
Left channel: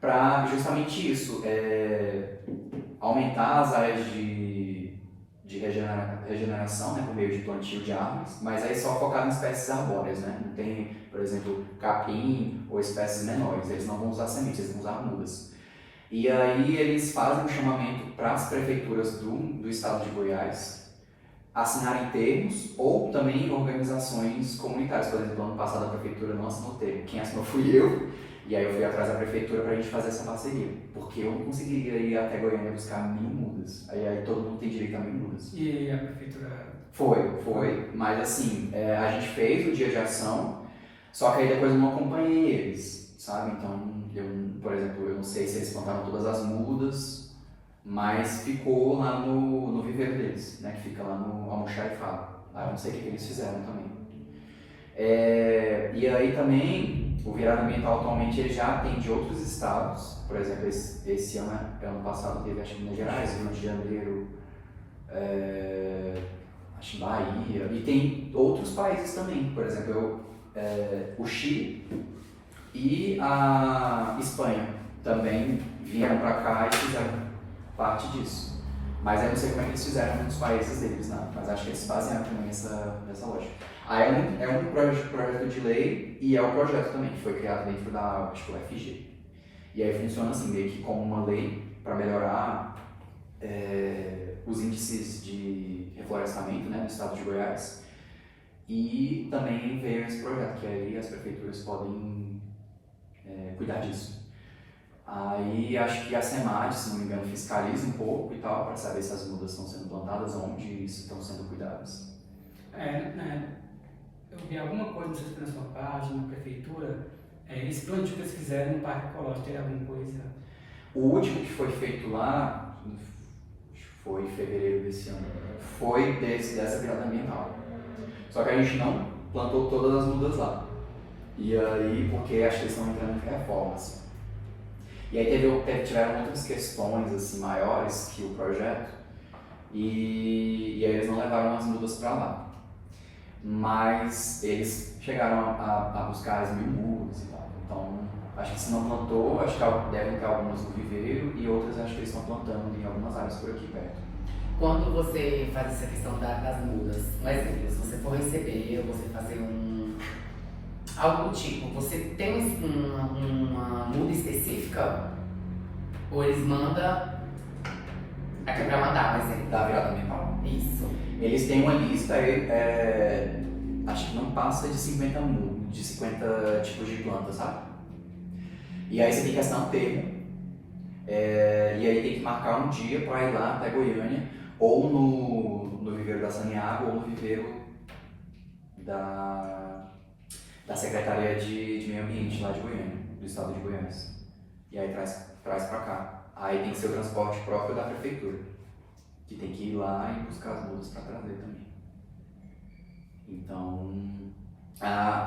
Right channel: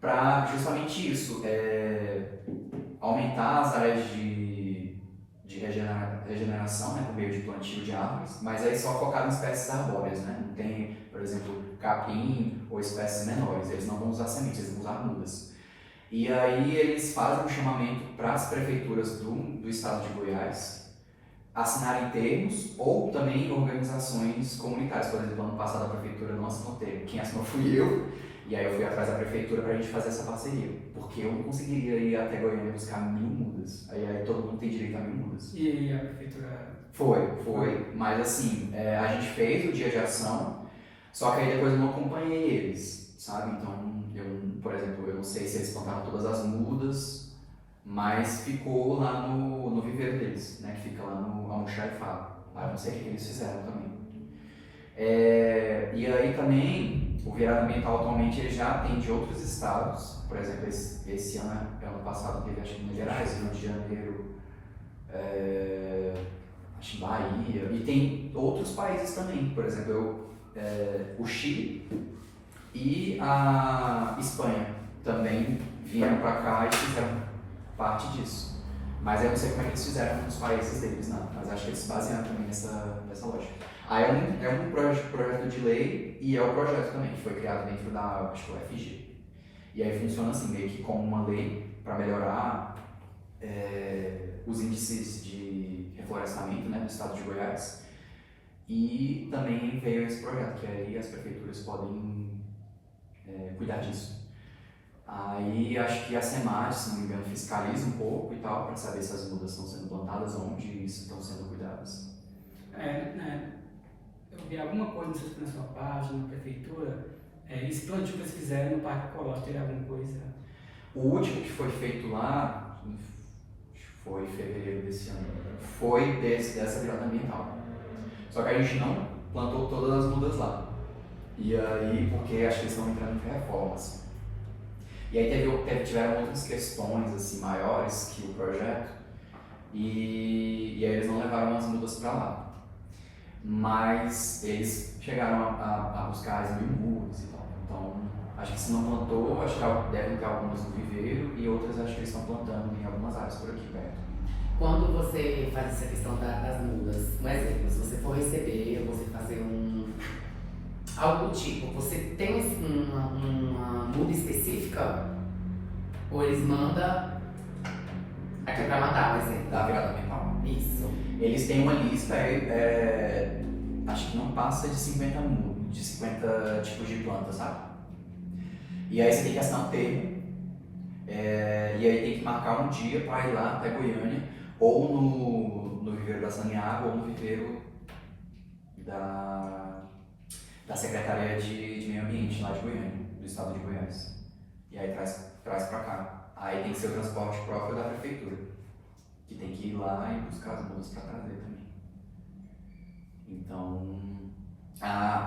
para justamente isso, aumentar as áreas de regeneração, né, por meio de plantio de árvores, mas aí só focado em espécies arbóreas, né? Não tem, por exemplo, capim ou espécies menores, eles não vão usar sementes, eles vão usar mudas. E aí eles fazem um chamamento para as prefeituras do estado de Goiás assinarem termos ou também organizações comunitárias. Por exemplo, ano passado a prefeitura não assinou termo, quem assinou fui eu, e aí eu fui atrás da prefeitura para a gente fazer essa parceria, porque eu não conseguiria ir até Goiânia buscar 1000 mudas, aí todo mundo tem direito a 1000 mudas. E a prefeitura? Foi, mas assim, a gente fez o dia de ação, só que aí depois eu não acompanhei eles, sabe? Então, por exemplo, eu não sei se eles plantaram todas as mudas, mas ficou lá no viveiro deles, né, que fica lá no Almoxarifado. Eu não sei o que eles fizeram também. E aí também, o virado ambiental atualmente ele já tem de outros estados. Por exemplo, esse ano passado teve, acho que Minas Gerais, Rio de Janeiro, acho que Bahia, e tem outros países também. Por exemplo, o Chile e a Espanha também vieram para cá e fizeram parte disso. Mas eu não sei como é que eles fizeram nos países deles, né? Mas acho que eles fazem também nessa lógica. Aí é um projeto de lei e é um projeto também que foi criado dentro da, acho que o FG. E aí funciona assim, meio que como uma lei para melhorar os índices de reflorestamento, né, no estado de Goiás. E também veio esse projeto, que aí as prefeituras podem cuidar disso. Aí acho que a SEMAD, se não me engano, fiscaliza um pouco e tal, para saber se as mudas estão sendo plantadas, onde estão sendo cuidadas. Eu vi alguma coisa, não sei se foi na sua página, na prefeitura, esse plantio que eles fizeram no Parque Ecológico, tem alguma coisa? O último que foi feito lá, foi em fevereiro desse ano, foi dessa virada ambiental. Só que a gente não plantou todas as mudas lá. E aí, porque acho que eles estão entrando em reformas. E aí tiveram outras questões assim, maiores que o projeto, e aí eles não levaram as mudas para lá. Mas eles chegaram a buscar as 1000 mudas e tal. Então, acho que se não plantou, acho que devem ter algumas no viveiro e outras acho que eles estão plantando em algumas áreas por aqui perto. Quando você faz essa questão das mudas, um exemplo, se você for receber, você fazer algo do tipo, você tem uma muda específica? Ou eles mandam aqui pra mandar, por exemplo? Da virada ambiental. Isso. Eles têm uma lista, acho que não passa de 50 tipos de plantas, sabe? E aí você tem que assinar um termo, e aí tem que marcar um dia para ir lá até Goiânia, ou no viveiro da Saniago, ou no viveiro da Secretaria de Meio Ambiente lá de Goiânia, do estado de Goiás. E aí traz para cá. Aí tem que ser o transporte próprio da prefeitura, que tem que ir lá e buscar as mudas para trazer também. Então, a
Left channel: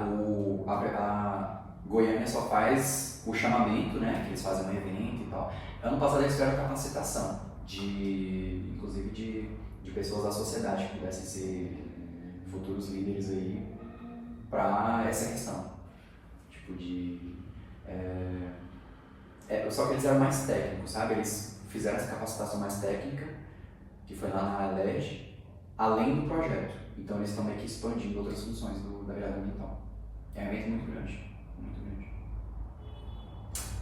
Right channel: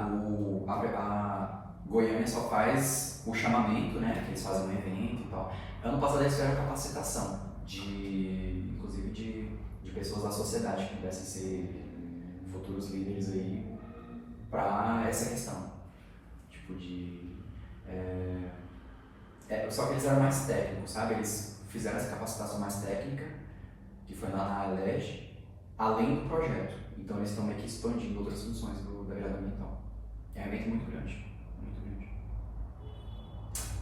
Goiânia só faz o chamamento, né, que eles fazem um evento e tal. Ano passado eles tiveram capacitação, inclusive de pessoas da sociedade que pudessem ser futuros líderes aí para essa questão. Tipo só que eles eram mais técnicos, sabe? Eles fizeram essa capacitação mais técnica, que foi lá na ALEG, além do projeto. Então eles estão meio que expandindo outras funções da virada ambiental. É um evento muito grande, muito grande.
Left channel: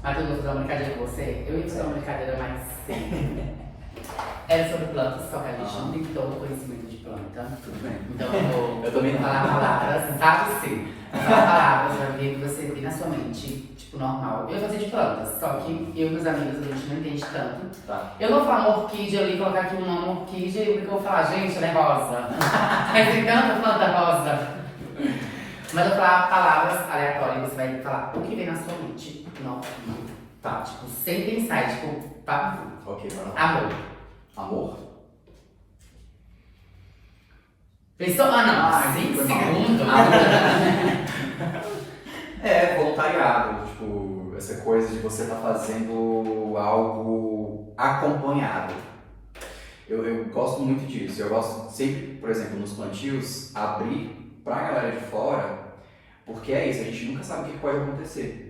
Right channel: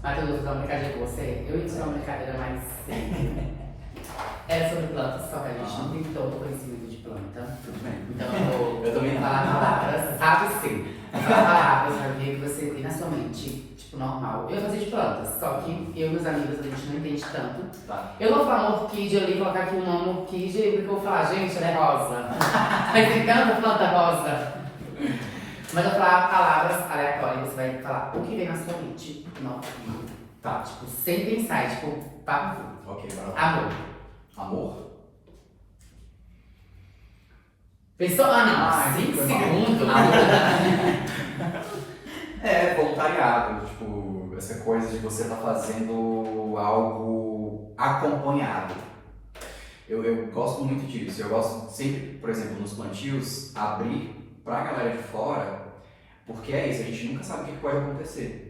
Matheus, eu vou fazer uma brincadeira com você. Eu ia fazer uma brincadeira mais simples. Era sobre plantas, só que a gente não tem todo conhecimento de planta. Tudo bem. Então Eu também não. falar palavras, sabe sim. Falar palavras, vai ver que você tem na sua mente, tipo, normal. Eu ia fazer de plantas, só que eu e meus amigos, a gente não entende tanto. Tá. Eu não vou falar uma orquídea ali, colocar aqui um nome orquídea, e o que eu vou falar, gente, ela é rosa. Mas tem tanta planta rosa. Mas eu vou falar palavras aleatórias, você vai falar o que vem na sua mente. Não, tá, tipo, sem pensar, tipo, papo. Ok, vai lá. Amor. Amor? Pensou? Ah, não, 5 foi mal. segundos. É, voluntariado, tipo, essa coisa de você estar fazendo algo acompanhado. Eu gosto muito disso. Eu gosto sempre, por exemplo, nos plantios, abrir pra galera de fora, porque é isso, a gente nunca sabe o que pode acontecer.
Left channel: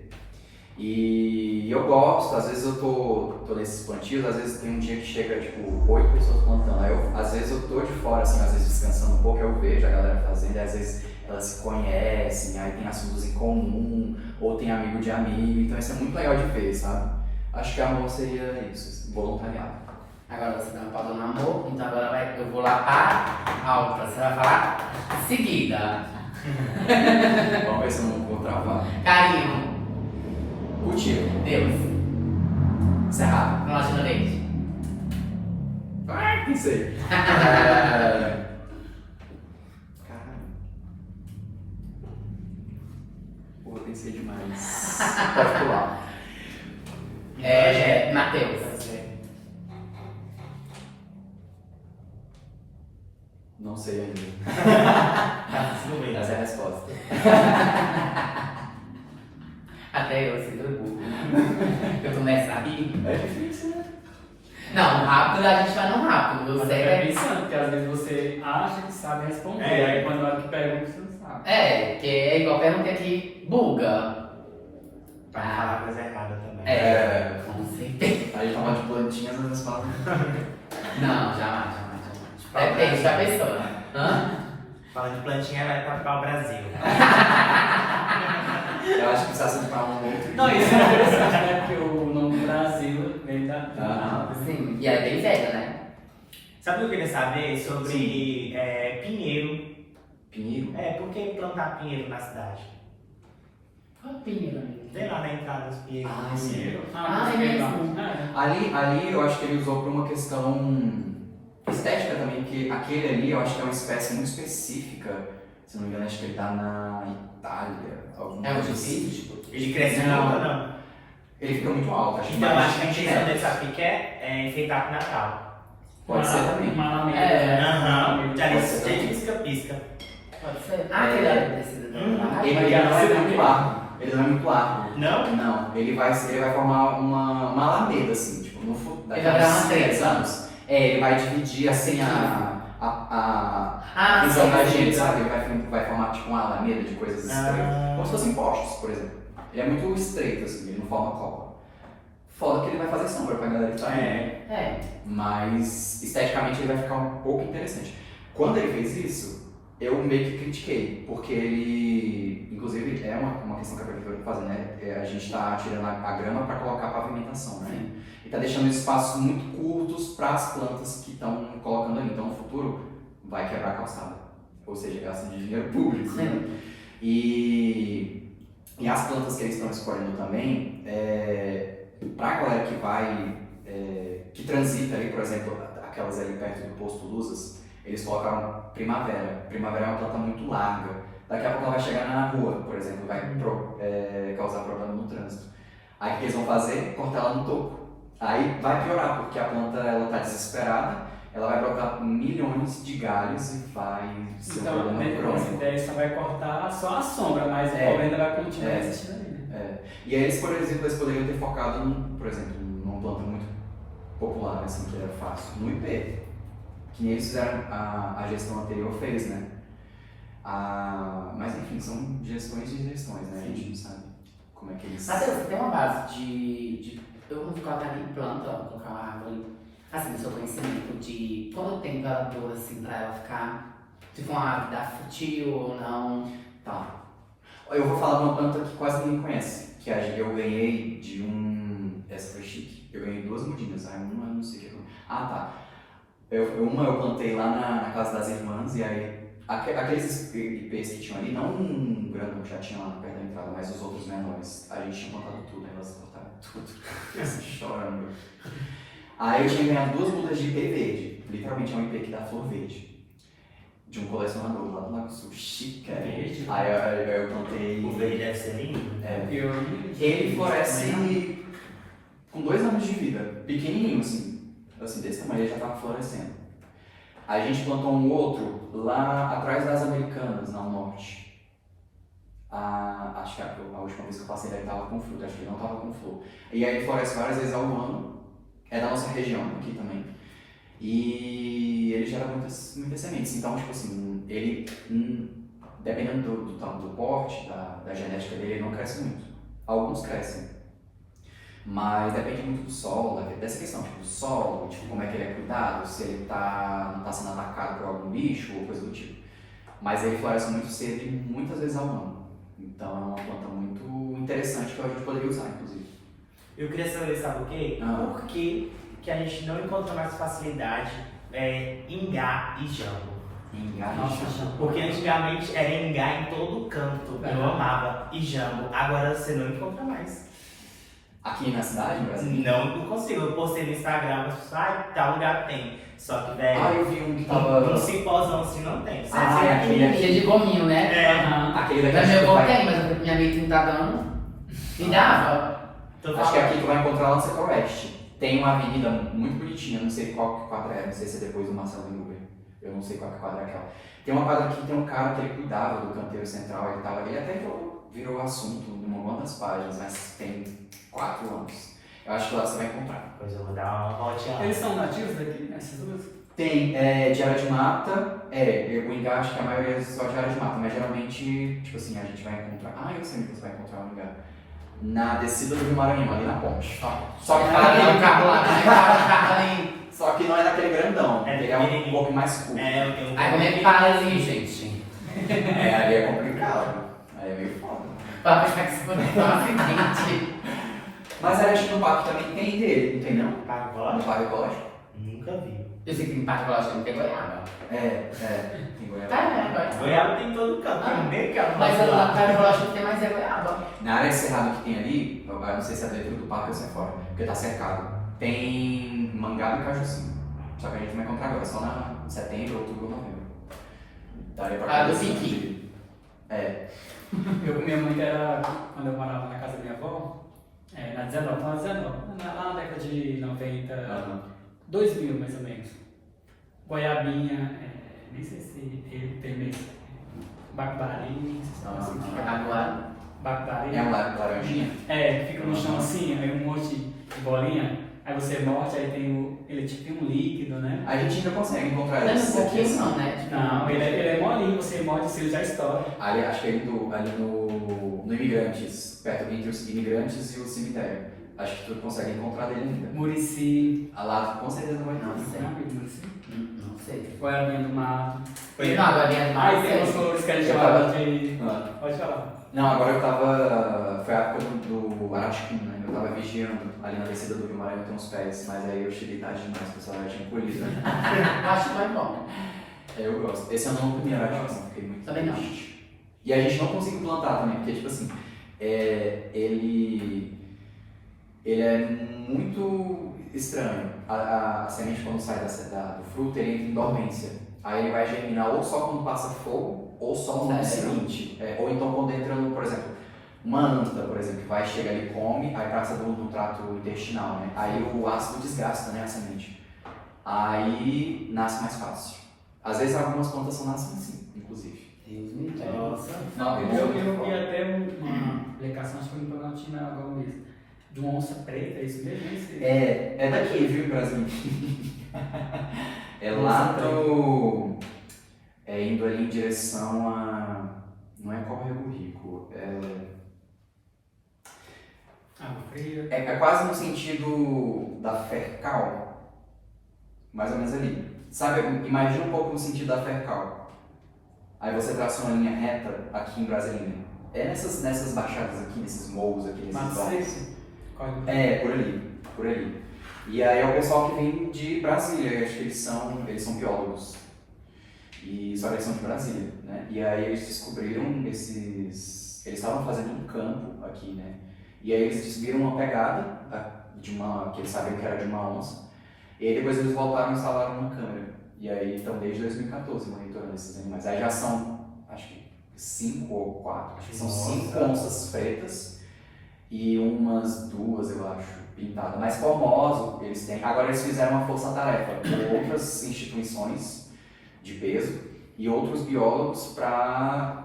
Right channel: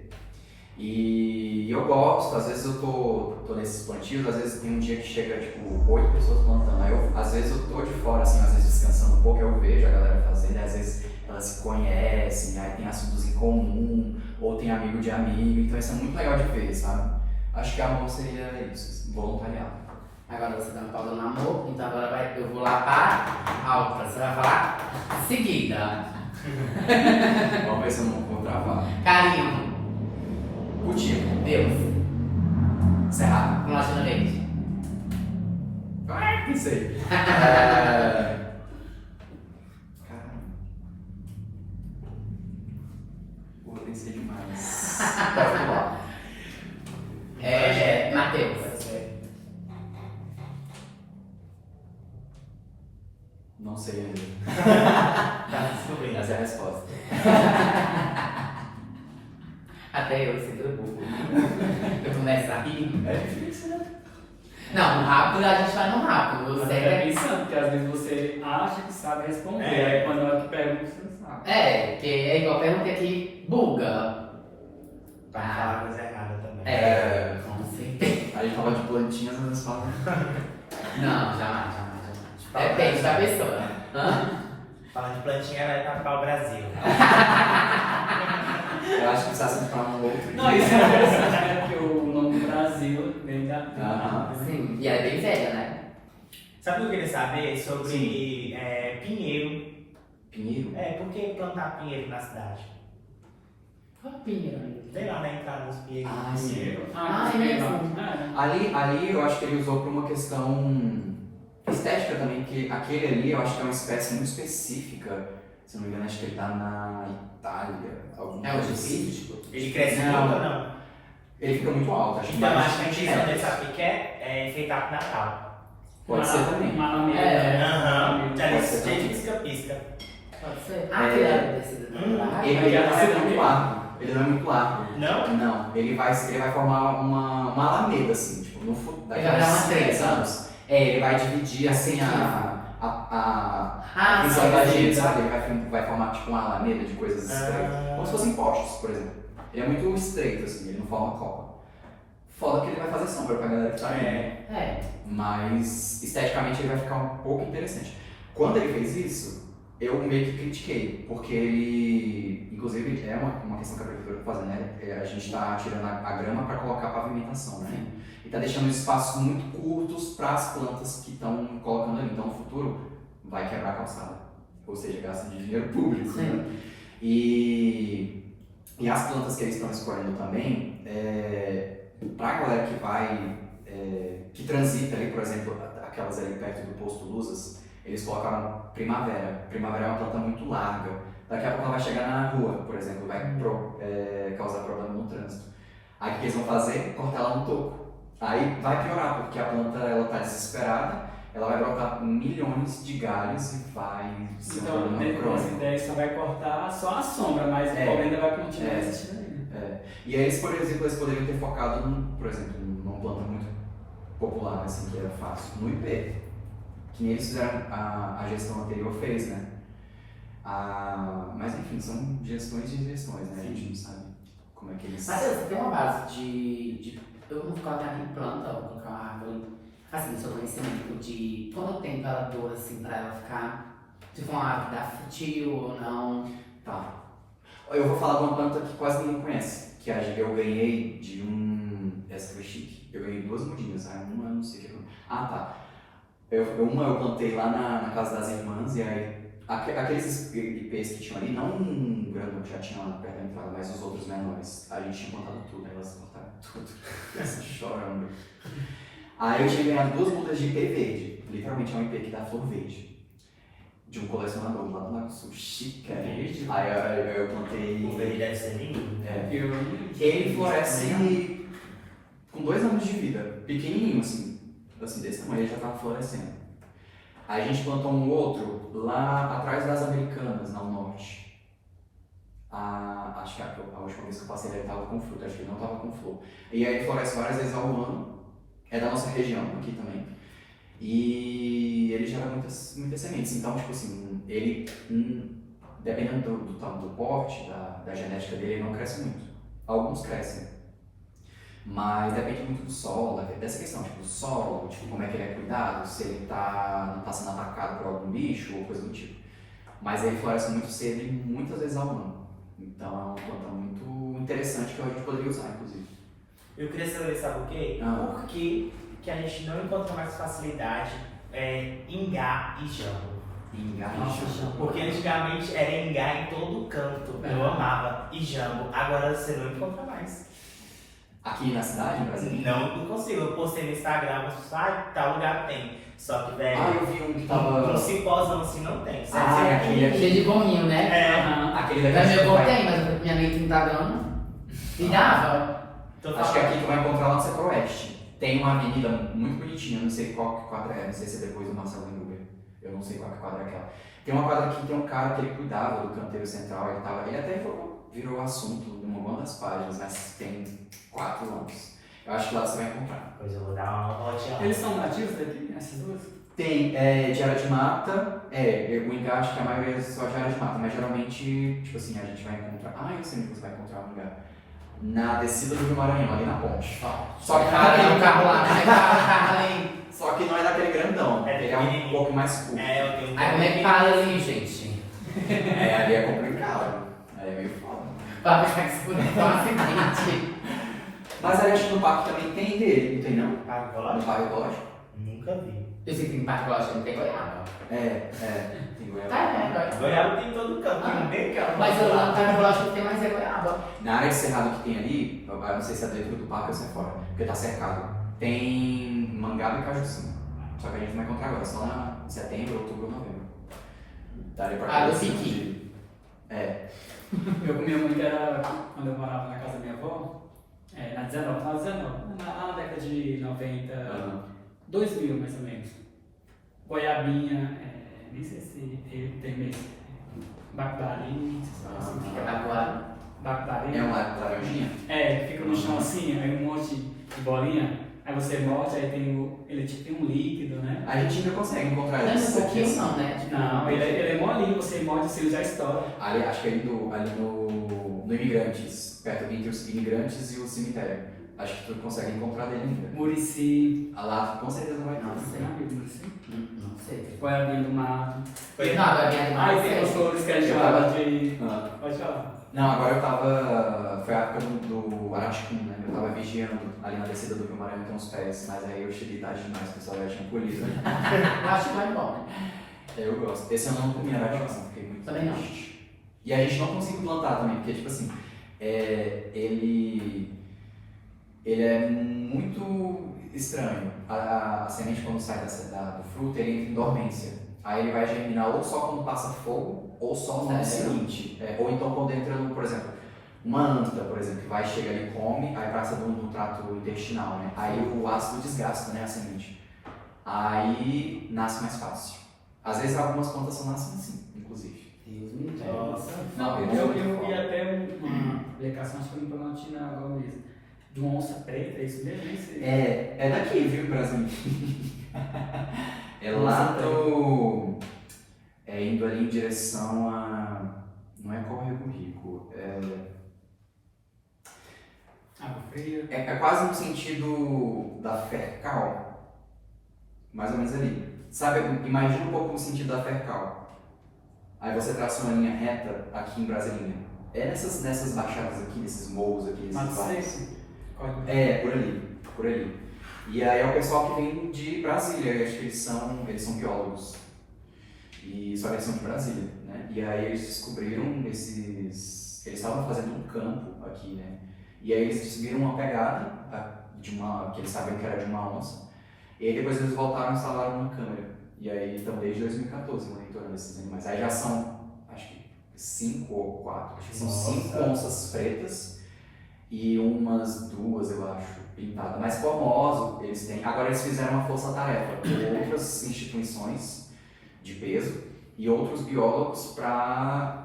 E eu gosto, às vezes eu tô nesses plantios, às vezes tem um dia que chega, tipo, 8 pessoas plantando. Aí às vezes eu tô de fora, assim, às vezes descansando um pouco, eu vejo a galera fazendo, e às vezes elas se conhecem, aí tem assuntos em comum, ou tem amigo de amigo, então isso é muito legal de ver, sabe? Acho que amor seria isso, voluntariado. Agora você tá me falando amor, então agora eu vou lá para a outra. Você vai falar seguida. Vamos ver se eu não vou travar. Carinho. Cultivo. Deus. Cerrado. Relacionamento. Não sei. Caramba. Porra, pensei demais. Pode pular. Matheus. Não sei ainda. Tá descobrindo. Essa é a resposta. Até eu, você deu burro. Eu começo a rir. É difícil, né? Não, rápido a gente vai no rápido. Você Você é pensando, porque às vezes você acha que sabe responder, aí quando a hora que pergunta, você não sabe. que é igual perguntei aqui, buga. Pra não falar coisa errada também. Com certeza. Aí fala de plantinhas, mas fala. Não, jamais. Depende da pessoa. Hã? Falando de plantinha, vai para o Brasil. Eu acho que precisa sempre falar um outro. Não, isso é interessante, né? Porque o nome do Brasil vem da. Sim, e ela é bem velha, né? Sabe o que eu queria saber sobre pinheiro? Pinheiro? Por que plantar pinheiro na cidade? Qual a opinião aí? Vem lá na entrada dos pinheiros. Ah, é mesmo? Ali eu acho que ele usou por uma questão estética também, que aquele ali eu acho que é uma espécie muito específica. Se não me engano, acho que ele tá na Itália. É um difícil, tipo. Ele cresce muito ou não? Ele fica muito alto, acho que Então, mais acho que a de intenção dele, metros. sabe o que é enfeitar pro Natal. Pode ser também. Uma amiga, É. né? Aham. Já Pode ser disse, também. pisca-pisca. Pode ser. Ah, que é tecido. Ele não é muito largo. Ele não é muito largo. Não? Não. Ele vai formar uma alameda, assim, tipo, no futuro. Ele vai dar uma treta. 10 anos. Ele vai dividir assim a visão da gente, sabe? Ele vai formar tipo uma alameda de coisas estreitas. Como se fossem postes, por exemplo. Ele é muito estreito, assim, ele não forma copa. Foda que ele vai fazer sombra pra galera que tá aí. Mas esteticamente ele vai ficar um pouco interessante. Quando ele fez isso, eu meio que critiquei, porque ele, inclusive, é uma questão que a prefeitura faz, né? A gente tá tirando a grama para colocar a pavimentação, né? E tá deixando espaços muito curtos para as plantas que estão colocando ali. Então, no futuro, vai quebrar a calçada. Ou seja, gasta de dinheiro público, né? E as plantas que eles estão escolhendo também, para a galera que vai, que transita ali, por exemplo, aquelas ali perto do posto Luzas, eles colocaram primavera. Primavera é uma planta muito larga. Daqui a pouco ela vai chegar na rua, por exemplo, vai causar problema no trânsito. Aí o que eles vão fazer? Cortar ela no topo. Aí vai piorar, porque a planta está desesperada, ela vai brotar milhões de galhos e vai ser um Então, problema nessa crônico. ideia, só vai cortar só a sombra, mas o problema ainda vai continuar existindo ali, né? E aí eles, por exemplo, eles poderiam ter focado, por exemplo, numa planta muito popular, assim, que era fácil, no IP. Que nem eles fizeram, a gestão anterior fez, né? Mas enfim, são gestões de gestões, né? A gente não sabe como é que eles... Mas você tem uma base de eu vou colocar em planta, vou colocar uma árvore, assim, no seu conhecimento de quanto tempo ela dura, assim, pra ela ficar, tipo, uma árvore dá futio ou não. Tá. Eu vou falar de uma planta que quase ninguém conhece, que eu ganhei de um... Essa foi chique. Eu ganhei 2 mudinas, aí uma eu não sei o que eu... Ah, tá. Uma eu plantei lá na casa das irmãs, e aí aqueles ipês que tinham ali, não um grandão que já tinha lá perto da entrada, mas os outros menores, a gente tinha plantado tudo, aí elas cortaram tudo, assim, chorando. Aí eu tinha ganhado 2 mudas de ipê verde, literalmente é um ipê que dá flor verde, de um colecionador lá do Lago Sul, chique. Verde? Aí eu plantei... O verde deve ser lindo. Ele floresce com 2 anos de vida, pequenininho assim desse tamanho, ele já estava florescendo. A gente plantou um outro lá atrás das Americanas, ao norte. Acho que a última vez que eu passei ele estava com fruta, acho que ele não estava com flor. E aí floresce várias vezes ao ano, é da nossa região aqui também. E ele gera muitas sementes, então tipo assim, ele, dependendo do porte, da genética dele, não cresce muito. Alguns crescem. Mas depende muito do solo, dessa questão, tipo, do solo, tipo, como é que ele é cuidado, se ele não está sendo atacado por algum bicho ou coisa do tipo. Mas ele floresce muito cedo e muitas vezes ao ano. Então é uma planta muito interessante que a gente poderia usar, inclusive. Eu queria saber, sabe por quê? Por que a gente não encontra mais facilidade ingá e jambo? Porque antigamente era ingá em todo canto, eu amava, e jambo. Agora você não encontra mais. Aqui na cidade, no Brasil? Não consigo, eu postei no Instagram, mas tal lugar tem. Só que, velho, eu vi um que tava... um cipózão assim não tem. Aquele Cheio de gominho, né? Aquele Da daqui minha acho que avó vai... tem, mas minha amiga não tá dando. Me dava. Acho que aqui tu vai encontrar lá no setor oeste. Tem uma avenida muito bonitinha, não sei qual quadra é, não sei se é depois do Marcelo Uber. Eu não sei qual quadra é aquela. Tem uma quadra aqui que tem um cara que ele cuidava do canteiro central, ele tava ali, até virou assunto em uma das páginas, mas tem 4 anos. Eu acho que lá você vai encontrar. Pois eu vou dar uma voltinha lá. Eles são nativos daqui, essas duas? Tem de área de mata, o ingá acho que a maioria é só de área de mata, mas geralmente, tipo assim, a gente vai encontrar, eu sei que você vai encontrar um lugar, na descida do Rio Maranhão, ali na ponte. Só que o carro lá, né? O carro ali. Só que não é naquele grandão, ele é um pouco mais curto. Eu tenho Aí como é que fala ali, gente? Ali é complicado, aí é meio foda. Pra puxar que se for acidente. Mas ali acho que no parque também tem dele, não tem não? Agora? No parque ecológico? Nunca vi. Eu sei que tem parte que eu acho que não tem goiaba. Tem goiaba. Tá, né? Goiaba tem em todo canto, nem canto. Mas eu acho que tem mais é goiaba. Na área de cerrado que tem ali, eu não sei se é dentro do parque ou se é fora, porque tá cercado, tem mangaba e cajuzinho. Só que a gente vai encontrar agora, só lá em setembro, outubro ou novembro. Daria pra do conhecer, piqui. Eu comia muito, era quando eu morava na casa da minha avó, lá na década de 90, 2000 mais ou menos. Goiabinha, nem sei se ele tem mesmo. Bacubari, Bacubari. É uma laranjinha? Fica no chão assim, aí um monte de bolinha, aí você morde, aí ele tem um líquido, né? A gente ainda consegue encontrar Não é esse um pouquinho não, né? Não, ele é molinho, você morde assim, ele já estoura. Ali, acho que ali no Imigrantes, perto entre os Imigrantes e o cemitério. Acho que tu consegue encontrar dele ainda. Murici. Lá tu com certeza vai Não encontrar. sei. Murici. Não sei. Goiabinha do mato. Não, a minha Aí tem os colores que a gente fala de... Ah. Pode falar. Não, agora eu tava. Foi a época do Araticum, né? Eu tava vigiando ali na descida do Rio Maranhão, tem uns pés, mas aí eu cheguei tarde demais, o pessoal já tinha colhido. Acho que vai bom. Eu gosto. Esse eu não comi Araticum, fiquei muito Também não. triste. E a gente não conseguiu plantar também, porque, tipo assim, ele é muito estranho. A semente, quando sai do fruto, ele entra em dormência. Aí ele vai germinar ou só quando passa fogo, ou só no ano seguinte. Ou então quando entra no, por exemplo, uma anta, por exemplo, que vai chegar e come, aí passa no trato intestinal, né? Aí o ácido desgasta, né, a semente. Aí nasce mais fácil. Às vezes algumas plantas só nascem assim, inclusive. Nossa. Não, Eu vi até uma publicação, acho que foi no Planaltina agora mesmo, de uma onça preta, isso mesmo? É daqui, viu, do Brasil? É lá no... indo ali em direção a... Não é Córrego Rico, Água fria. é quase no sentido da Fercal, mais ou menos ali. Sabe, imagina um pouco no sentido da Fercal. Aí você traça uma linha reta aqui em Brasília. É nessas baixadas aqui, nesses morros aqui, nesses Mato vales. Seco? Código do É, por ali. E aí é o pessoal que vem de Brasília, acho que eles são biólogos. E só que eles são de Brasília, né? E aí eles descobriram eles estavam fazendo um campo aqui, né? E aí eles descobriram uma pegada que eles sabiam que era de uma onça. E aí depois eles voltaram e instalaram uma câmera. E aí estão desde 2014 monitorando esses animais. Aí já são, acho que 5 ou 4, acho que são 5 onças pretas e umas 2, eu acho, pintadas. Mas formoso eles têm. Agora eles fizeram uma força-tarefa com outras instituições de peso e outros biólogos para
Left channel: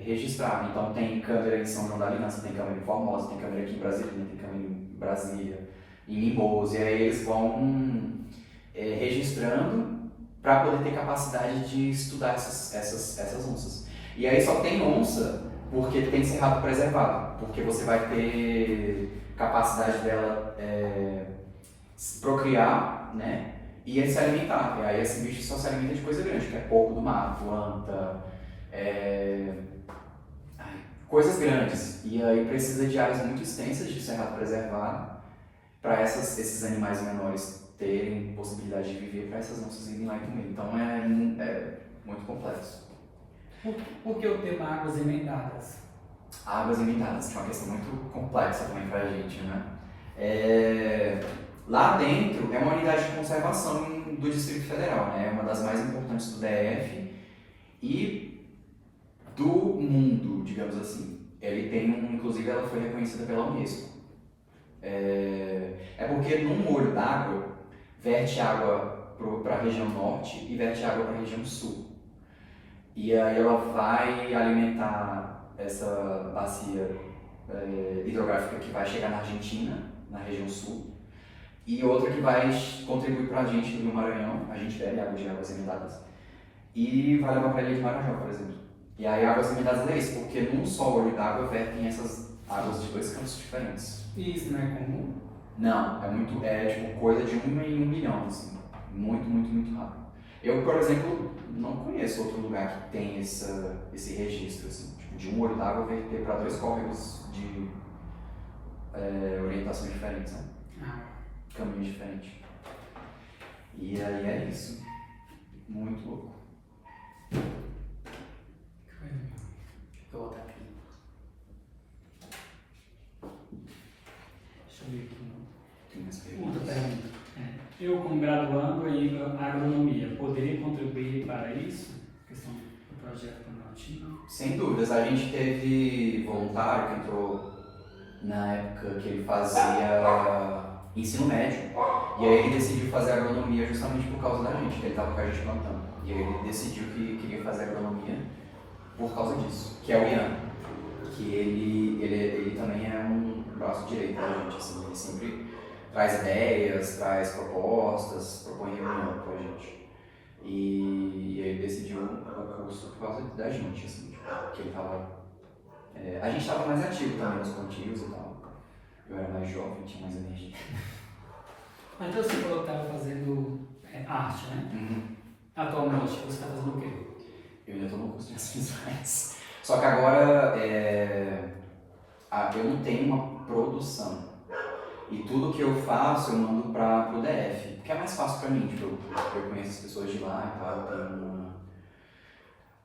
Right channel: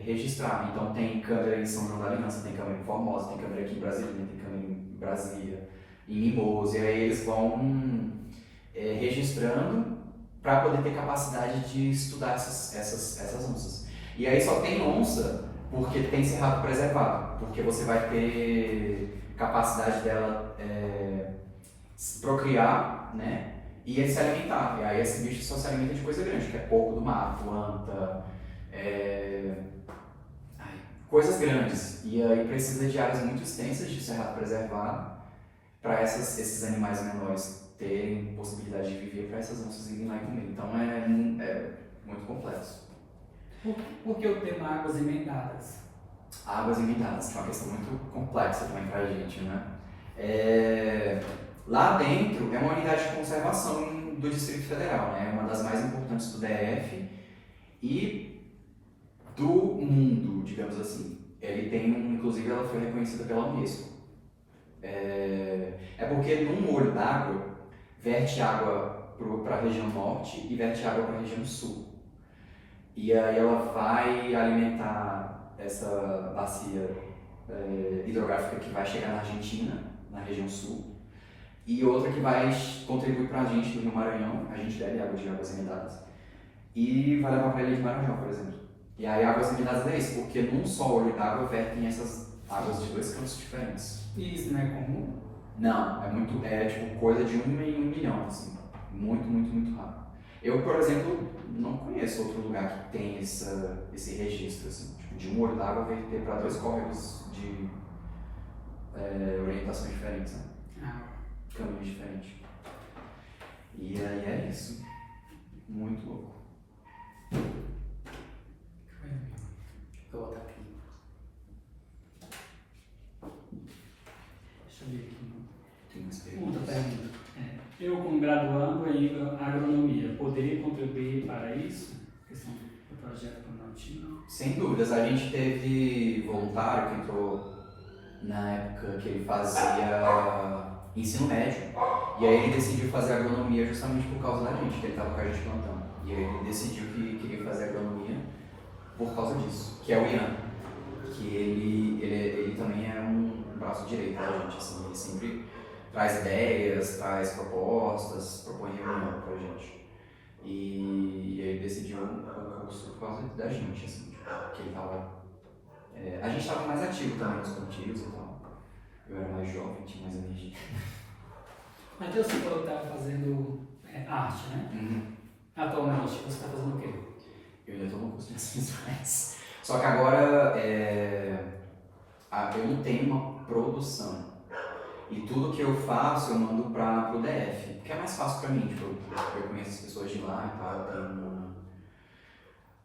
registrar. Então tem câmera em São João da Aliança, tem câmera em Formosa, tem câmera aqui em Brasília, tem câmera em Brasília, em Mimos, e aí eles vão registrando para poder ter capacidade de estudar essas onças. E aí só tem onça porque tem cerrado preservado, porque você vai ter capacidade dela procriar, né? E se alimentar. E aí esse bicho só se alimenta de coisa grande, que é porco do mar, planta, coisas grandes. E aí precisa de áreas muito extensas de cerrado preservado para esses animais menores terem possibilidade de viver, para essas onças irem lá e comer. Então é muito complexo. Por que o tema águas emendadas? Águas emendadas, que é uma questão muito complexa também para a gente, né? Lá dentro é uma unidade de conservação do Distrito Federal, né? É uma das mais importantes do DF e do mundo, digamos assim. Ele tem, inclusive, ela foi reconhecida pela Unesco. Porque num olho d'água verte água para a região norte e verte água para a região sul. E aí ela vai alimentar essa bacia hidrográfica que vai chegar na Argentina, na região sul, e outra que vai contribuir para a gente no Rio Maranhão. A gente bebe água de águas emendadas e vai levar para a Ilha de Maranhão, por exemplo. E aí águas emendadas é isso, porque num só olho d'água vertem essas águas de 2 campos diferentes. E isso não é comum? Não, é tipo coisa de 1 em 1 milhão, assim. Muito, muito, muito raro. Eu, por exemplo, não conheço outro lugar que tem esse registro, assim, tipo, de um olho d'água verter para 2 córregos de orientação diferente, sabe? Caminhos diferentes. E aí é isso. Muito louco. Vou botar aqui. Deixa eu ver aqui. Tem umas Outra perguntas. pergunta. Eu, como graduando em agronomia, poderia contribuir para isso? Questão do projeto Planaltino? Sem dúvidas. A gente teve voluntário que entrou na época que ele fazia ensino médio. E aí ele decidiu fazer agronomia justamente por causa da gente, que ele estava com a gente plantando. E aí ele decidiu que queria fazer agronomia por causa disso, que é o Ian. Que ele também é um braço direito da gente, assim, ele sempre traz ideias, traz propostas, propõe reunião pra gente. E ele decidiu o curso por causa da gente, assim, tipo, que ele tava... a gente tava mais ativo também nos contínuos e tal. Eu era mais jovem, tinha mais energia. Mas então você falou que estava fazendo arte, né? Uhum. Atualmente, você está fazendo o quê? Eu ainda estou no curso de ações. Só que agora eu não tenho uma produção. E tudo que eu faço eu mando para o DF, que é mais fácil para mim, tipo, eu conheço as pessoas de lá e tal, eu tenho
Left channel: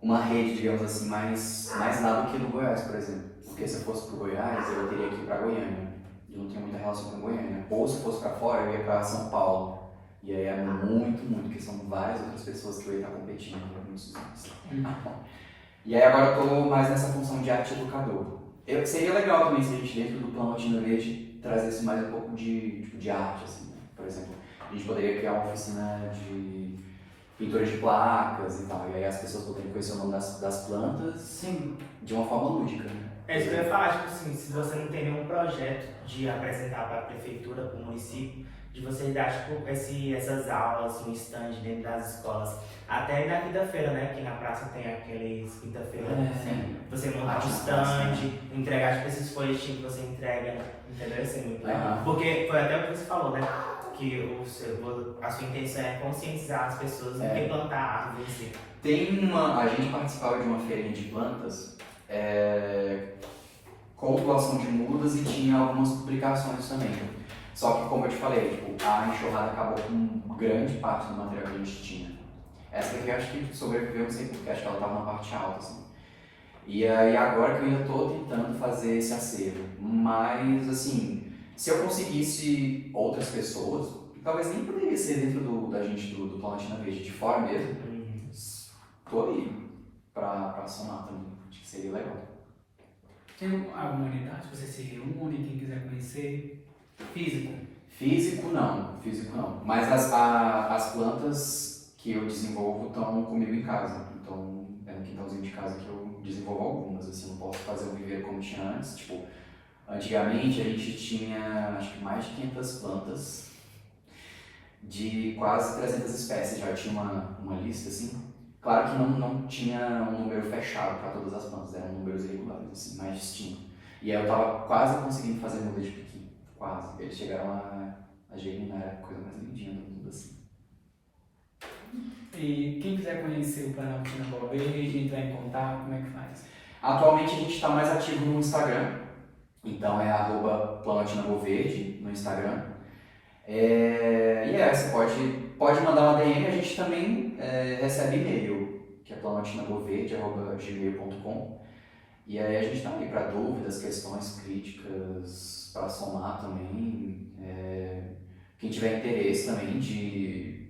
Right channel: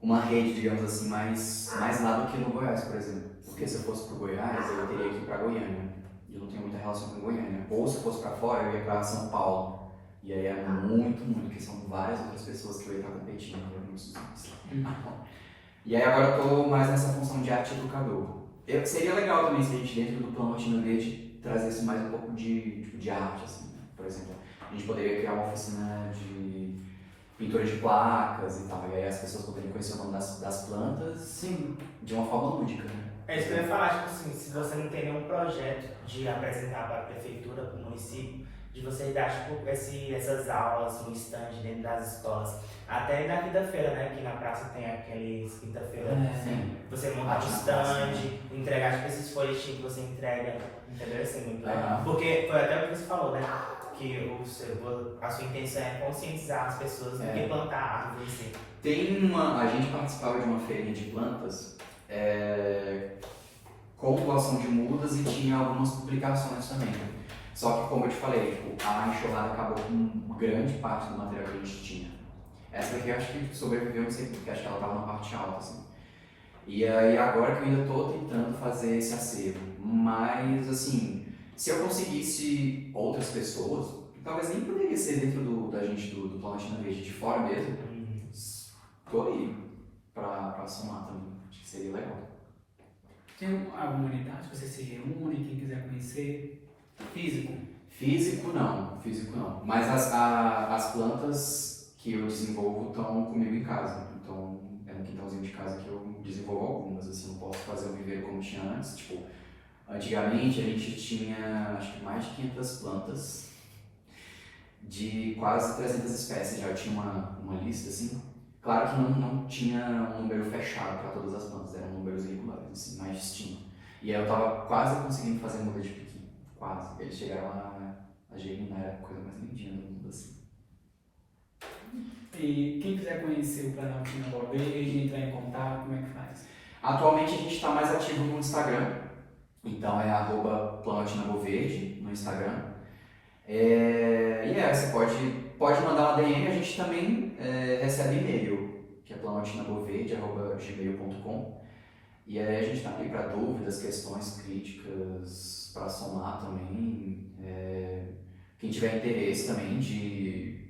uma rede, digamos assim, mais lá do que no Goiás, por exemplo. Porque se eu fosse para o Goiás, eu teria que ir para Goiânia. E eu não tenho muita relação com Goiânia. Ou se eu fosse para fora, eu ia para São Paulo. E aí é muito, porque são várias outras pessoas que eu ia estar competindo. E aí agora eu estou mais nessa função de arte educador. Seria legal também se a gente, dentro do Planaltino Verde, trazesse mais um pouco de arte, assim, né? Por exemplo, a gente poderia criar uma oficina de pintura de placas e tal, e aí as pessoas poderiam conhecer o nome das plantas, sim, de uma forma lúdica, né? É isso que eu ia falar, tipo assim, se você não tem nenhum projeto de apresentar para a prefeitura, para o município, de você dar tipo, essas aulas, um stand dentro das escolas. Até na quinta-feira, né? Que na praça tem aqueles quinta-feira, você montar um stand, entregar tipo, esses folhetinhos que você entrega, entendeu? Isso é muito legal. Porque foi até o que você falou, né? Que a sua intenção é conscientizar as pessoas do que plantar árvores em si. A gente participava de uma feirinha de plantas com doação de mudas e tinha algumas publicações também. Só que, como eu te falei, tipo, a enxurrada acabou com grande parte do material que a gente tinha. Essa daqui eu acho que sobreviveu, não sei porque, acho que ela estava na parte alta, assim. E aí agora que eu ainda estou tentando fazer esse acervo, mas assim, se eu conseguisse outras pessoas, talvez nem poderia ser dentro da gente do Planetina Verde, de fora mesmo, tô aí pra somar também, acho que seria legal. Tem alguma unidade que você se reúne, quem quiser conhecer? Físico? Físico não, mas as plantas que eu desenvolvo estão comigo em casa, então é no quintalzinho de casa que eu desenvolvo algumas, assim, não posso fazer o viveiro como tinha antes, tipo, antigamente a gente tinha, acho que mais de 500 plantas, de quase 300 espécies, já tinha uma lista, assim. Claro que não tinha um número fechado para todas as plantas, eram números irregulares, assim, mais distintos. E aí eu tava quase conseguindo fazer muda de piqui, quase. Eles chegaram a germinar, era a coisa mais lindinha do mundo, assim. E quem quiser conhecer o Planaltina Boa Verde, entrar em contato, como é que faz? Atualmente a gente está mais ativo no Instagram, então é @planaltinaboaverde no Instagram. Você pode mandar uma DM, a gente também recebe e-mail, que é planaltinaboaverde@gmail.com. E aí a gente está ali para dúvidas, questões, críticas, para somar também. Quem tiver interesse também de,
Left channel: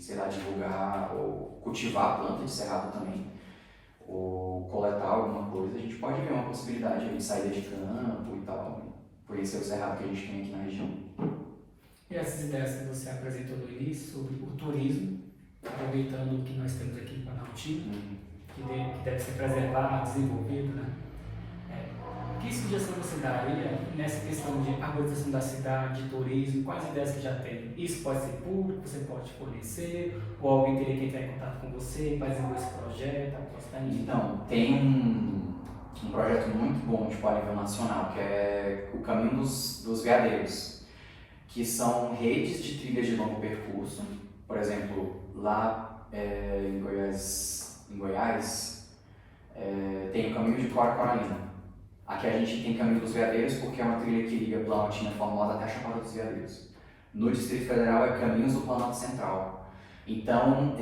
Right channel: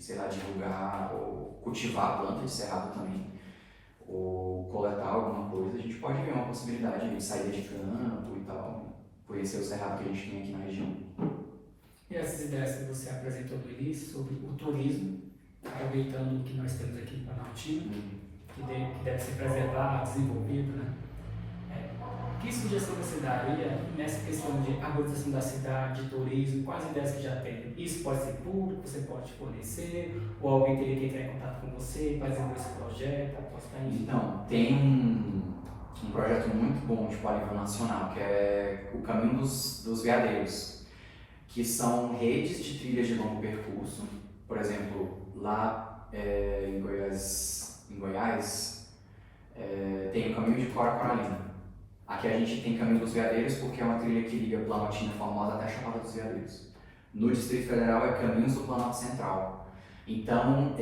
sei lá, divulgar ou cultivar a planta de cerrado também, ou coletar alguma coisa, a gente pode ver uma possibilidade de saída de campo e tal, conhecer o cerrado que a gente tem aqui na região. E essas ideias que você apresentou no início sobre o turismo, aproveitando o que nós temos aqui em Planaltina, que deve ser preservado, desenvolvido, né? Que sugestão você daria nessa questão de arborização da cidade, de turismo, quais ideias você já tem? Isso pode ser público, você pode fornecer, ou alguém teria que entrar em contato com você para desenvolver esse projeto, apostar em... Então, tem um projeto muito bom de nível nacional, que é o Caminho dos Veadeiros, que são redes de trilhas de longo percurso. Por exemplo, lá em Goiás tem o Caminho de Tuaraquaralina. Aqui a gente tem Caminho dos Veadeiros porque é uma trilha que liga Planaltina Formosa até Chapada dos Veadeiros. No Distrito Federal é Caminhos do Planalto Central. Então,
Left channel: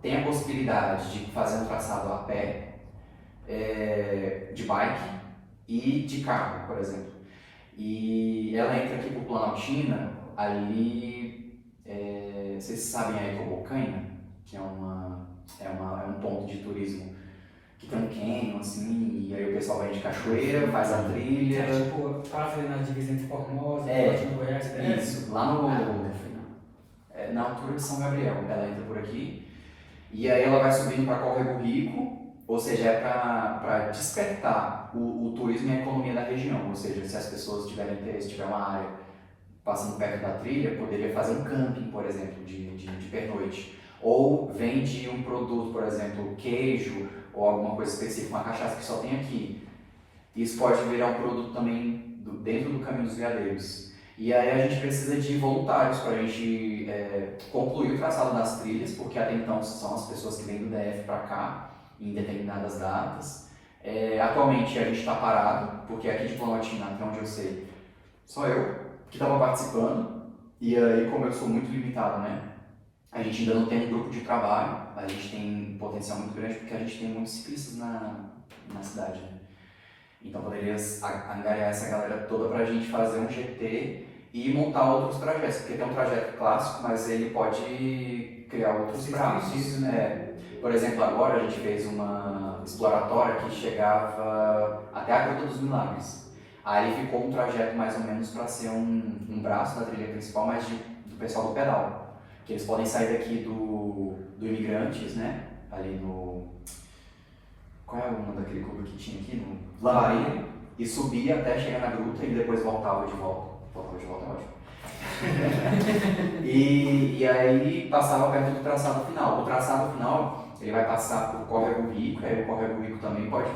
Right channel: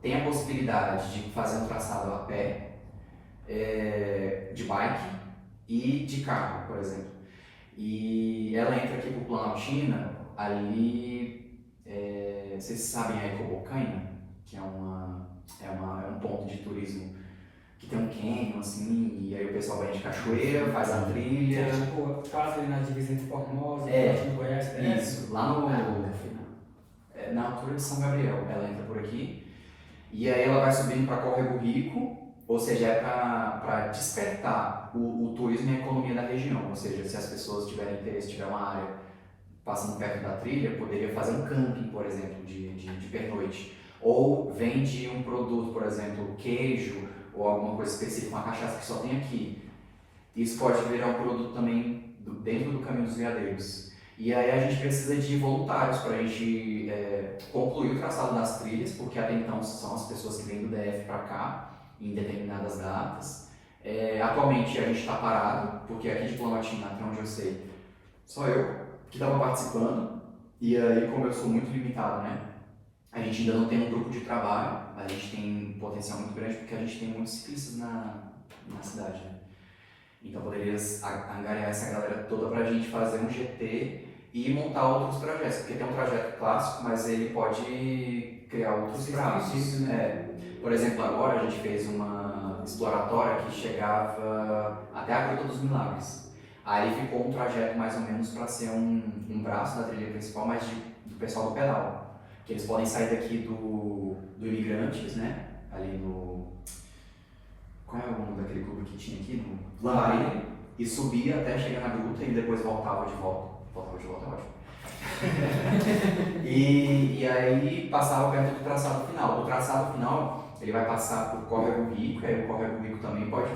tem a possibilidade de fazer um traçado a pé, de bike e de carro, por exemplo. E ela entra aqui por Planaltina, ali, vocês sabem a Ecobocanha, que é um ponto de turismo que tem um canyon, assim, e aí o pessoal vai de cachoeira, faz a trilha. Tipo, quase na divisa entre Formosa e Goiás, isso, lá na altura de São Gabriel, ela entra por aqui, e aí ela vai subindo para Córrego Rico, ou seja, é para despertar o turismo e a economia da região, ou seja, se as pessoas tiverem interesse, tiver uma área passando perto da trilha, poderia fazer um camping, por exemplo, de pernoite, ou vende um produto, por exemplo, queijo, ou alguma coisa específica, uma cachaça que só tem aqui. Isso pode virar um produto também dentro do Caminho dos Veadeiros. E aí a gente precisa de voluntários para a gente concluir o traçado das trilhas, porque até então são as pessoas que vêm do DF para cá, em determinadas datas. Atualmente a gente está parado, porque aqui de Planaltina, até onde eu sei, só eu que estava participando. E aí, como eu sou muito limitado, né? A gente ainda não tem um grupo de trabalho, a gente tem um potencial muito grande porque a gente tem muitos ciclistas na cidade, né? Então poderia angariar essa galera toda para a gente fazer um GT e montar outros trajetos, porque tem um trajeto clássico, mas ele pode criar outros traços, né? Por exemplo, agora a gente fez uma exploratória que chegava até a Gruta dos Milagres. Aí ficou um trajeto mais ou menos para ser um braço da trilha principal, mas do pessoal do pedal. Que eles podem sair daqui do Imigrantes, né? Ali no... Qual é o nome daquele clube que tinha aqui? No Lambari. E subir até chegar na gruta e depois voltava de volta. Voltava de volta é ótimo. e aí passava perto do traçado final. O traçado final, ele vai passar por Córrego Rico, aí o Córrego Rico também pode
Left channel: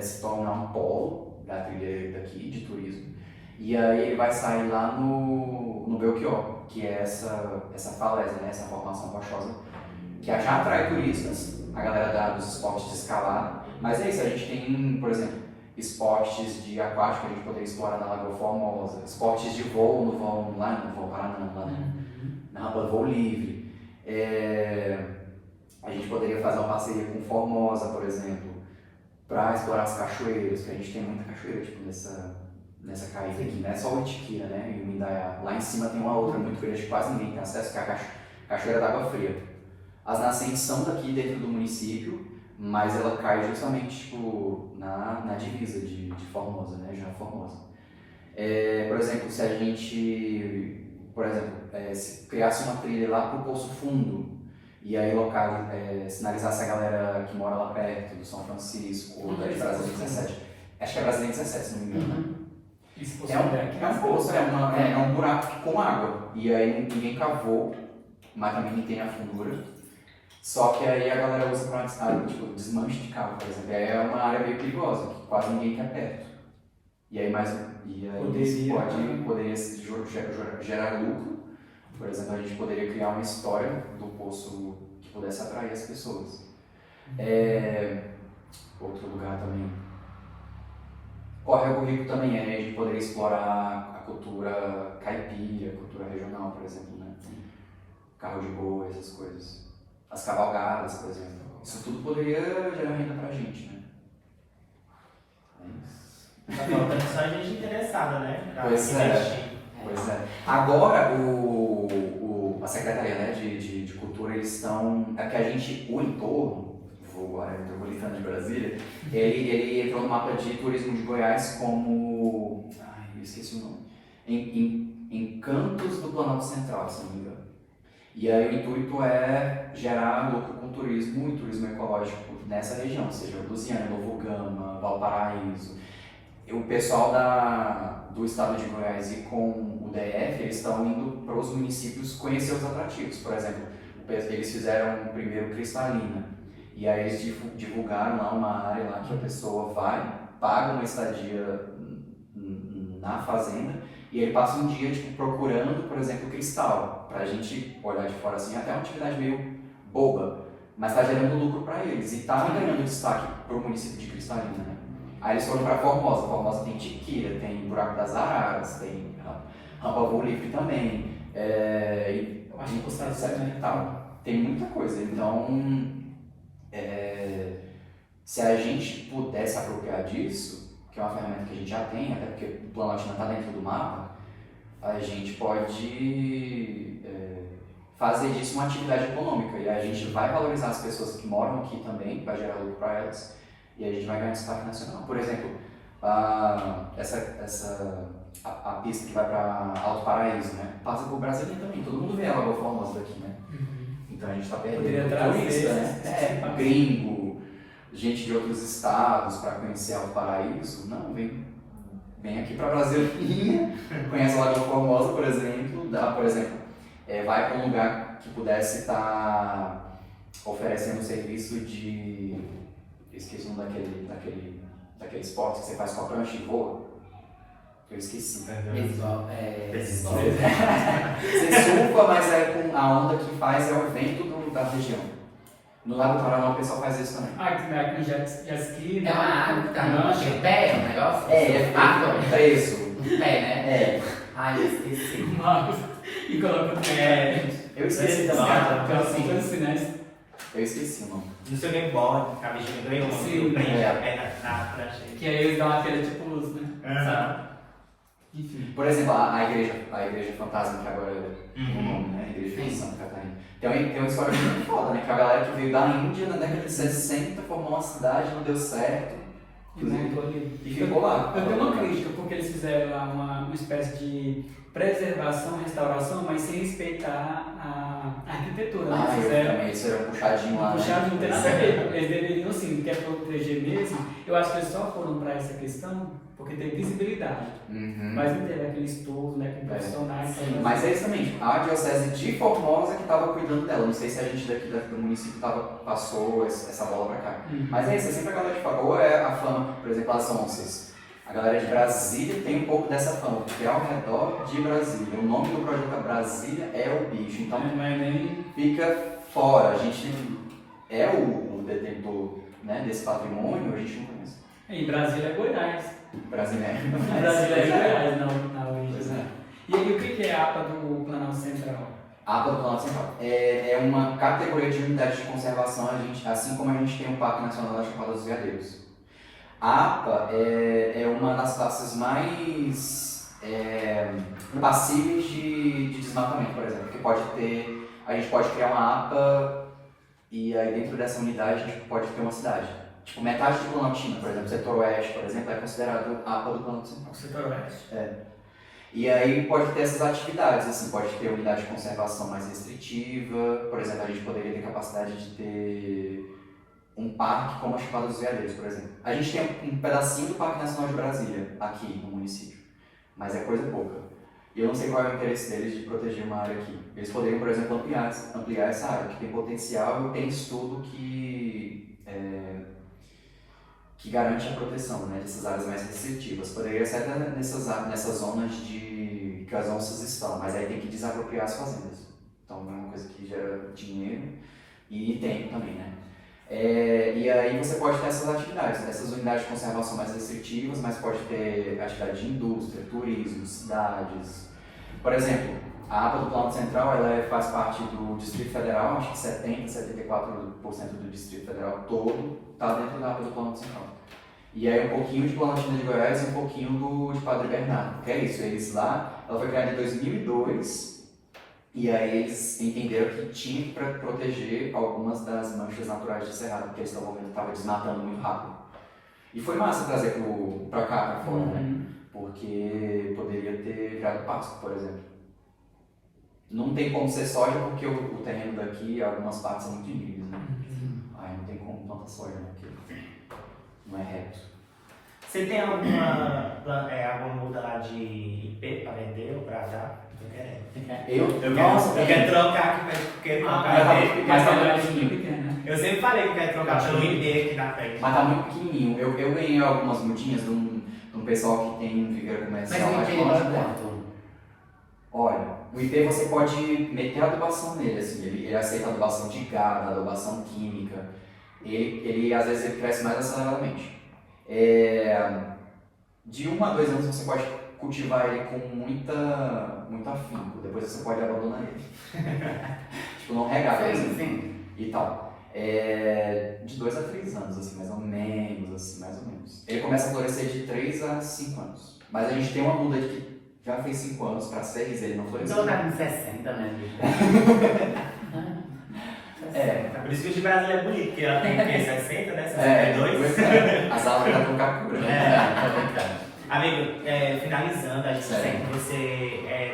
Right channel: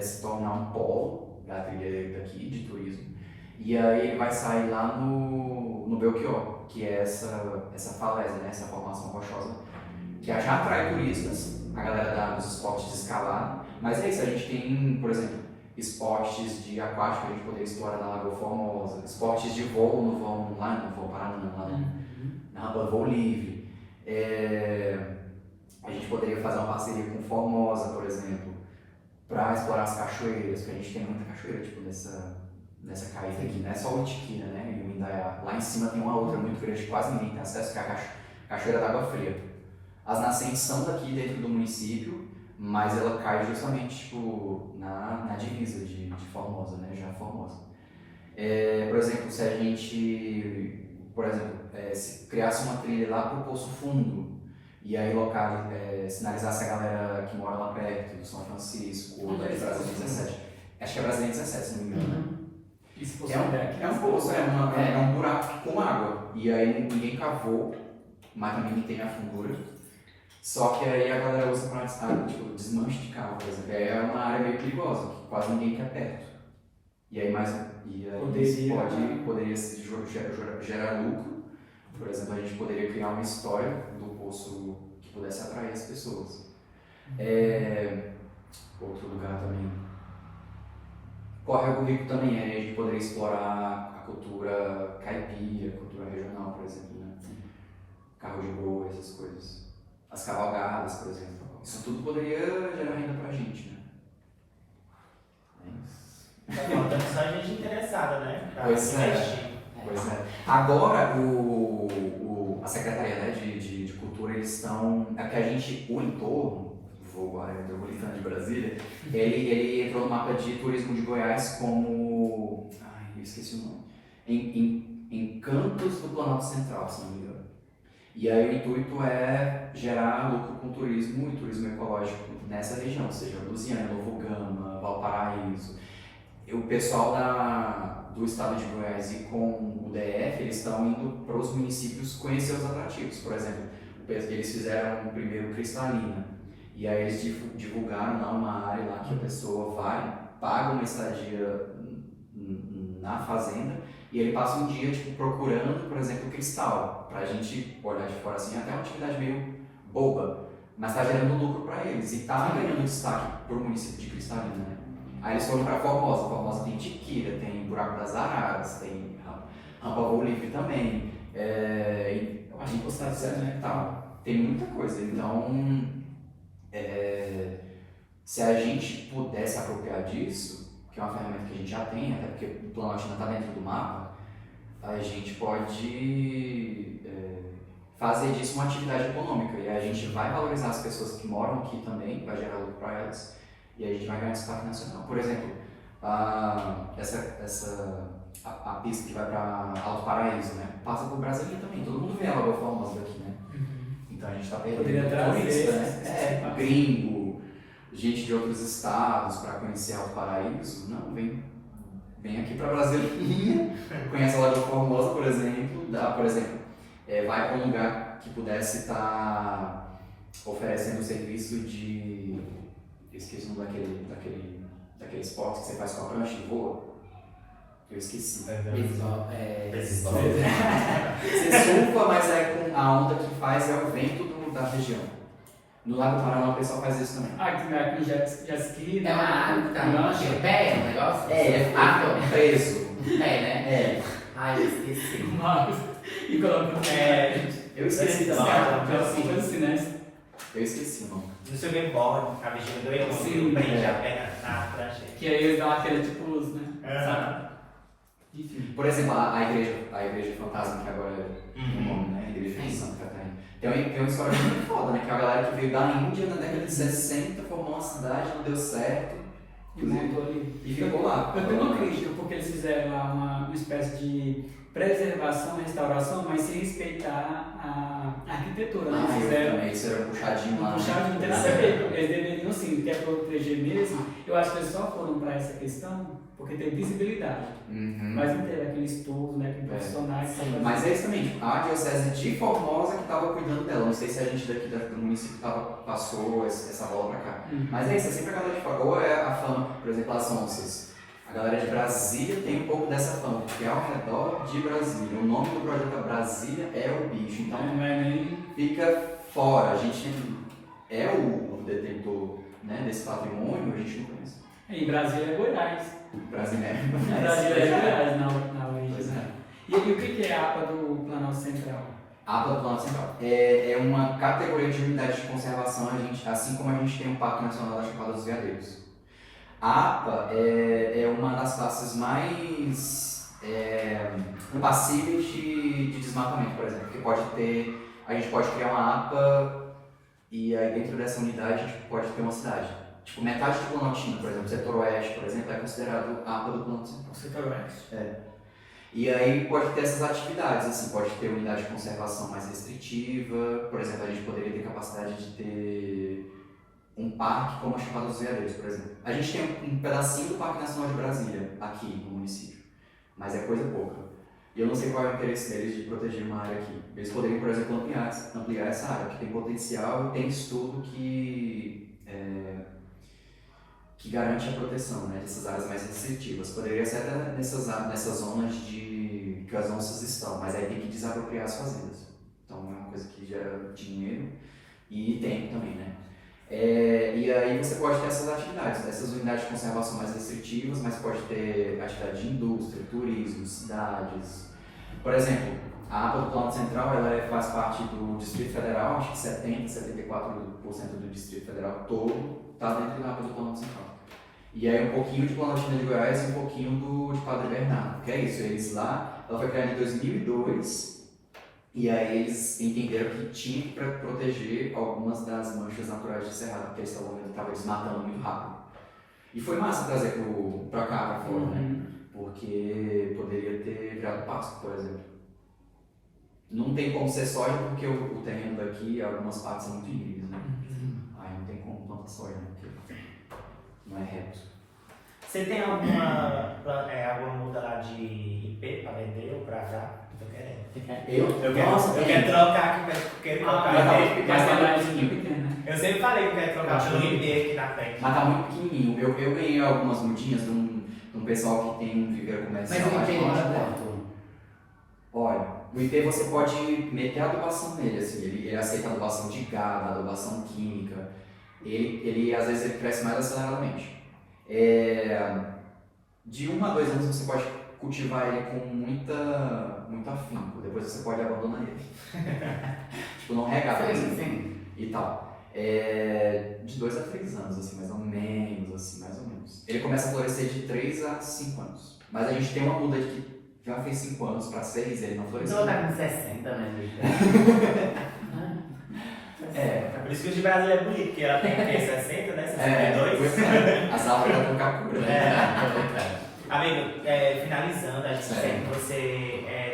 se tornar um polo da trilha daqui, de turismo. E aí ele vai sair lá no Belchior, que é essa falésia, né? Essa formação rochosa que já atrai turistas, a galera dos esportes de escalada, mas é isso, a gente tem, por exemplo, esportes de aquático que a gente poderia explorar na Lagoa Formosa, esportes de voo no voo lá no Voo Paraná, lá na rampa do voo livre. A gente poderia fazer uma parceria com Formosa, por exemplo, para explorar as cachoeiras, porque a gente tem muita cachoeira tipo, nessa caída aqui, não é só o Itiquira, né, e o Indaiá. Lá em cima tem uma outra muito grande que quase ninguém tem acesso, que é a Cachoeira d'Água Fria. As nascentes são daqui dentro do município, mas ela cai justamente tipo, na divisa de Formosa, né, região Formosa. Por exemplo, se a gente, se criasse uma trilha lá para o Poço Fundo, e aí sinalizasse a galera que mora lá perto, do São Francisco, ou da Brasília 17, acho que é Brasília 17, se não me engano. É um poço, é um buraco com água, e aí ninguém cavou, mas também tem a fundura. Só que aí a galera usa para desmanche de carro, por exemplo. Aí é uma área meio perigosa, que quase ninguém quer perto. E aí poderia gerar lucro. Por exemplo, a gente poderia criar uma história do poço que pudesse atrair as pessoas. Outro lugar também. Córrego Rico também, a gente poderia explorar a cultura caipira, a cultura regional, por exemplo, né? Carro de boi, essas coisas. As cavalgadas, por exemplo. Isso tudo poderia gerar renda pra gente, né? Tá faltando só gente interessada, né? Pois é. Agora, a Secretaria, né, de Cultura, eles estão... É que a gente, o entorno, a área metropolitana de Brasília, ele entrou no mapa de turismo de Goiás como... eu esqueci o nome. Em Campos do Planalto Central, se não me engano. E aí o intuito é gerar lucro com turismo e turismo ecológico nessa região, seja Lusiânia, Novo Gama, Valparaíso. O pessoal do estado de Goiás e com o DF, eles estão indo para os municípios conhecer os atrativos. Por exemplo, eles fizeram o primeiro Cristalina, e aí eles divulgaram lá uma área lá que a pessoa vai, paga uma estadia na fazenda, e ele passa um dia procurando, por exemplo, cristal, para a gente olhar de fora assim, até uma atividade meio boba, mas está gerando lucro para eles e está ganhando destaque para o município de Cristalina, né? Aí eles foram para Formosa tem Tiquira, tem Buraco das Araras, tem Rampa Voo Livre também, acho que tem muita coisa, então se a gente puder se apropriar disso, que é uma ferramenta que a gente já tem, até porque o Planalto não está dentro do mapa, a gente pode fazer disso uma atividade econômica e a gente vai valorizar as pessoas que moram aqui também, vai gerar lucro para elas e a gente vai ganhar destaque nacional. Por exemplo, a pista que vai para Alto Paraíso, né? Passa por Brasília também, todo mundo vê a Lagoa Formosa daqui, né? Então a gente está perdendo turista, né? Gringo, gente de outros estados para conhecer Alto Paraíso, não, vem aqui para Brasília, conhece a Lagoa Formosa, por exemplo, vai para um lugar que pudesse estar oferecendo o serviço de, esqueci o nome daquele esporte que você faz com a prancha e voa, eu esqueci. Você surfa, mas a onda que faz é o vento da região. No Lago do Paraná o pessoal faz isso também. Que já ski, é uma água que tá no pé, o negócio? É isso. né? Ai, eu esqueci. E coloca no pé. Eu esqueci também. Eu esqueci o nome. No seu gameboard, a bichinha ganhou prende a perna na prancha. Que aí ele dá aquele tipo luz, né? Sabe? Enfim. Por exemplo, a igreja fantasma que agora é o nome, né? A igreja de Santa Catarina. Tem uma história muito foda, né? Que a galera que veio da Índia na década de 60 formou uma cidade, não deu certo. E ficou lá. Eu tenho uma crítica, porque eles fizeram lá uma espécie de preservação, restauração, mas sem respeitar a arquitetura. Eles fizeram puxadinho lá. Puxadinho, não tem nada a ver. Eles deveriam, assim, quer proteger mesmo. Eu acho que eles só foram para essa questão porque tem visibilidade. Mas não teve aquele estudo, né, com profissionais. Mas é isso também. A Diocese de Formosa que estava cuidando dela. Não sei se a gente daqui do município passou essa bola para cá. Mas é isso, sempre a galera de fora. É a fama, por exemplo, as onças. A galera de Brasília tem um pouco dessa fama, porque é ao redor de Brasília. O nome do projeto Brasília é o bicho. Então não é nem... fora, a gente é o detentor, né, desse patrimônio, a gente não conhece. Em Brasília é Goiás. Brasileiro. Brasília é Goiás, na origem. Né? E aí, o que é a APA do Planalto Central? A APA do Planalto Central é uma categoria de unidade de conservação, assim como a gente tem o Parque Nacional da Chapada dos Veadeiros. A APA é uma das classes mais passíveis de desmatamento, por exemplo, que a gente pode criar uma APA e aí dentro dessa unidade a gente pode ter uma cidade. Tipo, metade do Planaltino, por exemplo, o setor oeste, por exemplo, é considerado APA do Planalto Central. O setor oeste. E aí pode ter essas atividades, assim, pode ter unidade de conservação mais restritiva, por exemplo, a gente poderia ter capacidade de ter um parque como a Chapada dos Veadeiros, por exemplo. A gente tem um pedacinho do Parque Nacional de Brasília aqui no município, mas é coisa pouca. E eu não sei qual é o interesse deles de proteger uma área aqui. Eles poderiam, por exemplo, ampliar essa área, que tem potencial e tem estudo que garante a proteção, né, dessas áreas mais restritivas. Poderia ser até nessas zonas que as onças estão, mas aí tem que desapropriar as fazendas. Então é uma coisa que gera dinheiro e tempo também, né? E aí você pode ter essas atividades, essas unidades de conservação mais restritivas, mas pode ter atividade de indústria, turismo, cidades. Por exemplo, a APA do Planalto Central ela faz parte do Distrito Federal, acho que 74% do Distrito Federal todo está dentro da APA do Planalto Central. E aí um pouquinho de Planaltina de Goiás e um pouquinho de Padre Bernardo, que é isso, eles lá, ela foi criada em 2002, e aí eles entenderam que tinha que proteger algumas das manchas naturais de cerrado, porque eles estavam desmatando muito rápido. E foi massa trazer pra cá, pra fora, né? Porque poderia ter virado pasto, por exemplo. Não tem como ser soja porque o terreno daqui, algumas partes são muito íngremes, né? Aí não tem como plantar soja, né? Porque não é reto. Você tem alguma muda lá de IP pra vender ou pra dar? Tô querendo. Eu quero trocar aqui, quero trocar IP. Mas tá grandinho. Eu sempre falei que eu quero trocar pelo IP aqui na frente. Mas tá muito pequenininho. Eu ganhei algumas mudinhas de um pessoal que tem um viveiro comercial. Mas não tem quanto? Olha, o IP você pode meter a adubação nele, assim, ele aceita adubação de gado, adubação química. Ele às vezes ele cresce mais aceleradamente. De 1 a 2 anos você pode cultivar ele com muito afinco, depois você pode abandonar ele. Tipo, não regar, por exemplo, e tal. De 2 a 3 anos, assim, mais ou menos. Ele começa a florescer de 3 a 5 anos. Mas a gente tem uma muda que já fez 5 anos para 6, ele não floresceu. Então tá com 60, né? Por isso que o de Brasília é bonito, porque ela tem o quê? 60, né? 62? As aulas já estão capturando. Amigo, finalizando, a gente quer que você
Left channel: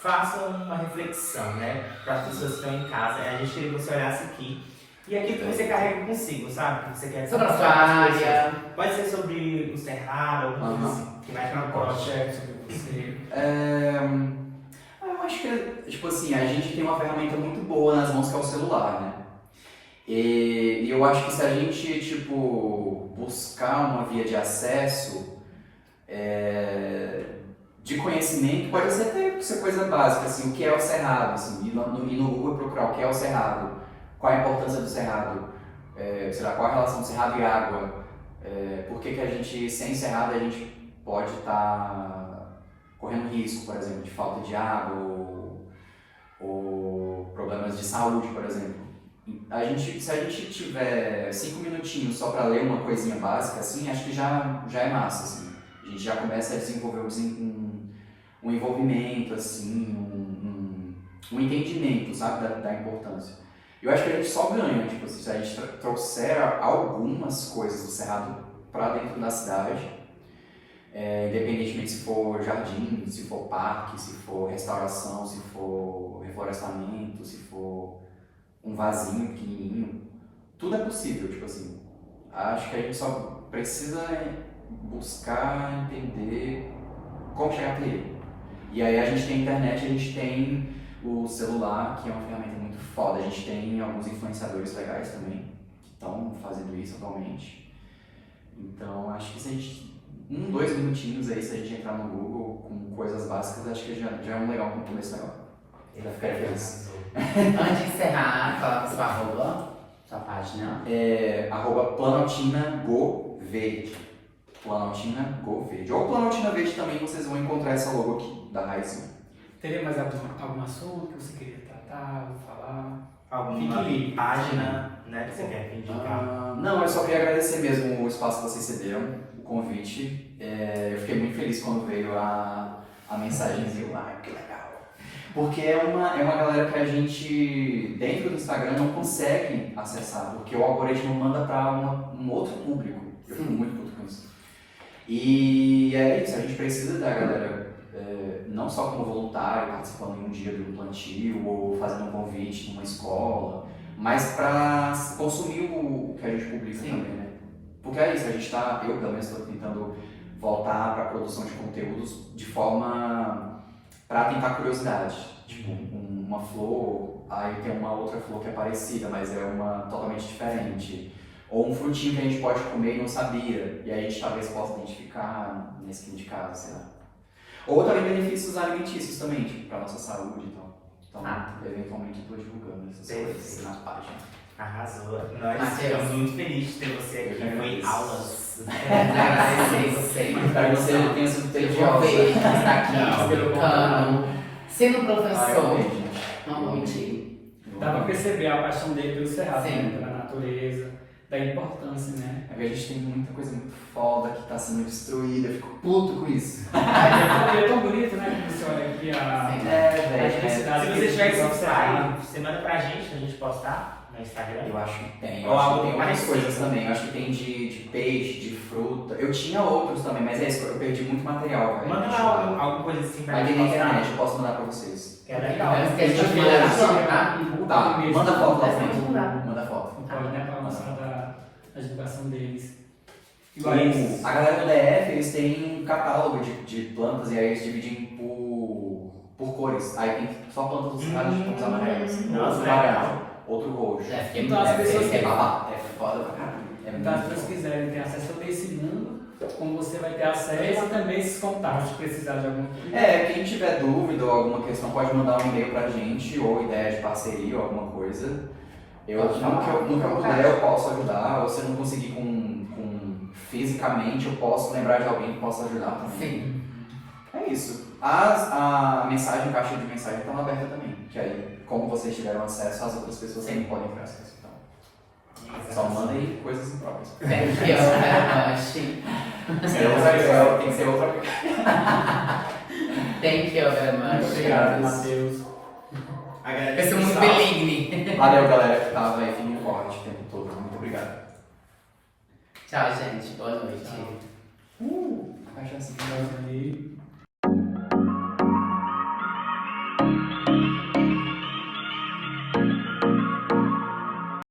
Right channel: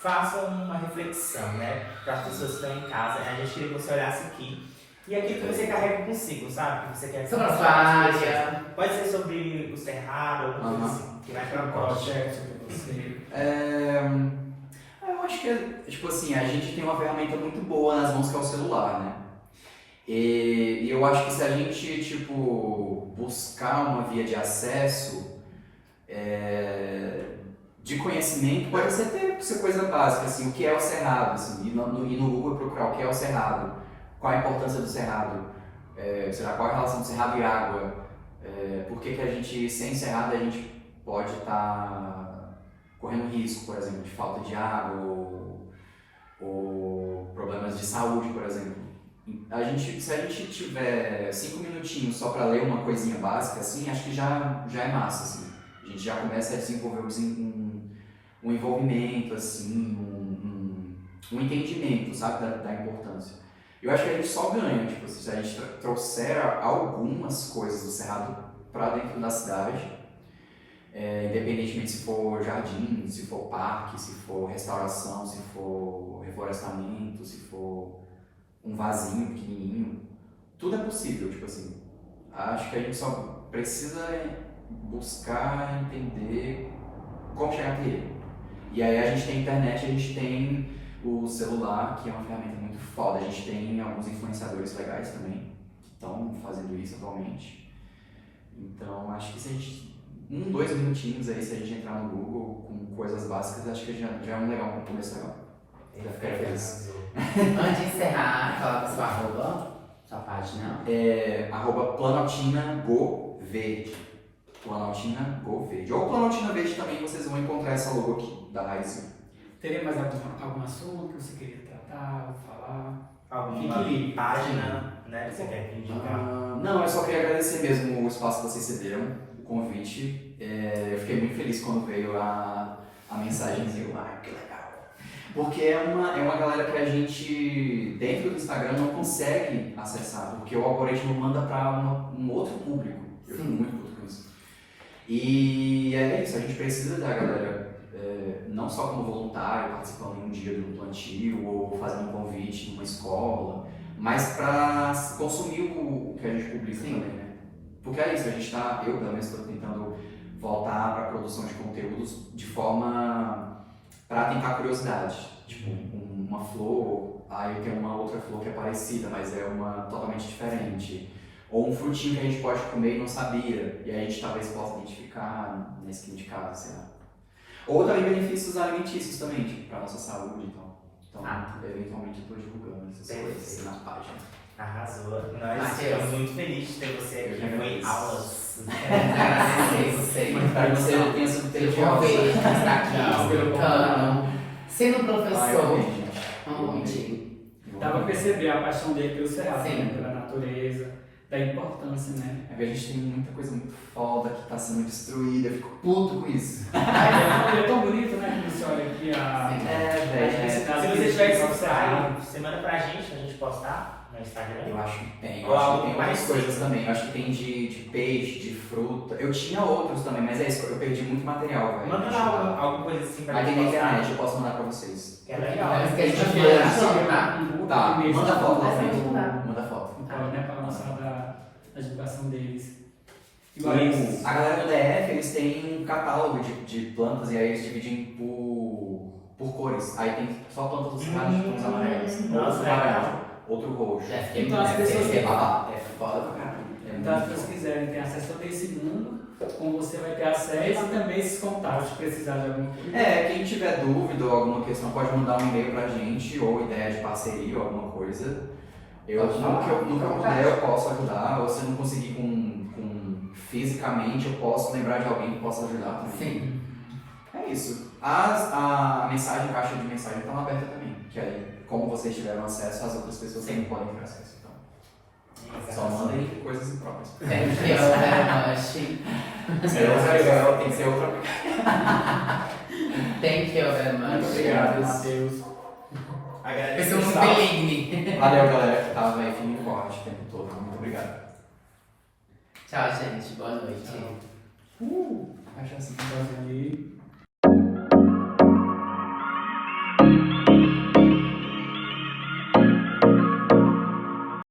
faça uma reflexão, né? Para as pessoas que estão em casa. A gente queria que você olhasse aqui. E aquilo que você carrega consigo, sabe? Que você quer sobre a sua área. Pode ser sobre o cerrado, alguma coisa assim, que vai para o projeto. Eu acho que, tipo assim, a gente tem uma ferramenta muito boa nas mãos que é o celular, né? E eu acho que se a gente, tipo, buscar uma via de acesso, de conhecimento, pode ser coisa básica, assim, o que é o cerrado, assim, e no Google procurar o que é o cerrado, qual a importância do cerrado, sei lá, qual a relação do cerrado e água, por que a gente, sem cerrado, a gente pode estar correndo risco, por exemplo, de falta de água ou problemas de saúde, por exemplo. Se a gente tiver 5 minutinhos só para ler uma coisinha básica, assim, acho que já é massa, assim. A gente já começa a desenvolver um envolvimento, assim, um entendimento, sabe, da importância. Eu acho que a gente só ganha, tipo, se a gente trouxer algumas coisas do cerrado para dentro da cidade, independentemente se for jardim, se for parque, se for restauração, se for reflorestamento, se for um vasinho pequenininho, tudo é possível, tipo assim. Acho que a gente só precisa buscar entender como chegar até ele. E aí a gente tem a internet, a gente tem o celular, que é uma ferramenta muito foda. A gente tem alguns influenciadores legais também, que estão fazendo isso atualmente. Então acho que se a gente 2 minutinhos aí, se a gente entrar no Google com coisas básicas, acho que já é um começo legal. Ele vai ficar feliz. Antes de encerrar, fala com sua arroba, sua página. @PlanaltinaGoVerde. Planaltina Go Verde. Ou Planaltina Verde também, vocês vão encontrar essa logo aqui, da Raiz. Teria mais algum assunto que você queria tratar, falar? Alguma Fique livre. página, né, que você quer indicar? Não, eu só queria agradecer mesmo o espaço que vocês cederam, o convite. Eu fiquei muito feliz quando veio a mensagenzinha. Que legal. Porque é uma galera que a gente, dentro do Instagram, não consegue acessar, porque o algoritmo manda para um outro público. Eu fico muito puto com isso. E é isso, a gente precisa da galera, não só como voluntário, participando em um dia do plantio, ou fazendo um convite numa escola, mas para consumir o que a gente publica também, né? Porque é isso, eu pelo menos estou tentando voltar para a produção de conteúdos de forma para tentar curiosidade. Tipo, uma flor, aí tem uma outra flor que é parecida, mas é uma totalmente diferente. Ou um frutinho que a gente pode comer e não sabia, e aí a gente talvez possa identificar na esquina de casa, sei lá. Ou também benefícios alimentícios também, tipo, para nossa saúde, então. Eventualmente eu estou divulgando essas coisas na página. Arrasou. Nós Matheus. ficamos muito felizes de ter você aqui. Eu Foi agradeço. aulas. Agradecer você. Para você tenha sido Eu vou tediosa. ver que está aqui Não, explicando. Sendo Ah, professor, realmente, né? não vou mentir. Dá pra perceber a paixão dele pelo cerrado, Sim. né? Pela natureza, da importância, né? A gente tem muita coisa muito foda que está sendo destruída, eu fico puto com isso. E é tão bonito, né? Quando você olha aqui a diversidade. Se que você tiver existe no esse cerrado. insight, você manda pra gente postar no Instagram. Eu acho que tem. Ou Eu acho algo que tem mais parecido. coisas também. Eu acho que tem de peixe, de fruta. Eu tinha outros também, mas é isso, eu perdi muito material. Velho. Manda alguma coisa assim pra Mas gente tem na postar. internet, eu posso mandar pra vocês. Que é legal. Mas que a gente Deixa eu vai ver. divulgar. Tá, manda foto pra Vai frente. divulgar. Manda foto. Não pode, né? Para mostrar a divulgação deles. A galera do DF, eles têm um catálogo de plantas e aí eles dividem por cores. Aí tem só plantas dos cerrados de tons amarelos. Nossa, Outro legal. laranja, outro roxo. Então as pessoas que- É foda pra caralho. É Então, as muito pessoas foda. quiserem ter acesso a esse mundo, como você vai ter acesso e também esses contatos, se precisar de alguma coisa. Quem tiver dúvida ou alguma questão pode mandar um e-mail pra gente, ou ideia de parceria ou alguma coisa. Pode falar. Nunca puder, eu posso ajudar. Ou se eu não conseguir fisicamente, eu posso lembrar de alguém que possa ajudar também. Sim. É isso. A mensagem, a caixa de mensagem estão aberta também. Que aí, como vocês tiveram acesso, as outras pessoas também podem ter acesso. Então, só mandem coisas em trocas. Thank you very much. Tem que ser outra. Thank you very Muito much. obrigado, Matheus. Eu sou muito beligne. Valeu, galera, que tava aí firme e forte o tempo todo. Muito obrigado. Tchau, gente. Boa noite. Acho assim. Então, ali.